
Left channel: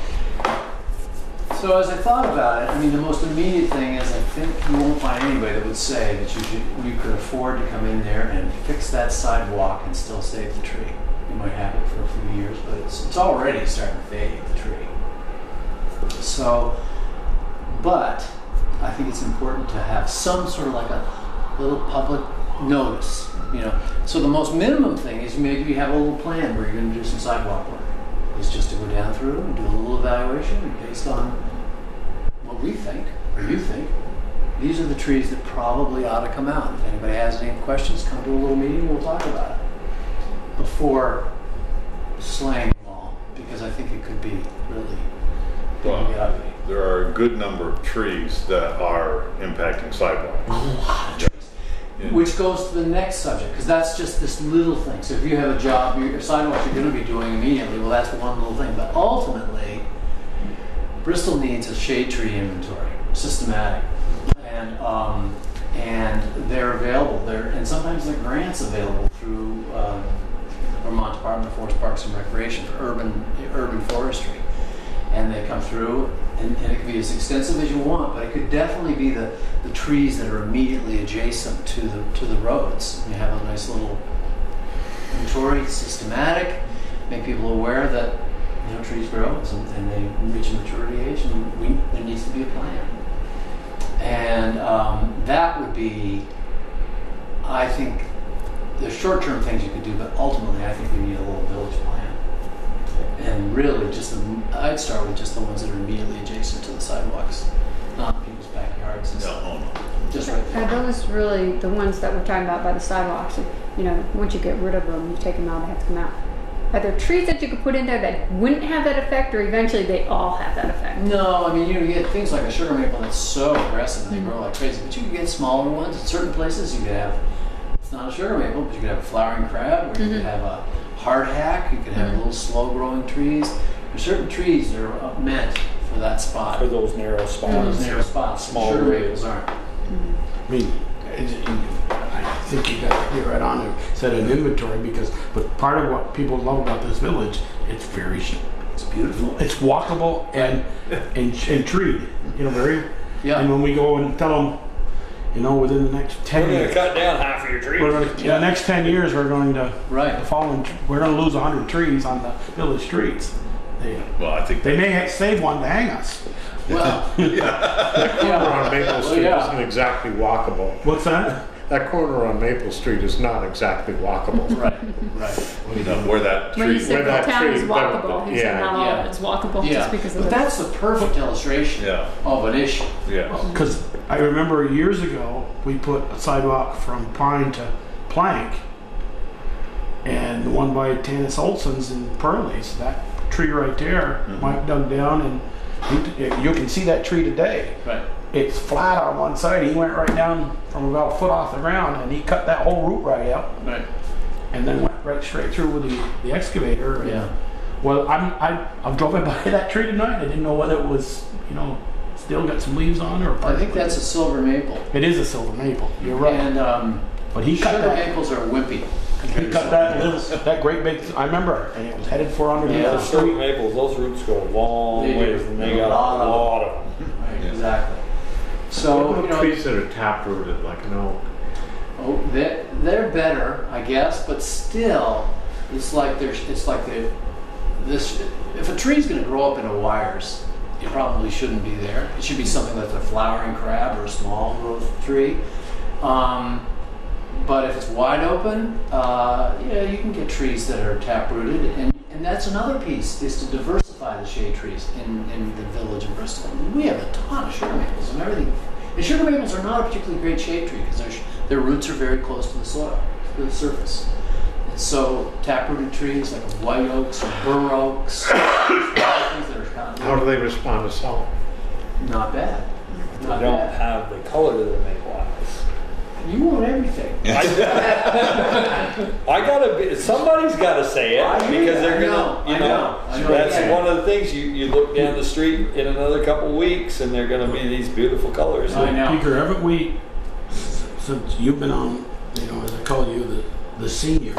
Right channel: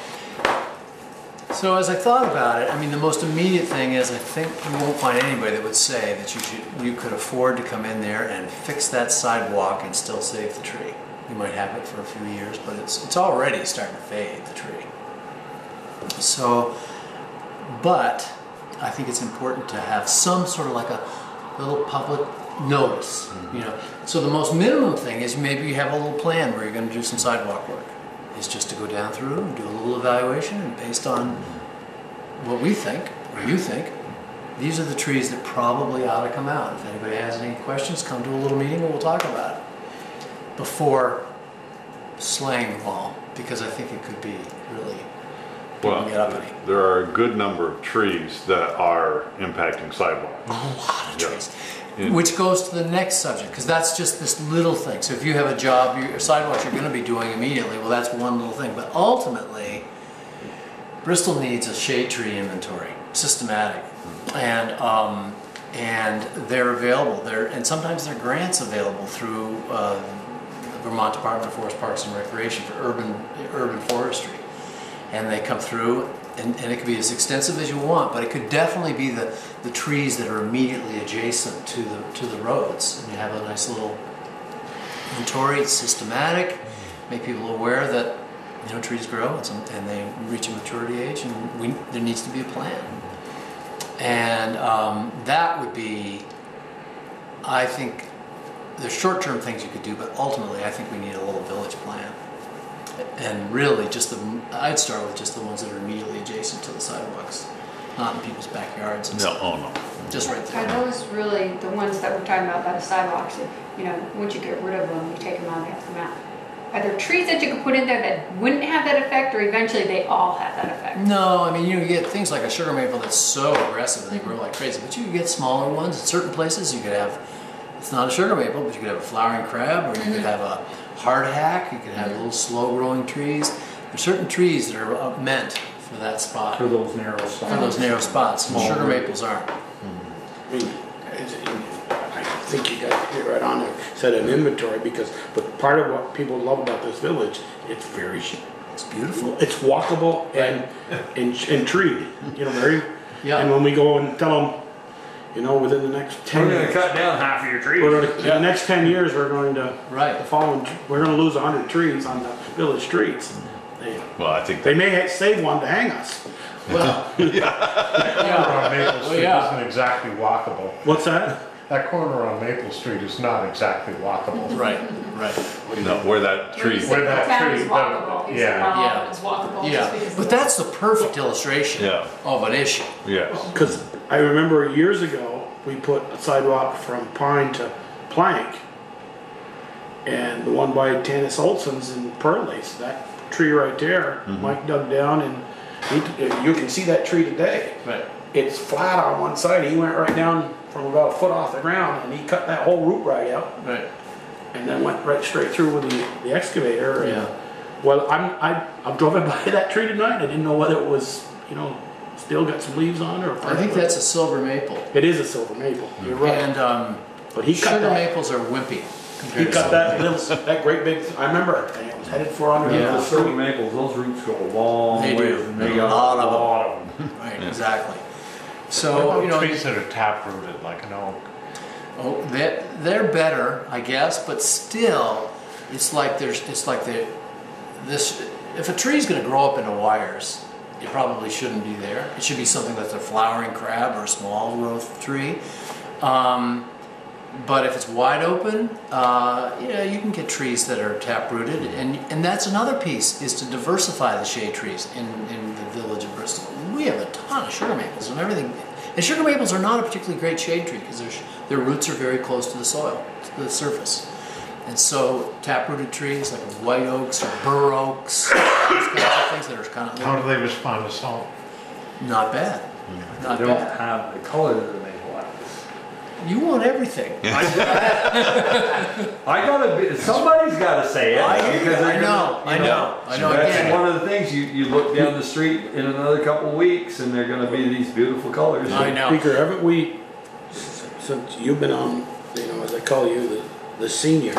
as I thought about it, I mean, the most immediate thing is I think you won't find anybody that would say that you could afford to come in there and fix that sidewalk and still save the tree. You might have it for a few years, but it's already starting to fade, the tree. So, but I think it's important to have some sort of like a little public notice, you know. So the most minimum thing is maybe you have a little plan where you're going to do some sidewalk work. It's just to go down through and do a little evaluation, and based on what we think, or you think, these are the trees that probably ought to come out. If anybody has any questions, come to a little meeting and we'll talk about it before slaying them all, because I think it could be really get uppity. There are a good number of trees that are impacting sidewalks. A lot of trees. Yeah. Which goes to the next subject, because that's just this little thing. So if you have a job, your sidewalks you're going to be doing immediately, well, that's one little thing. But ultimately, Bristol needs a shade tree inventory, systematic, and they're available. And sometimes there are grants available through the Vermont Department of Forest Parks and Recreation for urban forestry. And they come through, and it could be as extensive as you want, but it could definitely be the trees that are immediately adjacent to the roads. You have a nice little inventory, systematic, make people aware that, you know, trees grow and they reach a maturity age, and there needs to be a plan. And that would be, I think, the short-term things you could do, but ultimately I think we need a little village plan. And really, I'd start with just the ones that are immediately adjacent to the sidewalks, not in people's backyards and stuff. No. Just right there. Are those really the ones that we're talking about by the sidewalks? You know, once you get rid of them, you take them out, they have to come out. Are there trees that you could put in there that wouldn't have that effect, or eventually they all have that effect? No, I mean, you get things like a sugar maple that's so aggressive and they grow like crazy, but you can get smaller ones. At certain places you could have, it's not a sugar maple, but you could have a flowering crab, or you could have a hardhack, you could have little slow growing trees. There's certain trees that are meant for for that spot. For those narrow For spots. those narrow spots. And Small sugar roots. maples aren't. I mean, I think you got to get right on there, set an inventory but part of what people love about this village, it's very, It's beautiful. it's walkable and treed, very. Yeah. And when we go and tell them, within the next 10 years, cut down half of your trees. the next 10 years, we're going to, Right. we're going to lose 100 trees on the village streets. Well, I think They may save one to hang us. Well, That corner on Maple Street yeah. isn't exactly walkable. What's that? That corner on Maple Street is not exactly walkable. right. where that When you tree, said that the town is tree- walkable, you said yeah. how Yeah. it's walkable Yeah. just because of But the- that's the perfect illustration yeah, of an issue. yes. Because I remember years ago, we put a sidewalk from Pine to Plank, and the one by Tanis Olson's in Pearlie's, that tree right there, Mike dug down, and you can see that tree today. Right. It's flat on one side. He went right down from about a foot off the ground, and he cut that whole root right out, Right. and then went right straight through with the excavator. And, Yeah. well, I'm driving by that tree tonight. I didn't know whether it was, still got some leaves on it or. I think that's a silver maple. It is a silver maple. You're right. And But he cut sugar that. maples are wimpy. He compared to cut silver that great big. I remember, and it was headed for under Yeah. the Those silver street. maples, those roots go a long They way. do. They A got lot of a them. lot of them. Right, Yeah. exactly. What So, about trees that are taprooted, like an oak? oh, they're better, I guess, but still, it's like this. If a tree's going to grow up into wires, it probably shouldn't be there. It should be something that's a flowering crab or a small growth tree. But if it's wide open, you can get trees that are taprooted, and that's another piece, is to diversify the shade trees in the village of Bristol. We have a ton of sugar maples and everything, and sugar maples are not a particularly great shade tree because their roots are very close to the soil, to the surface. And so taprooted trees like white oaks or bur oaks, things that are kind How do of they respond to salt? not bad. They Not don't bad. have the color that they want. You want everything. I gotta be, somebody's gotta say it. I hear you. because they're I know. gonna, I know. I know. That's Yeah. one of the things, you look down the street in another couple of weeks and they're gonna be these beautiful colors. I know. Speaker, haven't we, since you've been on, as I call you, the senior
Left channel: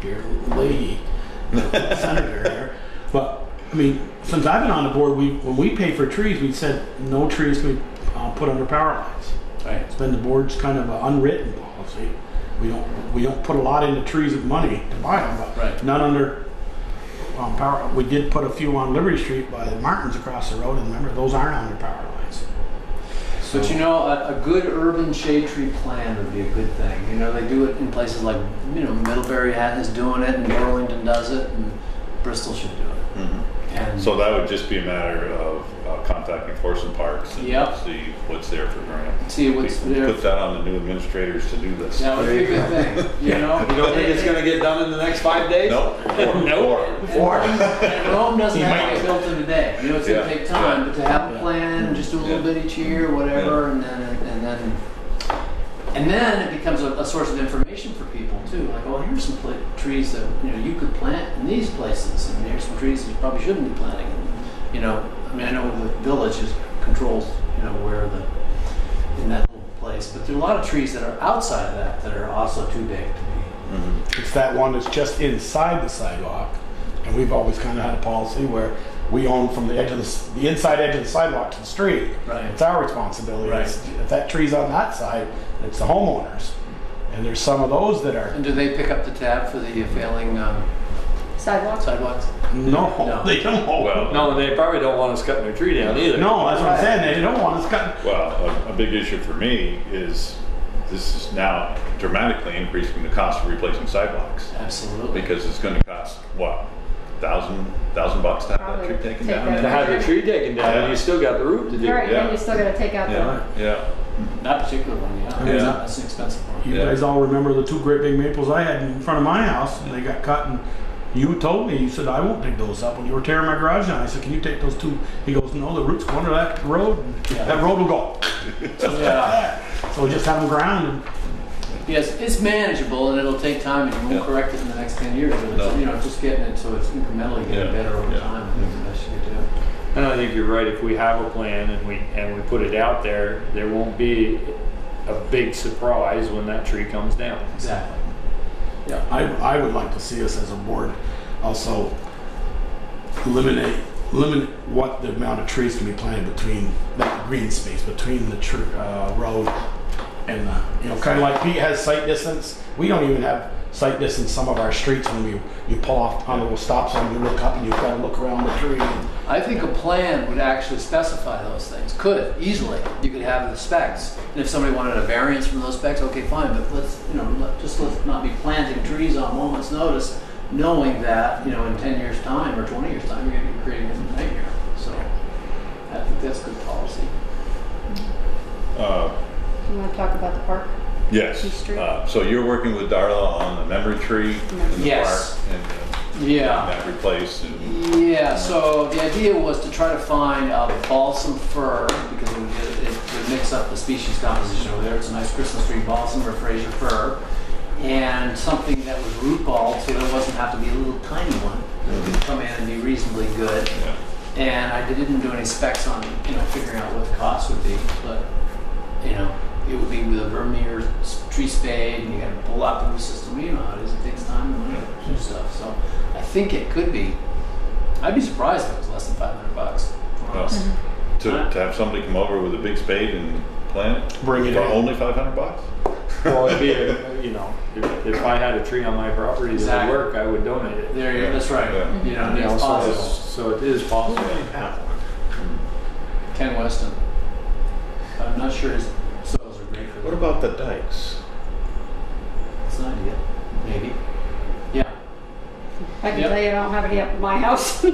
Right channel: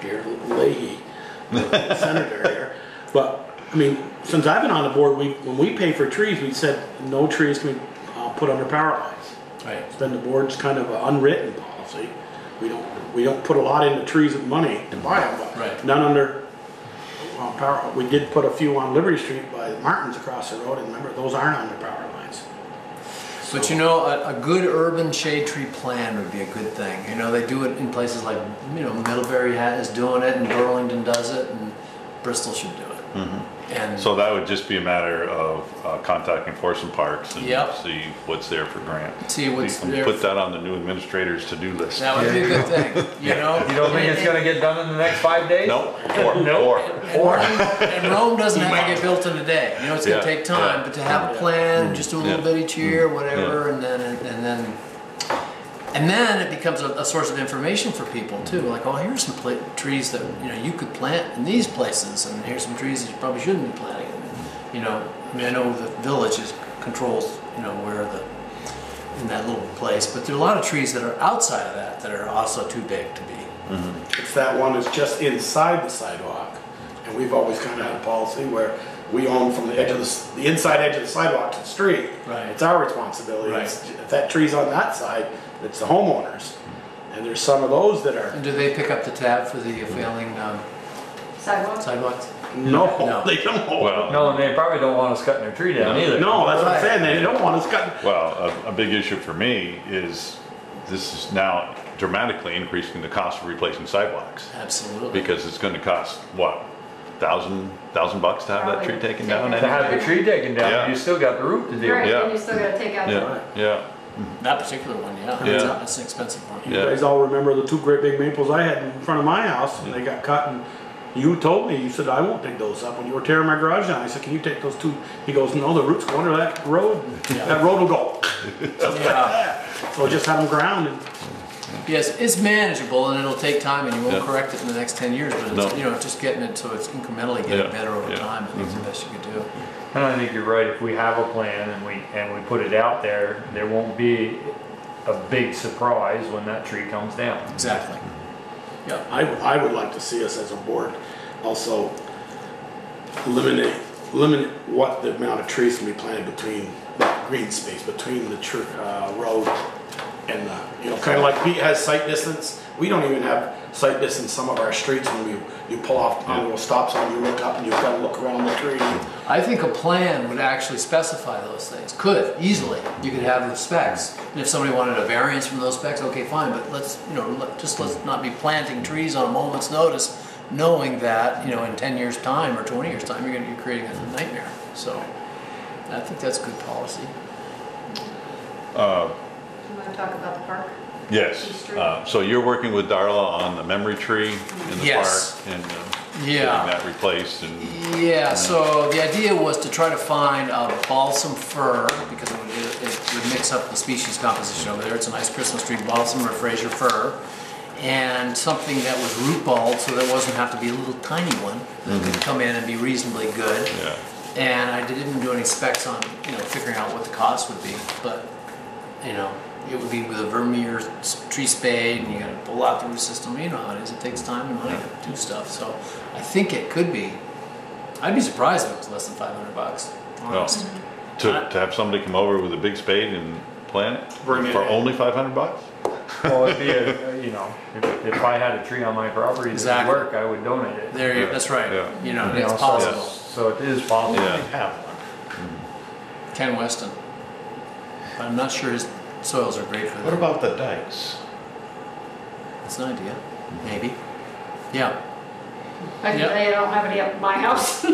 here, Leahy, the senator here, but I mean, since I've been on the board, when we pay for trees, we said no trees can be put under power lines. Right. It's been the board's kind of an unwritten policy. We don't put a lot into trees with money to buy them, but Right. none under power. We did put a few on Liberty Street by the Martins across the road, and remember, those aren't under power lines. But a good urban shade tree plan would be a good thing. They do it in places like, Middlebury is doing it, and Burlington does it, and Bristol should do it. Mhm. And So that would just be a matter of contacting Forest and Parks and Yep. see what's there for grant. see what's We can there. Put that on the new administrator's to-do list. That would be a good thing. You don't think it's gonna get done in the next 5 days? No, four. And Rome doesn't have to get built in a day. It's going to Yeah. take time, but to have a plan, just do a little Yeah. bit each year, whatever, and then it becomes a source of information for people too. Like, oh, here's some trees that you could plant in these places, and here's some trees that you probably shouldn't be planting. I know the village controls where in that little place, but there are a lot of trees that are outside of that are also too big to be. It's that one that's just inside the sidewalk, and we've always kind of had a policy where we own from the edge of the inside edge of the sidewalk to the street. Right. It's our responsibility. Right. If that tree's on that side, it's the homeowners. And there's some of those that are And do they pick up the tab for the failing Sidewalks? sidewalks? no, they don't. Well, No, and they probably don't want us cutting their tree down either. No, that's what I'm saying. They don't want us cutting. Well, a big issue for me is this is now dramatically increasing the cost of replacing sidewalks Absolutely. because it's going to cost what, $1,000 to have that tree taken down. To have the tree taken down, Yeah. you still got the root to deal Right, with. Yeah. and you still gotta take out the. Yeah, yeah. That particular one, yeah. Yeah. That's an expensive one. You Yeah. guys all remember the two great big maples I had in front of my house, and they got cut. And you told me, you said, I won't dig those up when you were tearing my garage down. I said, can you take those two? He goes, no, the roots go under that road, and Yeah. that road will go. Just like Yeah. that. So we just have them grounded. Yes, it's manageable and it'll take time and you won't Yeah. correct it in the next 10 years, but it's, No. just getting it so it's incrementally getting Yeah. better over Yeah. time, I think is the best you could do. And I think you're right, if we have a plan and we put it out there, there won't be a big surprise when that tree comes down. Exactly. Yeah, I would like to see us as a board also limit what the amount of trees can be planted between that green space, between the road and the, you know, kind of like Pete has sight distance. We don't even have sight distance some of our streets when you pull off on a stop sign, you look up and you've got to look around the tree. I think a plan would actually specify those things. Could, easily. You could have the specs. And if somebody wanted a variance from those specs, okay, fine, but let's not be planting trees on a moment's notice, knowing that, you know, in 10 years' time or 20 years' time, you're going to be creating a nightmare. So I think that's good policy. You want to talk about the park? Yes. So you're working with Darla on the memory tree in the Yes. park and Yeah. getting that replaced. And Yeah, so the idea was to try to find a balsam fir, because it would mix up the species composition over there. It's a nice Christmas tree balsam or Fraser fir, and something that was root balled, so there wasn't have to be a little tiny one that could come in and be reasonably good. yeah. And I didn't do any specs on, you know, figuring out what the cost would be, but, you know, it would be with a Vermeer tree spade, and you got to pull out the root system. You know how it is. It takes time and money to do stuff. So I think it could be. I'd be surprised if it was less than $500. Honest. To have somebody come over with a big spade and plant it Bring it for in. only $500? Well, it'd be you know, if I had a tree on my property that would work, I would donate it. There you go. That's right. Yeah. You know, You it's know, possible. so it is possible. Yeah. Ken Weston. I'm not sure his soils are great for What that. about the dikes? It's an idea. Maybe. Yeah. I can Yep. tell you I don't have any up in my house. I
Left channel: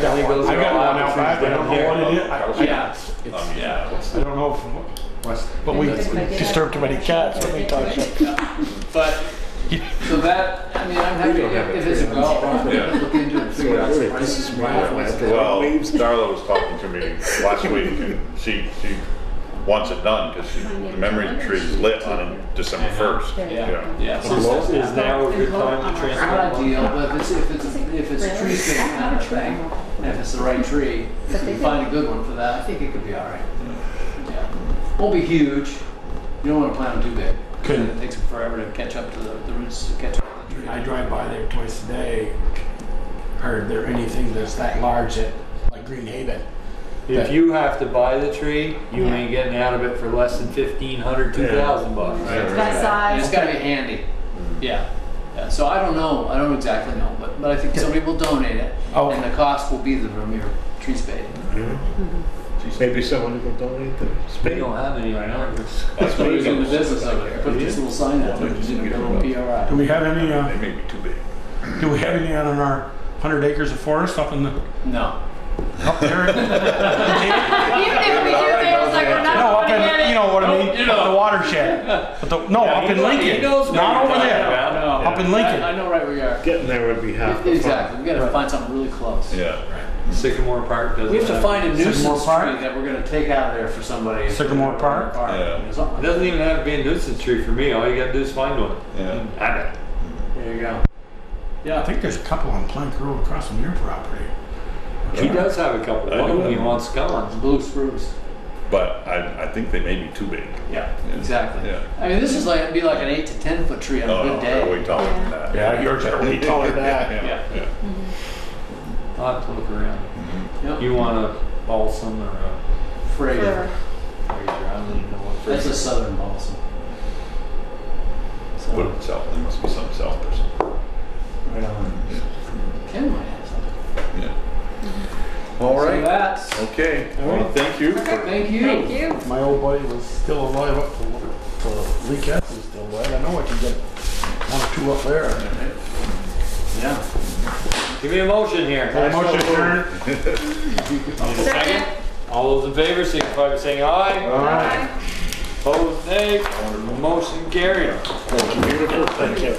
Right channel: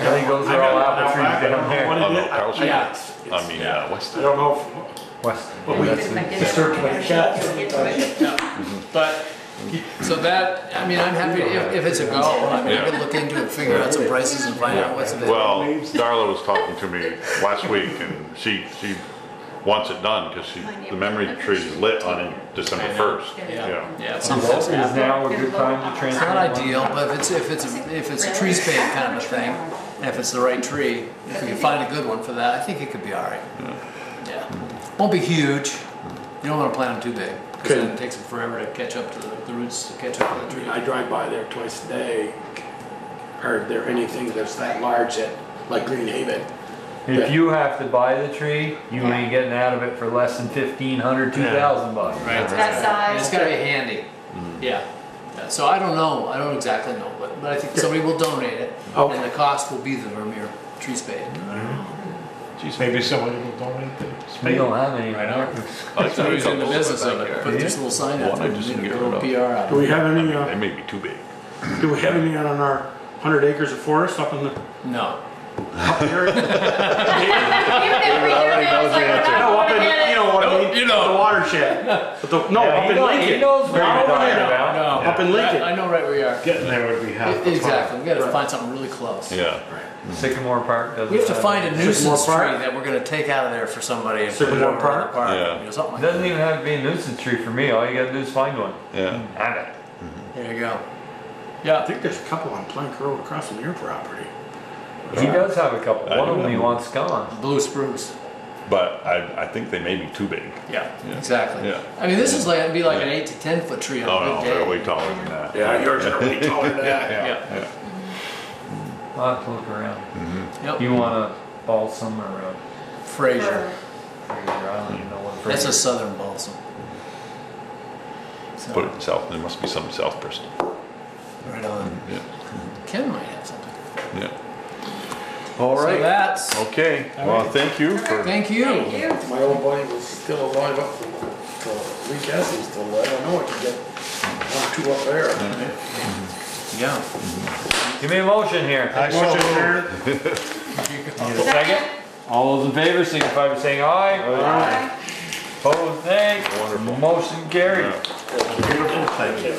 got one out back. I don't know what it is. Yeah. I mean, yeah. What's I don't know West. but we disturbed too many cats. But so that, I mean, I'm happy if it's a go. I mean, I could look into it and figure out some prices and find out what's good. Well, Darla was talking to me last week, and she wants it done because the memory tree is lit on December 1st. Yeah. You know. Yeah. It's Is now a good time to not transplant? ideal, but if it's a tree spade kind of thing, and if it's the right tree, if you can find a good one for that, I think it could be all right. Yeah. Won't be huge. You don't want to plant them too big, because then it takes them forever to catch up to the roots to catch up to the tree. I drive by there twice a day. Are there anything that's that large that, like Greenhaven? If you have to buy the tree, you ain't getting out of it for less than $1,500, $2,000 bucks. Right. That And size. it's got to be handy. Yeah. Yeah. So I don't know. I don't exactly know, but I think somebody will donate it, Oh. and the cost will be the Vermeer tree spade. Maybe somebody will donate the We spade. don't have any right now. That's why he's in the business of it. Put this little sign out there, just a little PR out. Do we have any? They may be too big. Do we have any on our 100 acres of forest up in the No. up there? Even if we do that, it's like we're not No, up gonna in, get it. you know what I mean? You know. The watershed. But no, Yeah, up he in knows- Lincoln. he knows where Not you're over talking there. about. No. Up in Lincoln. I know right where you are. Getting there would be half the fun. Exactly. We got to find something really close. Yeah. Sycamore Park doesn't. We have to find a nuisance Park? tree that we're going to take out of there for somebody. and put it Sycamore over Park? in the park. Yeah. You know, something It like doesn't even have to be a nuisance tree for me. All you gotta do is find one. Yeah. Have it. that. There you go. Yeah, I think there's a couple on Plank Road across from your property. He does have a couple. I One of didn't them he know. wants gone. Blue spruce. But I think they may be too big. Yeah. Yeah. Exactly. Yeah. I mean, this is like it'd be like an 8 to 10 foot tree on Oh, a no, good they're day. way taller than that. Yeah, yours are way taller than that. Yeah. Yeah. Yeah. I'll have to look around. Yep. You want a balsam or a Fraser. Fraser? I don't even know what That's Fraser a is. southern balsam. So, Put it south. There must be some South Bristol. right on. Yeah. Ken might have something. Yeah. All So right. that's. Okay. Well, thank you. For, Thank you. Thank you. My old buddy was still alive up till Lee Cassidy's still alive. I know I could get one or two up there. Yeah. Give me a motion here. I motion adjourned. Second. All those in favor, signify by saying aye. Bye. Opposed, nay. Motion carried. Beautiful, thank you.